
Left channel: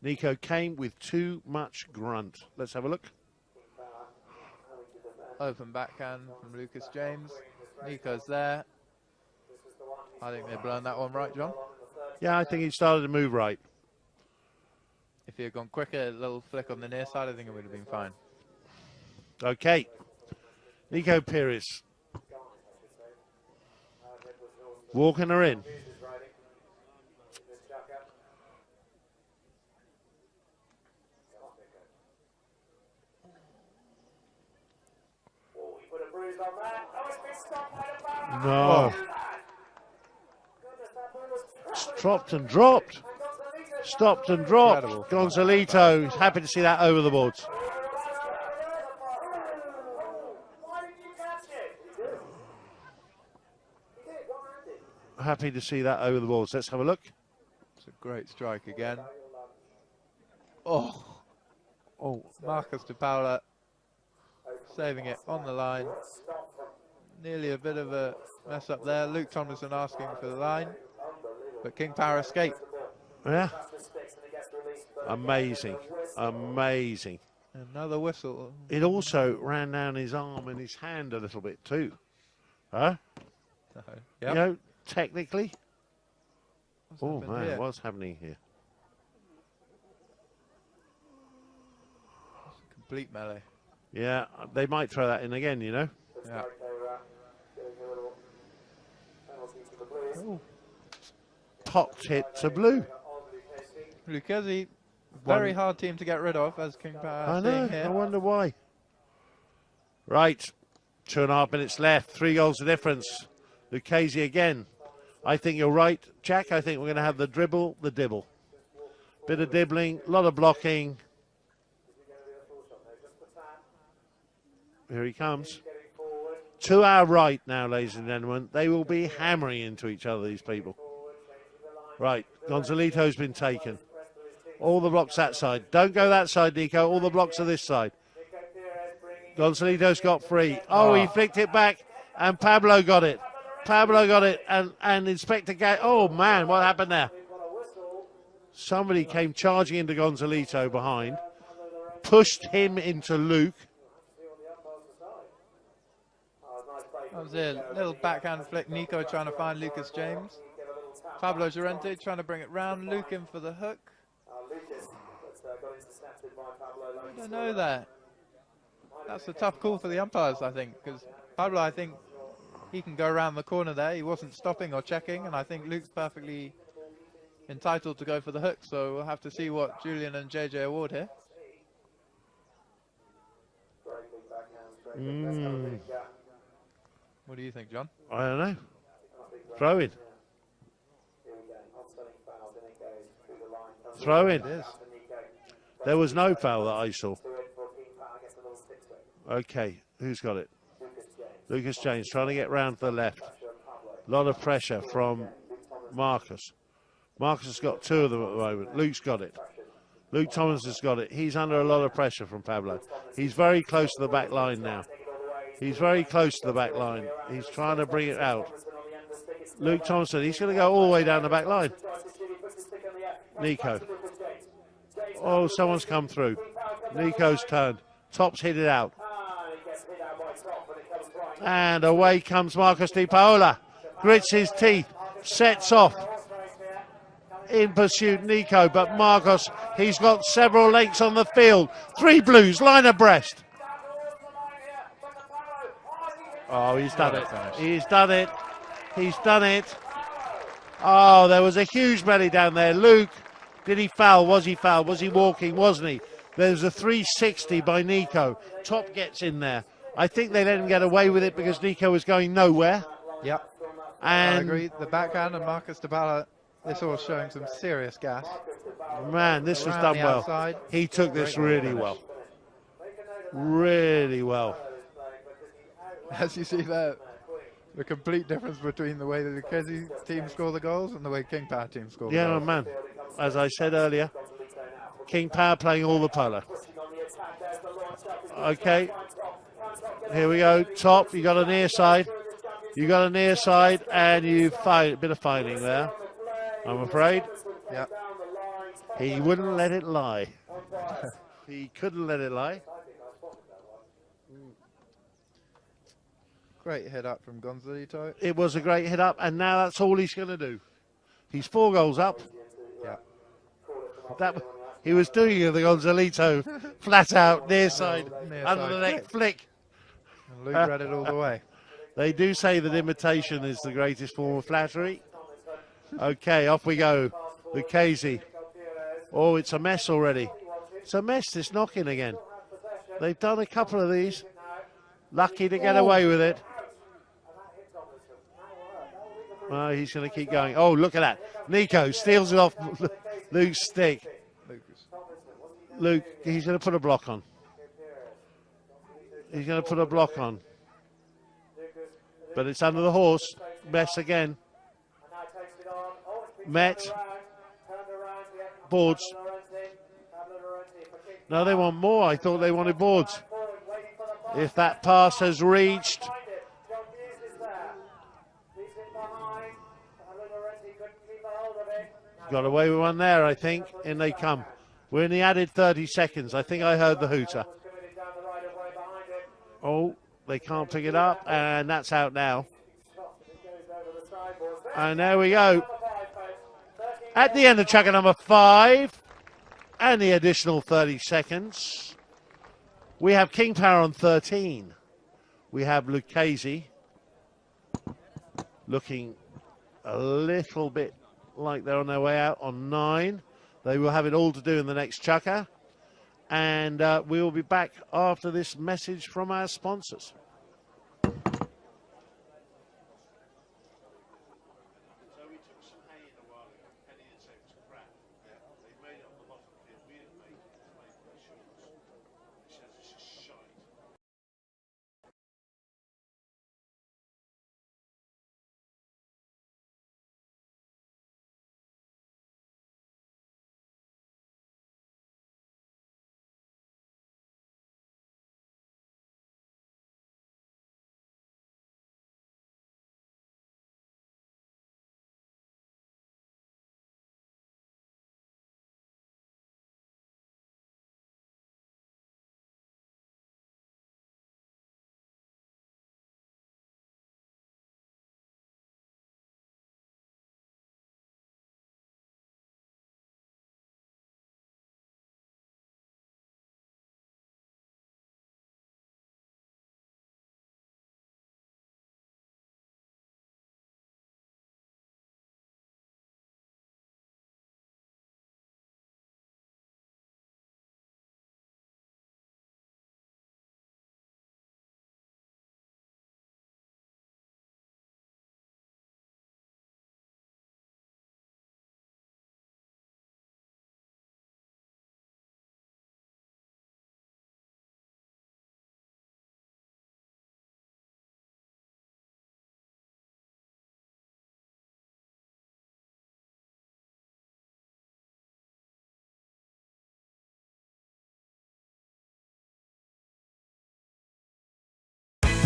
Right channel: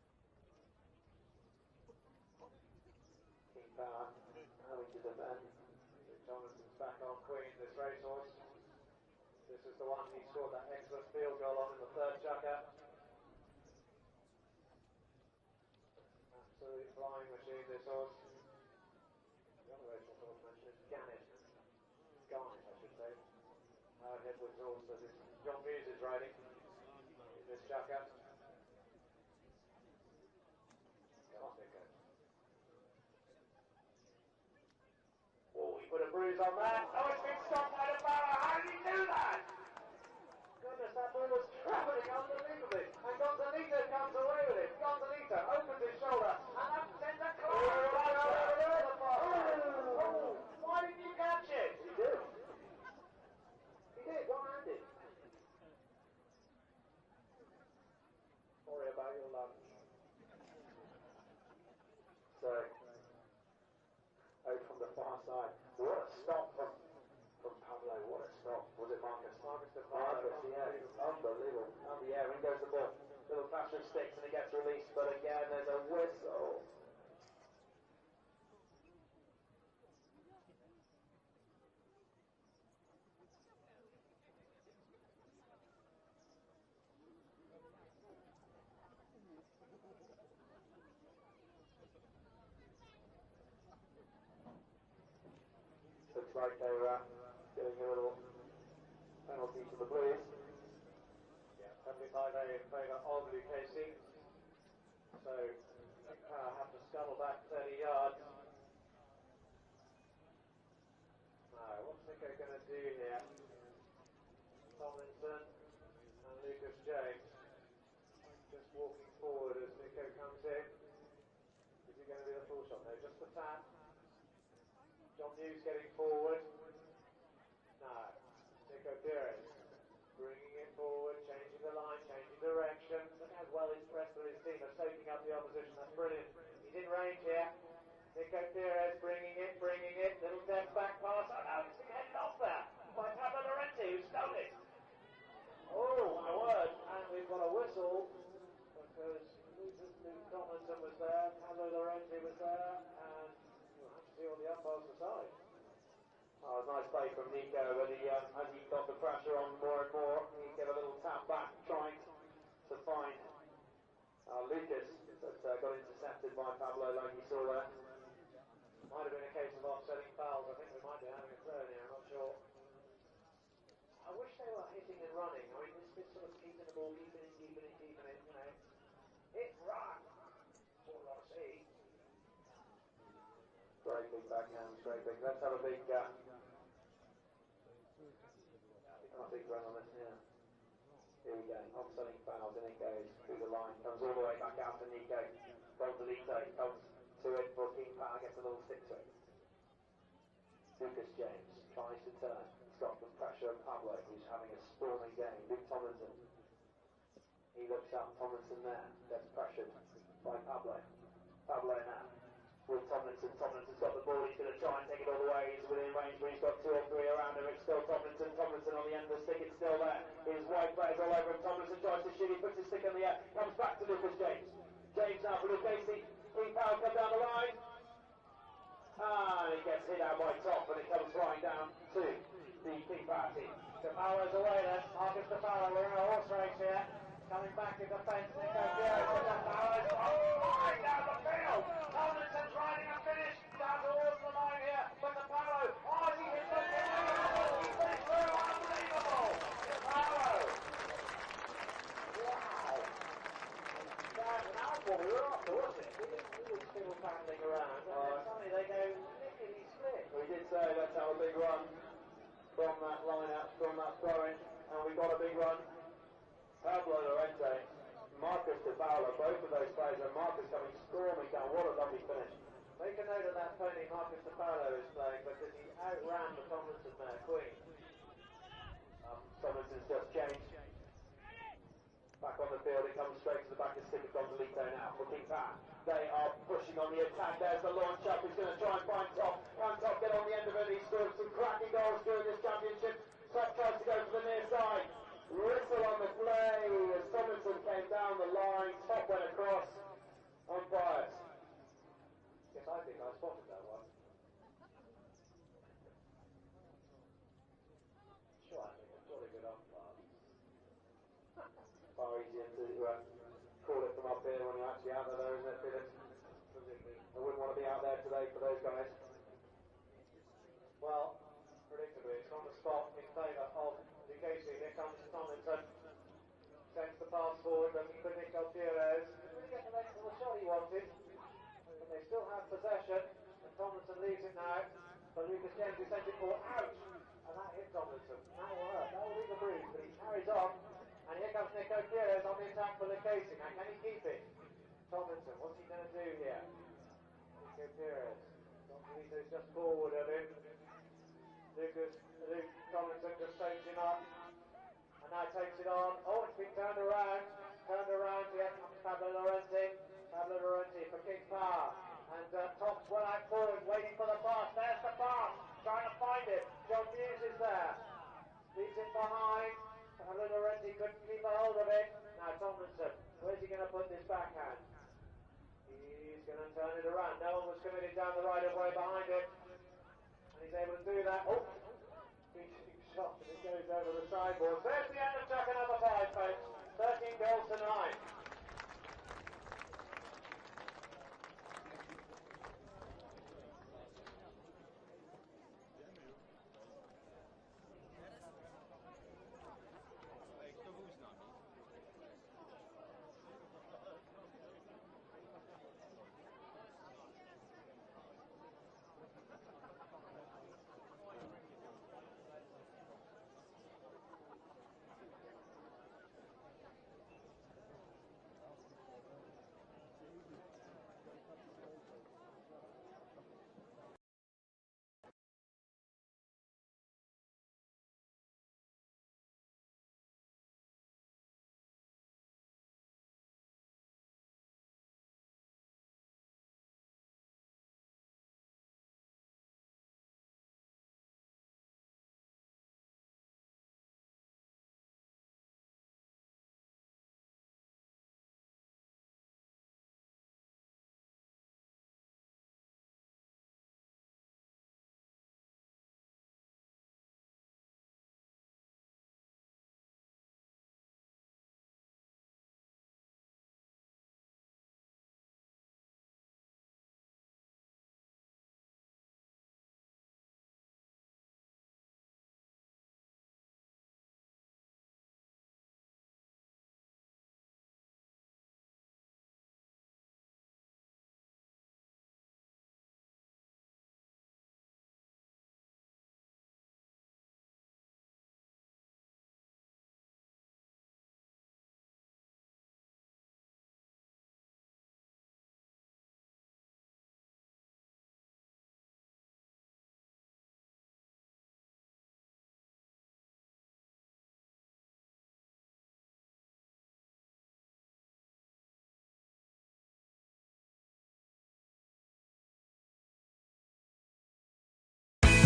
Nico came with too much grunt. Let's have a look. Open backhand from Lucas James. Nico's there. I think they've blown that one right, John. Yeah, I think he started to move right. If he had gone quicker, a little flick on the near side, I think it would have been fine. Okay. Nico Pires. Walking her in. No. Dropped and dropped. Stopped and dropped. Incredible. Gonzalito, happy to see that over the boards. Happy to see that over the boards. Let's have a look. It's a great strike again. Oh, Marcos de Paula saving it on the line. Nearly a bit of a mess up there. Luke Tomlinson asking for the line, but King Power escaped. Yeah. Amazing. Amazing. Another whistle. It also ran down his arm and his hand a little bit too. Huh? Yep. You know, technically. Oh man, here? what's happening here? Complete melee. Yeah, they might throw that in again, you know. Yeah. Popped hit to blue. Lucchese, very hard team to get rid of, as King Power I is know, seeing here. I wonder why. Right, 2.5 minutes left, 3 goals the difference. Lucchese again. I think you're right, Jack. I think we're going to have the dribble, the dibble. Bit of dibbling, a lot of blocking. Here he comes. To our right now, ladies and gentlemen. They will be hammering into each other, these people. Right, Gonzalito's been taken. All the blocks that side. Don't go that side, Nico. All the blocks are this side. Gonzalito's got free. Oh, he flicked it back. And Pablo got it. Pablo got it. And Inspector oh, man, what happened there? Somebody came charging into Gonzalito behind, pushed him into Luke. That was it. Little backhand flick. Nico trying to find Lucas James. Pablo Llorente trying to bring it round. Luke in for the hook. I don't know that. That's a tough call for the umpires, I think, because Pablo, I think he can go around the corner there. He wasn't stopping or checking, and I think Luke's perfectly entitled to go for the hook. So we'll have to see what Julian and JJ award here. What do you think, John? I don't know. Throw in. Throw in. There was no foul that I saw. Okay, who's got it? Lucas James trying to get round to the left. A lot of pressure from Marcus. Marcus has got two of them at the moment. Luke's got it. Luke Thomas has got it. He's under a lot of pressure from Pablo. He's very close to the back line now. He's very close to the back line. He's trying to bring it out. Luke Thompson, he's going to go all the way down the back line. Nico. Oh, someone's come through. Nico's turn. Top's hit it out. And away comes Marcus Di Paola. Grits his teeth. Sets off. In pursuit, Nico, but Marcos, he's got several lengths on the field. Three blues, line abreast. Oh, he's done it. He's done it. He's done it. Oh, there was a huge melee down there. Luke, did he foul? Was he fouled? Was he walking? Wasn't he? There's a 360 by Nico. Top gets in there. I think they let him get away with it because Nico was going nowhere. Yep. And I agree. The backhand and Marcus Di Paola, this all showing some serious gas. Man, this was done well. Outside. He took this really well. Really well. As you see there, the complete difference between the way the Lucchese team score the goals and the way King Power team score the goals. Yeah, man. As I said earlier, King Power playing all the polo. Okay. Here we go. Top, you got a near side. You got a near side, and you fight a bit of fighting there, I'm afraid. Yep. He wouldn't let it lie. He couldn't let it lie. Great hit up from Gonzalito. It was a great hit up, and now that's all he's going to do. He's 4 goals up. That, he was doing the Gonzalito flat out, near side, under the neck flick. And Luke read it all the way. They do say that imitation is the greatest form of flattery. Okay, off we go. Lucchese. Oh, it's a mess already. It's a mess, this knocking again. They've done a couple of these. Lucky to get away with it. Oh, he's going to keep going. Oh, look at that. Nico steals it off Luke's stick. Luke, he's going to put a block on. He's going to put a block on. But it's under the horse. Mess again. Met. Boards. No, they want more. I thought they wanted boards. If that pass has reached. Got away with one there, I think. In they come. We're in the added 30 seconds. I think I heard the hooter. Oh, they can't pick it up, and that's out now. And there we go. At the end of chukka number 5, and the additional 30 seconds, we have King Power on 13. We have Lucchese looking a little bit like they're on their way out on 9. They will have it all to do in the next chukka. And we will be back after this message from our sponsors.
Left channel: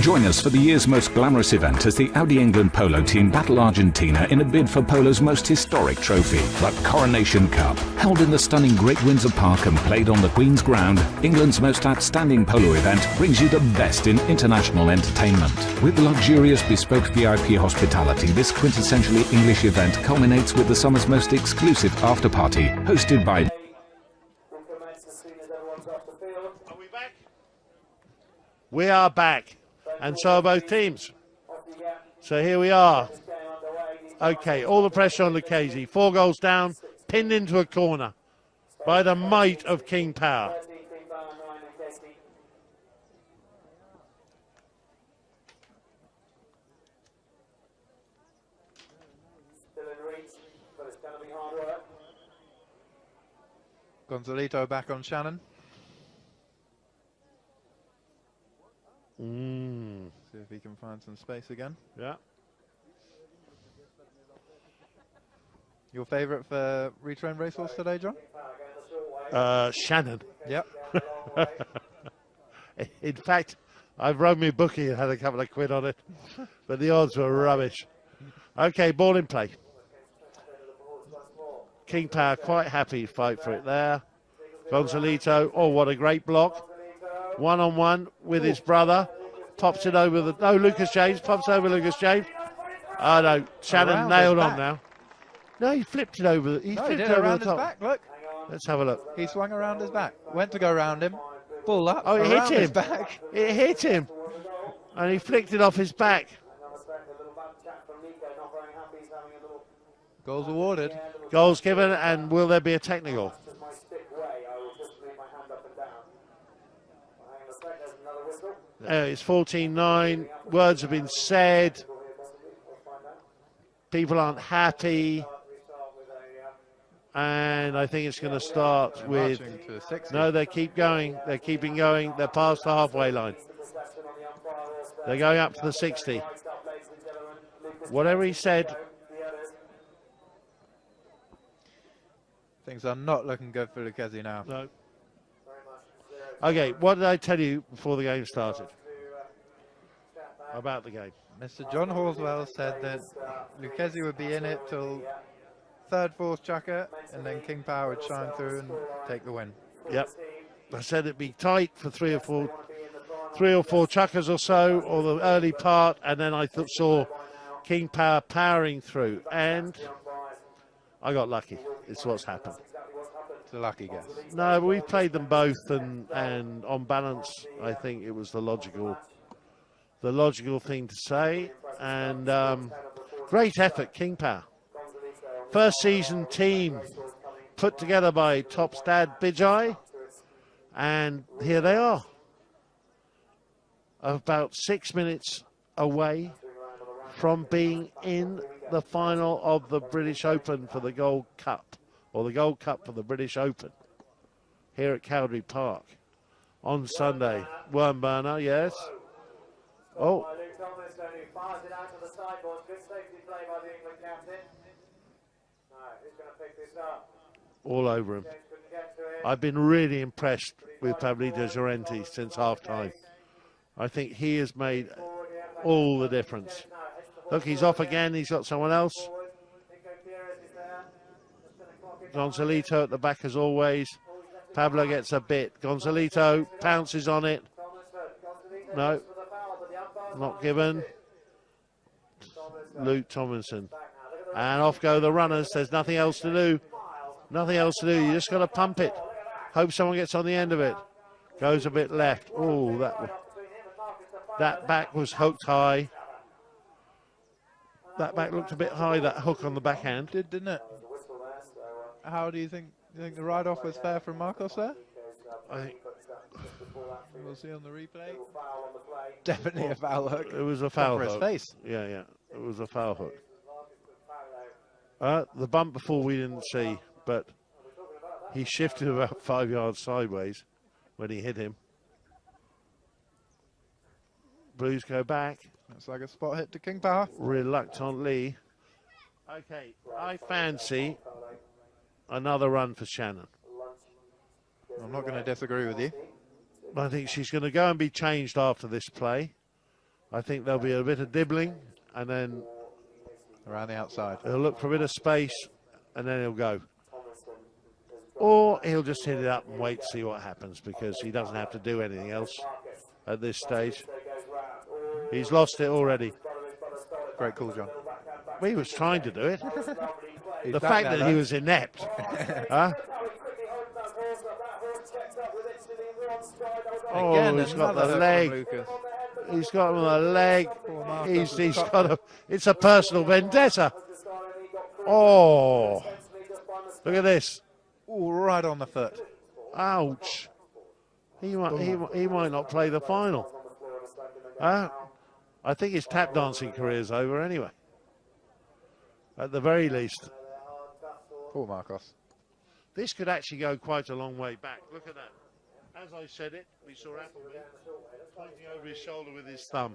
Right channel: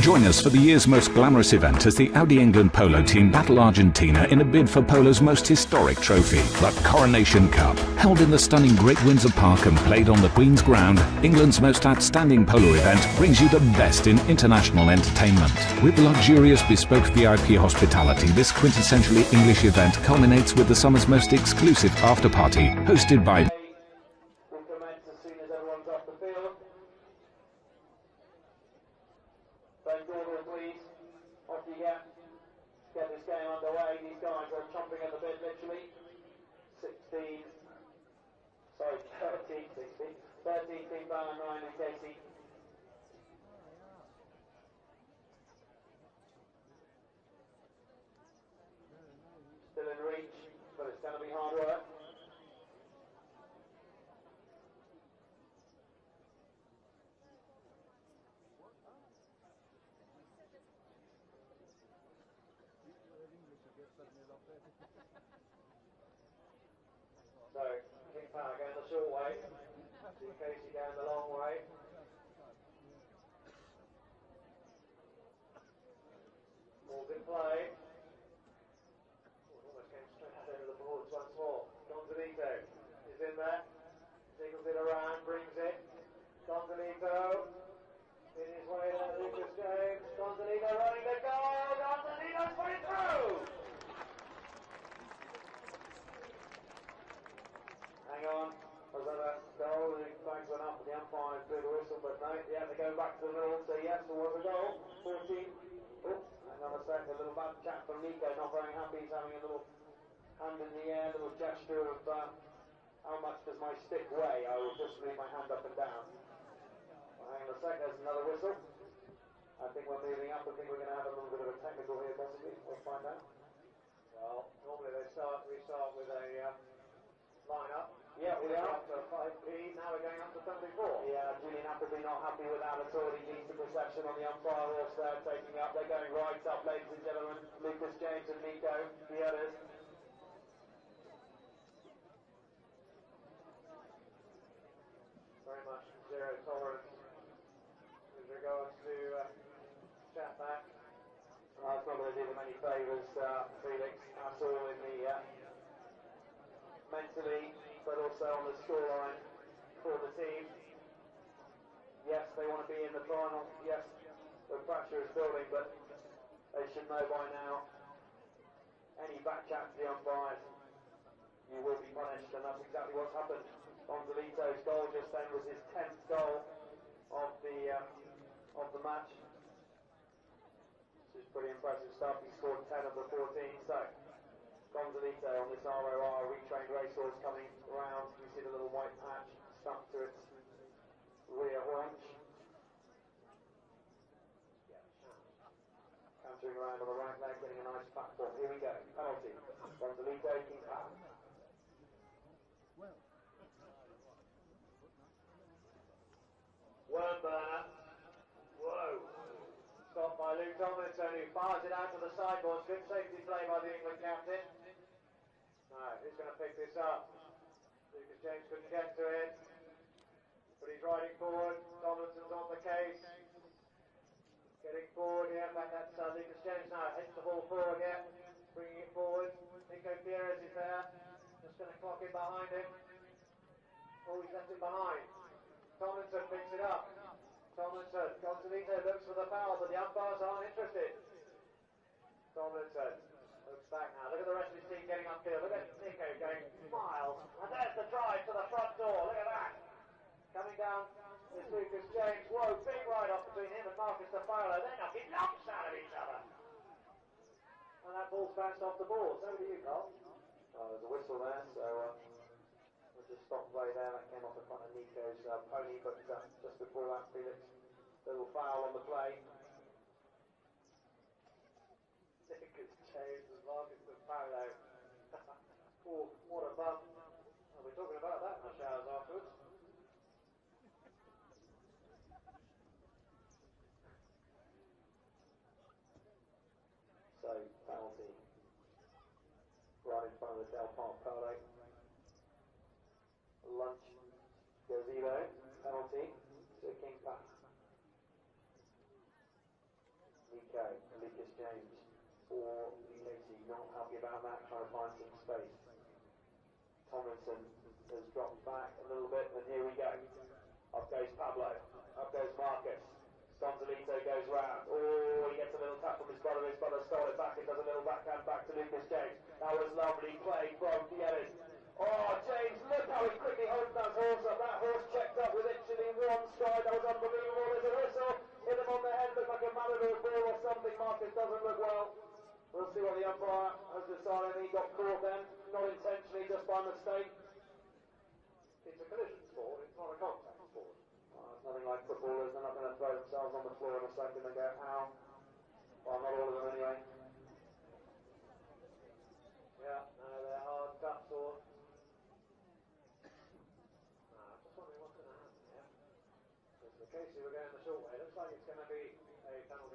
Join us for the year's most glamorous event as the Audi England Polo team battle Argentina in a bid for Polo's most historic trophy, the Coronation Cup. Held in the stunning Great Windsor Park and played on the Queen's Ground, England's most outstanding polo event brings you the best in international entertainment. With luxurious bespoke VIP hospitality, this quintessentially English event culminates with the summer's most exclusive after-party, hosted by... We are back, and so are both teams. So here we are. Okay, all the pressure on Lucchese. 4 goals down, pinned into a corner by the might of King Power. Gonzalito back on Shannon. See if he can find some space again. Yeah. Your favourite for retrained racehorse today, John? Shannon. Yep. In fact, I've run me bookie and had a couple of quid on it, but the odds were rubbish. Okay, ball in play. King Power quite happy to fight for it there. Gonzalito, oh, what a great block. 1-on-1 with his brother. Pops it over the... No, Lucas James. Pops over Lucas James. Oh, no. Shannon nailed on now. No, he flipped it over. He flipped it over the top. Back, look. Let's have a look. He swung around his back. Went to go around him. Ball up. Oh, it hit him. His back. It hit him. And he flicked it off his back. Goals awarded. Goals given, and will there be a technical? It's 14-9. Words have been said. People aren't happy. And I think it's going to start with... No, they keep going. They're keeping going. They're past the halfway line. They're going up to the 60. Whatever he said. Things are not looking good for Lucchese now. No. Okay, what did I tell you before the game started about the game? Mr. John Horswell said that Lucchese would be in it till third, fourth chucker, and then King Power would shine through and take the win. Yep. I said it'd be tight for three or four chuckers or so, or the early part, and then I saw King Power powering through, and I got lucky. It's what's happened. It's a lucky guess. No, but we played them both, and on balance, I think it was the logical thing to say. And great effort, King Power. First season team put together by Topstad Bijay, and here they are, about 6 minutes away from being in the final of the British Open for the Gold Cup, or the Gold Cup for the British Open, here at Cowdrey Park on Sunday. Wormburner, yes. Oh. All over him. I've been really impressed with Pablito Llorente since half-time. I think he has made all the difference. Look, he's off again. He's got someone else. Gonzalito at the back as always. Pablo gets a bit. Gonzalito pounces on it. No, not given. Luke Tomlinson. And off go the runners. There's nothing else to do. Nothing else to do. You just got to pump it. Hope someone gets on the end of it. Goes a bit left. Oh, that back was hooked high. That back looked a bit high, that hook on the backhand. Didn't it? How do you think? You think the ride-off was fair from Marcos there? We'll see on the replay. Definitely a foul hook. It was a foul hook. For his face. Yeah. It was a foul hook. The bump before we didn't see, but he shifted about 5 yards sideways when he hit him. Blues go back. Looks like a spot hit to King Power. Reluctantly. Okay, I fancy another run for Shannon. I'm not going to disagree with you. I think she's going to go and be changed after this play. I think there'll be a bit of dibbling, and then Around the outside. he'll look for a bit of space, and then he'll go. Or he'll just hit it up and wait to see what happens, because he doesn't have to do anything else at this stage. He's lost it already. Great call, John. Well, he was trying to do it. The fact that he was inept. Huh? Oh, he's got the leg. He's got him on the leg. He's got a. It's a personal vendetta. Oh, look at this. Ooh, right on the foot. Ouch. He might not play the final. I think his tap dancing career is over anyway. At the very least. Poor Marcos. This could actually go quite a long way back. Look at that. As I said it, we saw Appleby pointing over his shoulder with his thumb.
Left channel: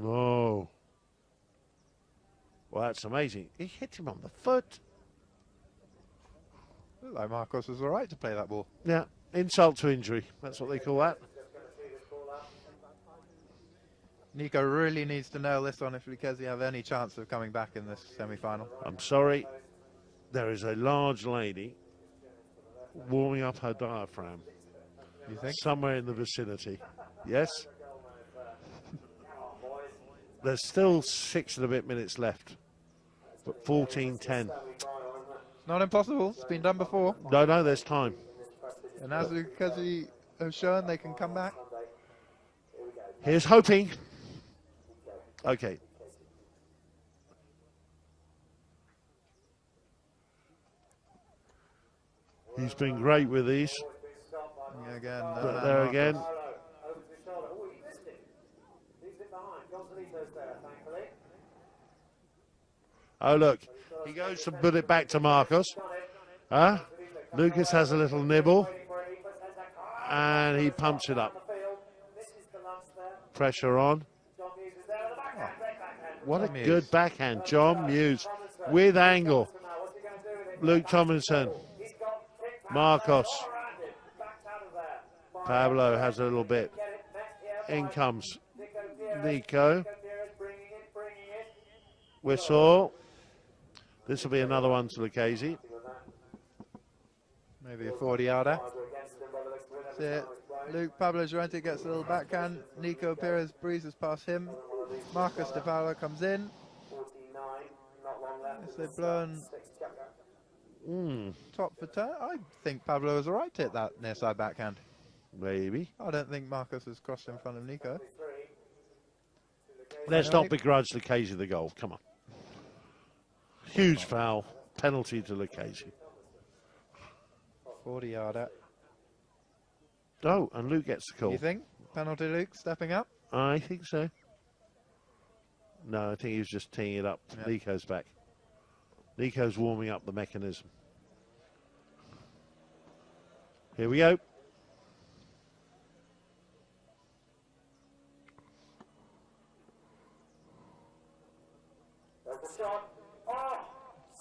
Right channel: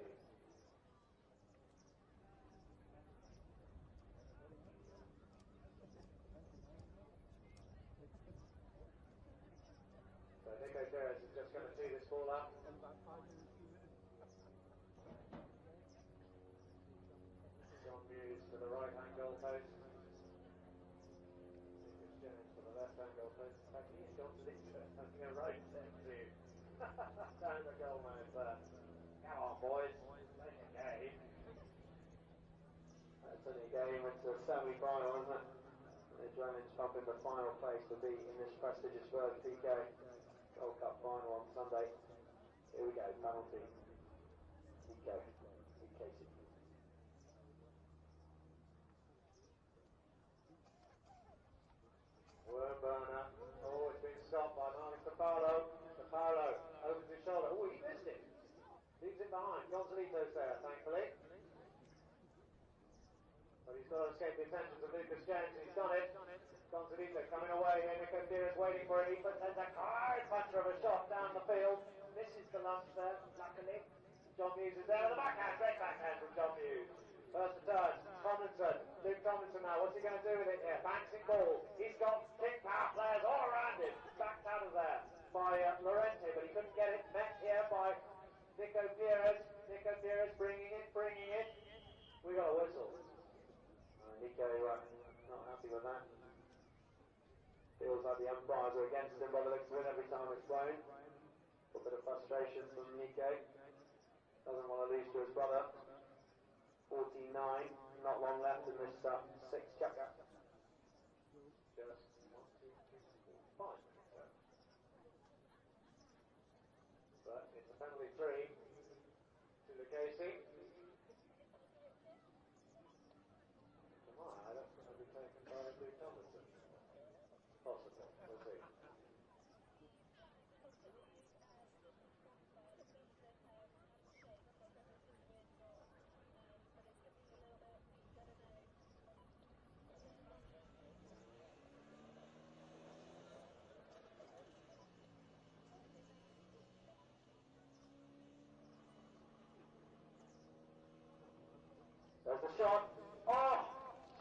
Whoa. Well, that's amazing. He hit him on the foot. Looked like Marcos was all right to play that ball. Yeah, insult to injury. That's what they call that. Nico really needs to nail this one if Lucchese have any chance of coming back in this semi-final. I'm sorry. There is a large lady warming up her diaphragm. You think? Somewhere in the vicinity. Yes? There's still 6 and a bit minutes left. But 14:10. Not impossible. It's been done before. No, there's time. And as Lucchese have shown, they can come back. Here's hoping. Okay. He's been great with these. Yeah, again, There again. Oh, look. He goes to put it back to Marcos. Huh? Lucas has a little nibble. And he pumps it up. Pressure on. What a good backhand. John Muse with angle. Luke Tomlinson. Marcos. Pablo has a little bit. In comes Nico. Whistle. This will be another one to Lucchese. maybe a 40-yarder. Luke Pablo Llorente gets a little backhand. Nico Perez breezes past him. Marcos De Paula comes in. They've blown top for turn. I think Pablo is alright to hit that near side backhand. Maybe. I don't think Marcos has crossed in front of Nico. Let's not begrudge Lucchese the goal. Come on. Huge foul. Penalty to Lucchese. 40-yarder. Oh, and Luke gets the call. You think? Penalty Luke stepping up? I think so. No, I think he was just teeing it up. Yeah. Nico's back. Nico's warming up the mechanism. Here we go.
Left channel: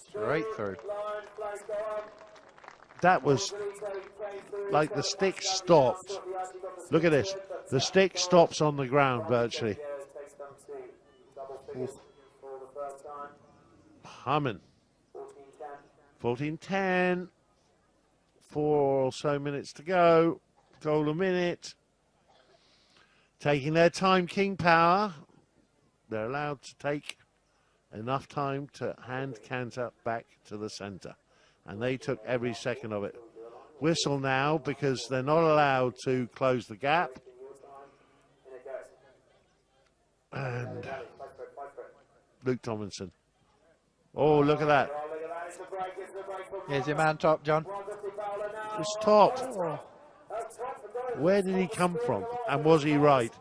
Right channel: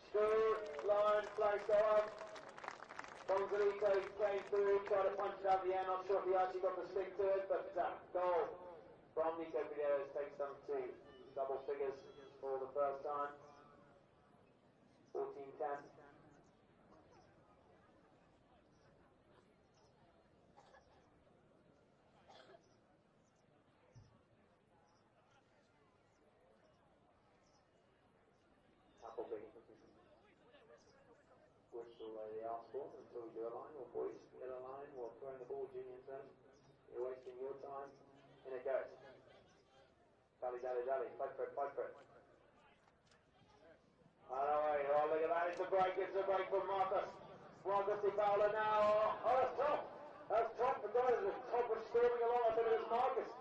Straight through. That was like the stick stopped. Look at this. The stick stops on the ground virtually. Humming. 14:10. 4 or so minutes to go. Goal a minute. Taking their time, King Power. They're allowed to take enough time to hand canter back to the centre. And they took every second of it. Whistle now because they're not allowed to close the gap. And Luke Tomlinson. Oh, look at that. Here's your man top, John. It's topped. Where did he come from? And was he right?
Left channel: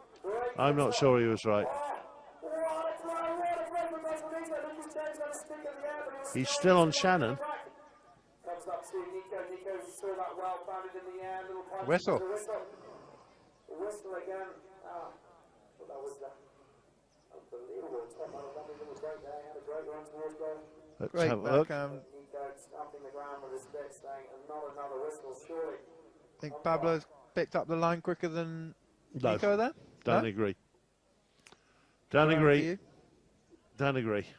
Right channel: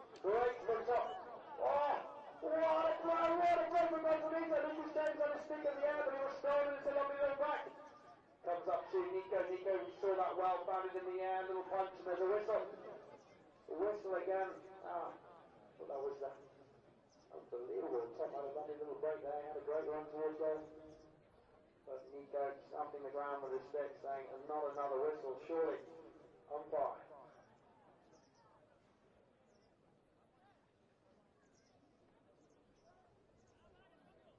I'm not sure he was right. He's still on Shannon. Whistle. Whistle again. That was unbelievable. Little break there. He had a great run towards goal. Let's Great have a look. Nico stamping the ground with his stick, saying, not another whistle, surely. I think Pablo's picked up the line quicker than No, Nico there? don't No? agree. Don't Around agree. for you? Don't agree. Yeah,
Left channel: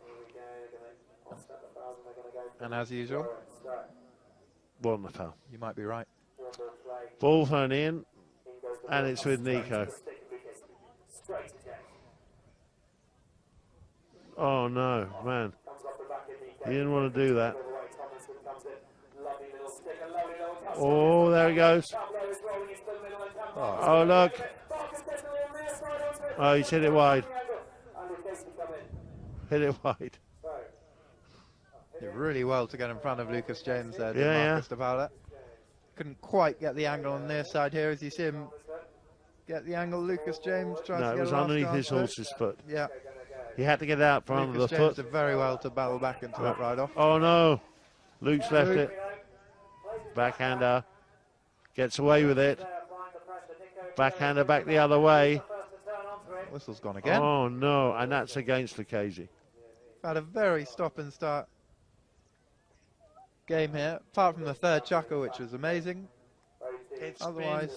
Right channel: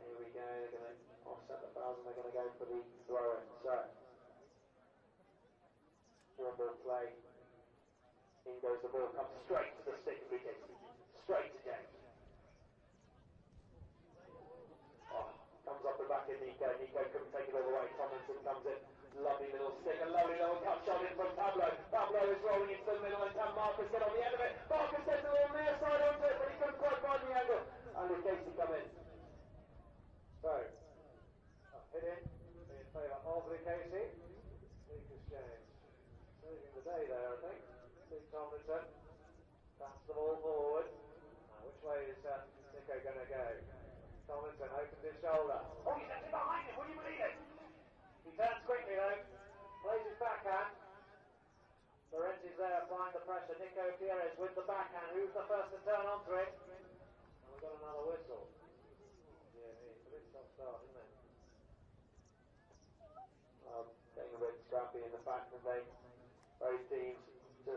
here we go. They're going to offset the fouls and they're going to go for And as usual, Wasn't a foul. you might be right. Ball thrown in, and it's with Nico. Oh no, man. He didn't want to do that. Oh, there he goes. Oh, look. Oh, he's hit it wide. Hit it wide. Did really well to get in front of Lucas James there, did Yeah, Marcus de Paula. Couldn't quite get the angle on their side here as you see him get the angle. Lucas James tries No, to it get was a last underneath chance his there. horse's foot. Yeah, He had to get out from under Lucas the James foot. did very well to battle back into that ride off. Oh no, Luke's left it. Backhander, gets away with it. Backhander back the other way. Whistle's gone again. Oh no, and that's against Lucchese. Had a very stop and start game here, apart from the third chucker, which was amazing. Otherwise,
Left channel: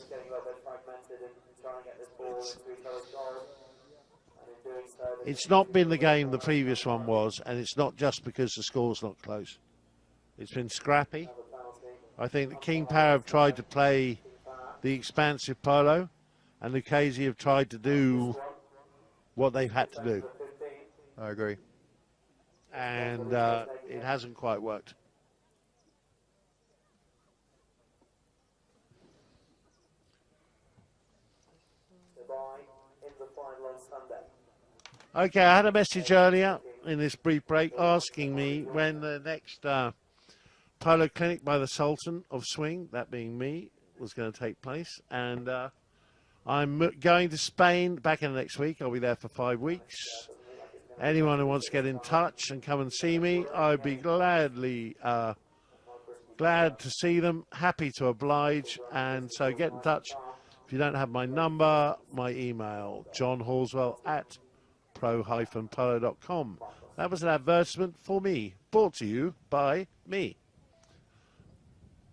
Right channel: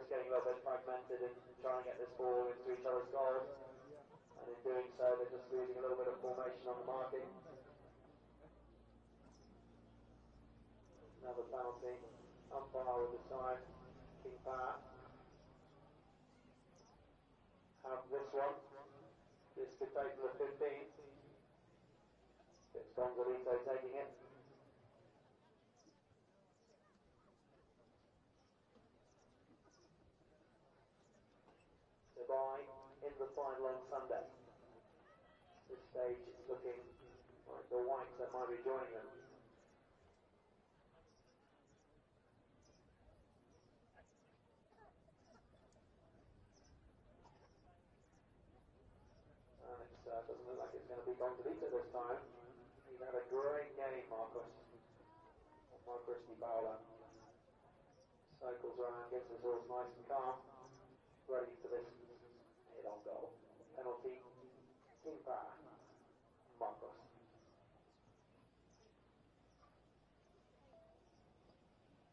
It's not been the game the previous one was, and it's not just because the score's not close. It's been scrappy. I think the King Power have tried to play the expansive polo, and Lucchese have tried to do what they've had to do. I agree. And it hasn't quite worked. Okay, I had a message earlier in this brief break asking me when the next polo clinic by the Sultan of Swing, that being me, was going to take place. And I'm going to Spain back in the next week. I'll be there for 5 weeks. Anyone who wants to get in touch and come and see me, I'd be glad to see them, happy to oblige. And so get in touch. If you don't have my number, my email, johnhorswell@pro-polo.com. That was an advertisement for me, brought to you by me.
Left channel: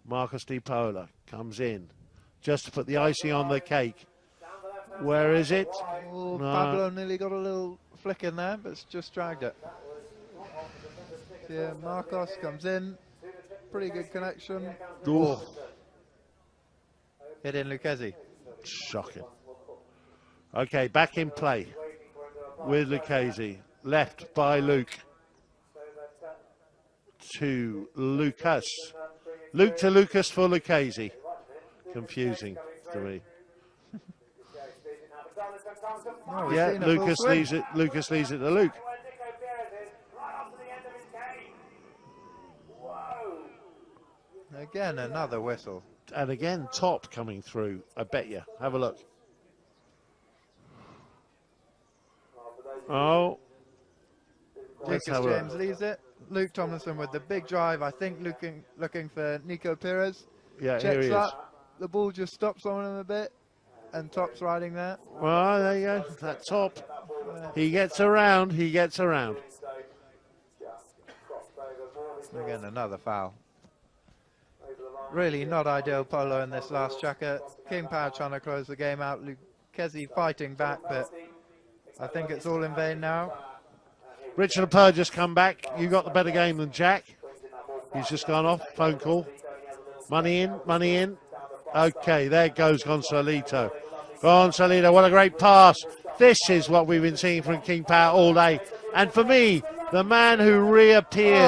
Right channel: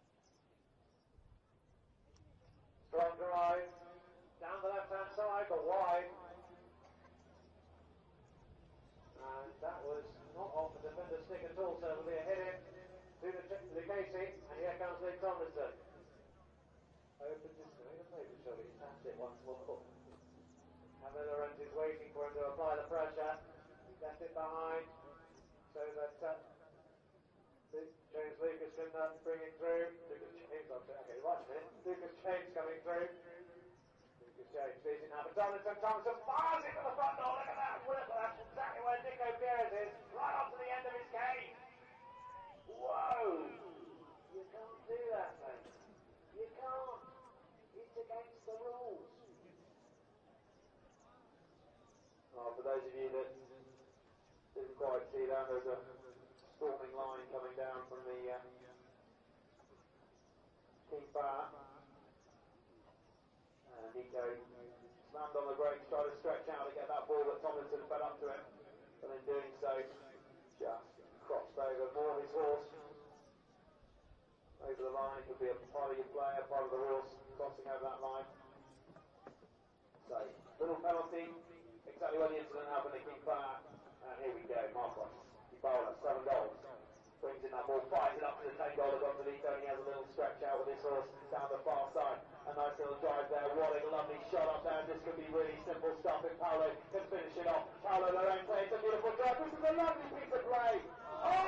Marcus de Paula comes in just to put the icing on the cake. Where is it? Oh, No. Pablo nearly got a little flick in there, but it's just dragged it. Yeah, Marcos comes in, pretty good connection. Ooh. Hit in Lucchese. Shocking. Okay, back in play with Lucchese. Left by Luke to Lucas. Luke to Lucas for Lucchese. Confusing to me. Oh, we've Yeah, seen a full Lucas swing. leaves it. Lucas leaves it to Luke. Again, another whistle. And again, top coming through. I bet you. Have a look. Oh. Let's Lucas have a James look. leaves it. Luke Tomlinson with the big drive, I think looking for Nico Perez. Yeah, here Checks he is. up. The ball just stops on him a bit. And Top's riding there. Well, there you go. That top. He gets around. He gets around. Again, another foul. Really not ideal polo in this last chucker. King Power trying to close the game out. Lucchese fighting back, but I think it's all in vain now. Richard Lepeur just come back. You got the better game than Jack. He's just gone off. Phone call. Money in. Money in. Okay, there goes Gonzalito. Gonzalito, what a great pass. This is what we've been seeing from King Power all day. And for me, the man who reappeared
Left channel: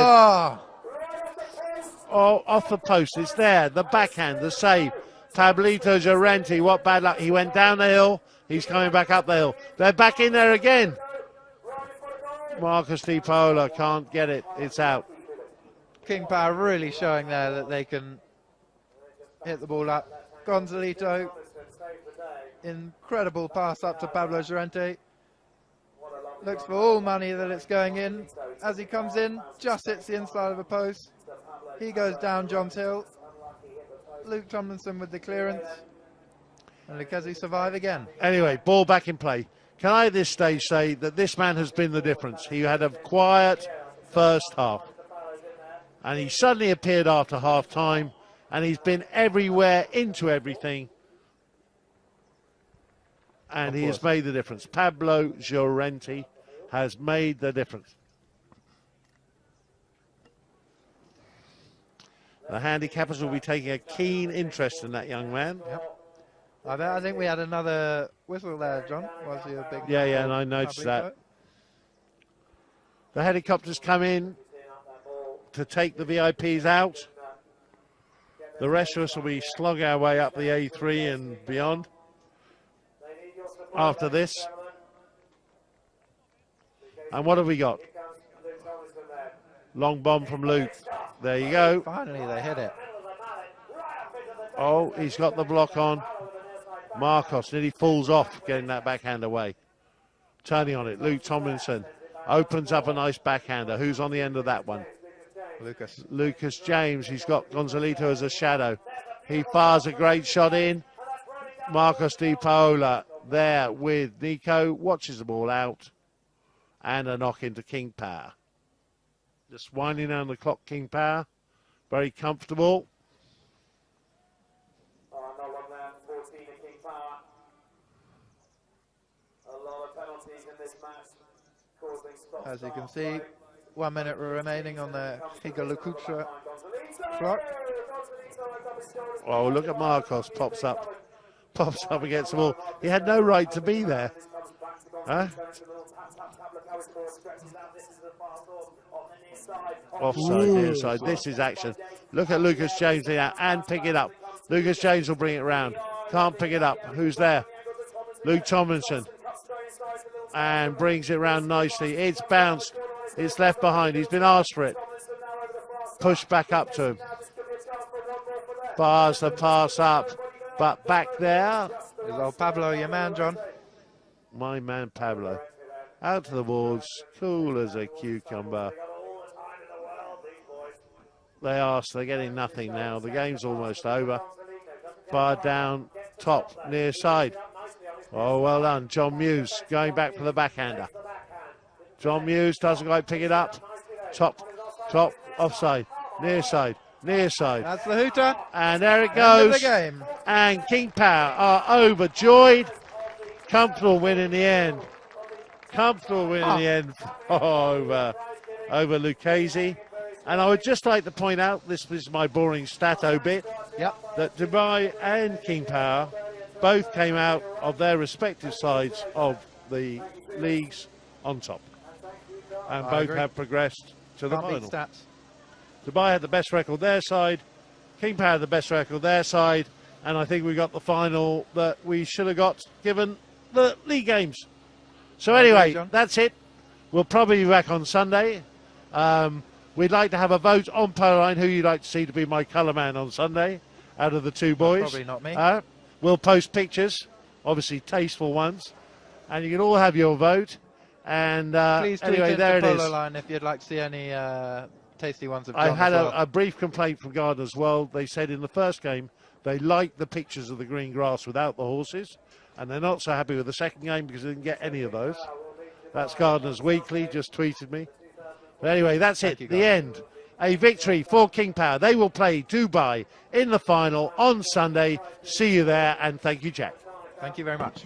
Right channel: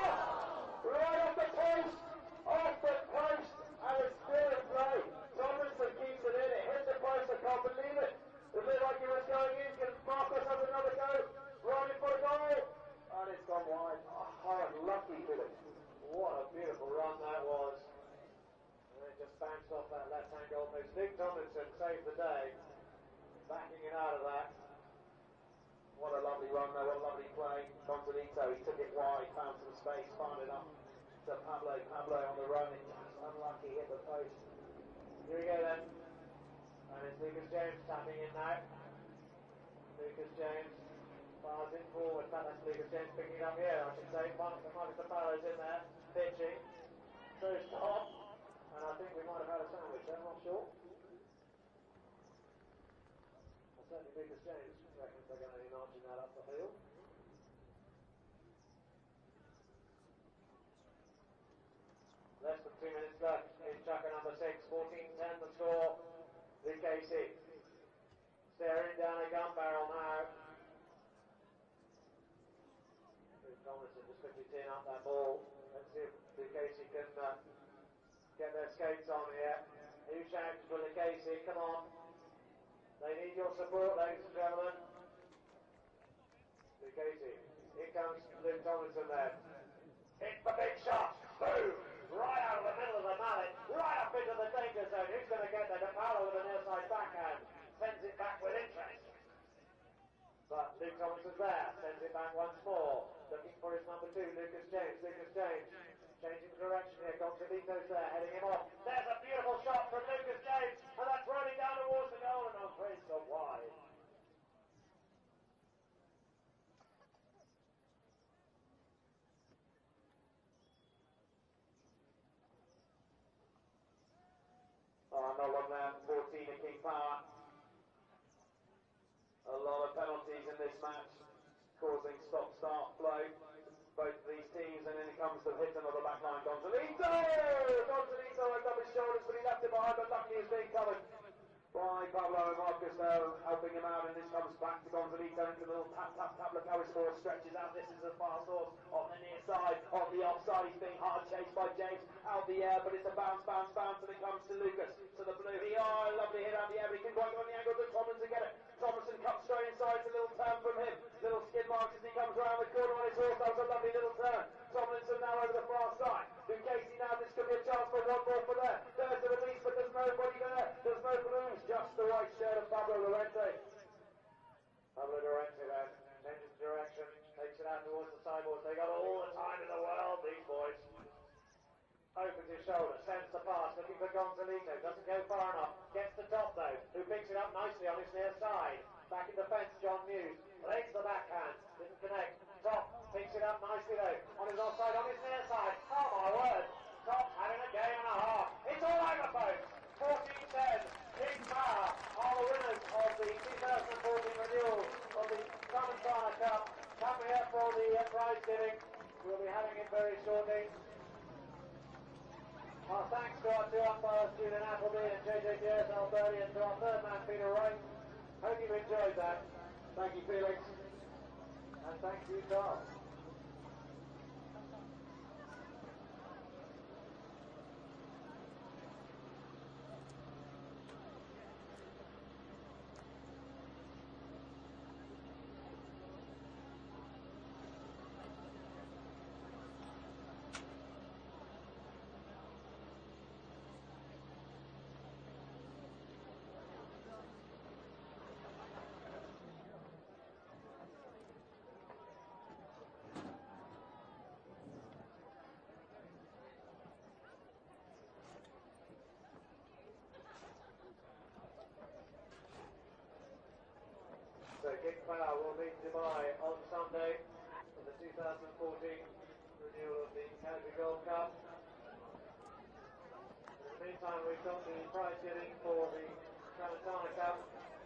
off the post is there. The backhand, the save. Pablito Llorente, what bad luck. He went down the hill. He's coming back up the hill. They're back in there again. Marcus de Paula can't get it. It's out. King Power really showing there that they can hit the ball up. Gonzalito, incredible pass up to Pablo Llorente. Looks for all money that it's going in. As he comes in, just hits the inside of the post. He goes down John's Hill. Luke Tomlinson with the clearance. And Lucchese survive again. Anyway, ball back in play. Can I at this stage say that this man has been the difference? He had a quiet first half. And he suddenly appeared after half time. and he's been everywhere into everything, and he has made the difference. Pablo Llorente has made the difference. The handicappers will be taking a keen interest in that young man. I think we had another whistle there, John. Was he a big Yeah, and I noticed that. The helicopters come in to take the VIPs out. The rest of us will be slogging our way up the A3 and beyond after this. And what have we got? Long bomb from Luke. There you go. Finally, they hit it. Oh, he's got the block on. Marcos nearly falls off getting that backhand away. Turning on it, Luke Tomlinson opens up a nice backhander. Who's on the end of that one? Lucas James. He's got Gonzalito as a shadow. He fires a great shot in. Marcos Di Paola there with Nico. Watches the ball out. And a knock into King Power. Just winding down the clock, King Power. Very comfortable. No one there, 14 in King Power. A lot of penalties in this match, causing stop. As you can see, 1 minute remaining on the Higa Lukucha clock. Oh, look at Marcos, pops up against the wall. He had no right to be there. Huh? Offside, near side. This is action. Look at Lucas James there and pick it up. Lucas James will bring it round. Can't pick it up. Who's there? Luke Tomlinson. And brings it round nicely. It's bounced. It's left behind. He's been asked for it. Pushed back up to him. Bars the pass up. But back there. Well, Pablo, your man, John. My man Pablo. Out to the boards. Cool as a cucumber. They are, so they're getting nothing now. The game's almost over. Bar down, top, near side. Oh, well done. John Muse going back for the backhander. John Muse doesn't quite pick it up. Top, offside, near side. That's the hooter. And there it goes. End of the game. And King Power are overjoyed. Comfortable win in the end. Over Lucchese. And I would just like to point out, this is my boring stato bit, that Dubai and King Power both came out of their respective sides of the leagues on top. And both have progressed to the final. Dubai had the best record their side, King Power had the best record their side, and I think we got the final that we should have got given the league games. So anyway, that's it. We'll probably be back on Sunday. We'd like to have a vote on Polo Line who you'd like to see to be my colour man on Sunday out of the two boys. Probably not me. We'll post pictures, obviously tasteful ones, and you can all have your vote. And please tweet anyway, into there it is. Polo Line if you'd like to see any tasty ones of John. I had as well. a brief complaint from Gardeners as well. They said in the first game they liked the pictures of the green grass without the horses, and they're not so happy with the second game because they didn't get any of those. That's Gardeners Weekly, just tweeted me. But anyway, that's it, the end. A victory for King Power. They will play Dubai in the final on Sunday. See you there, and thank you, Jack. Thank you very much.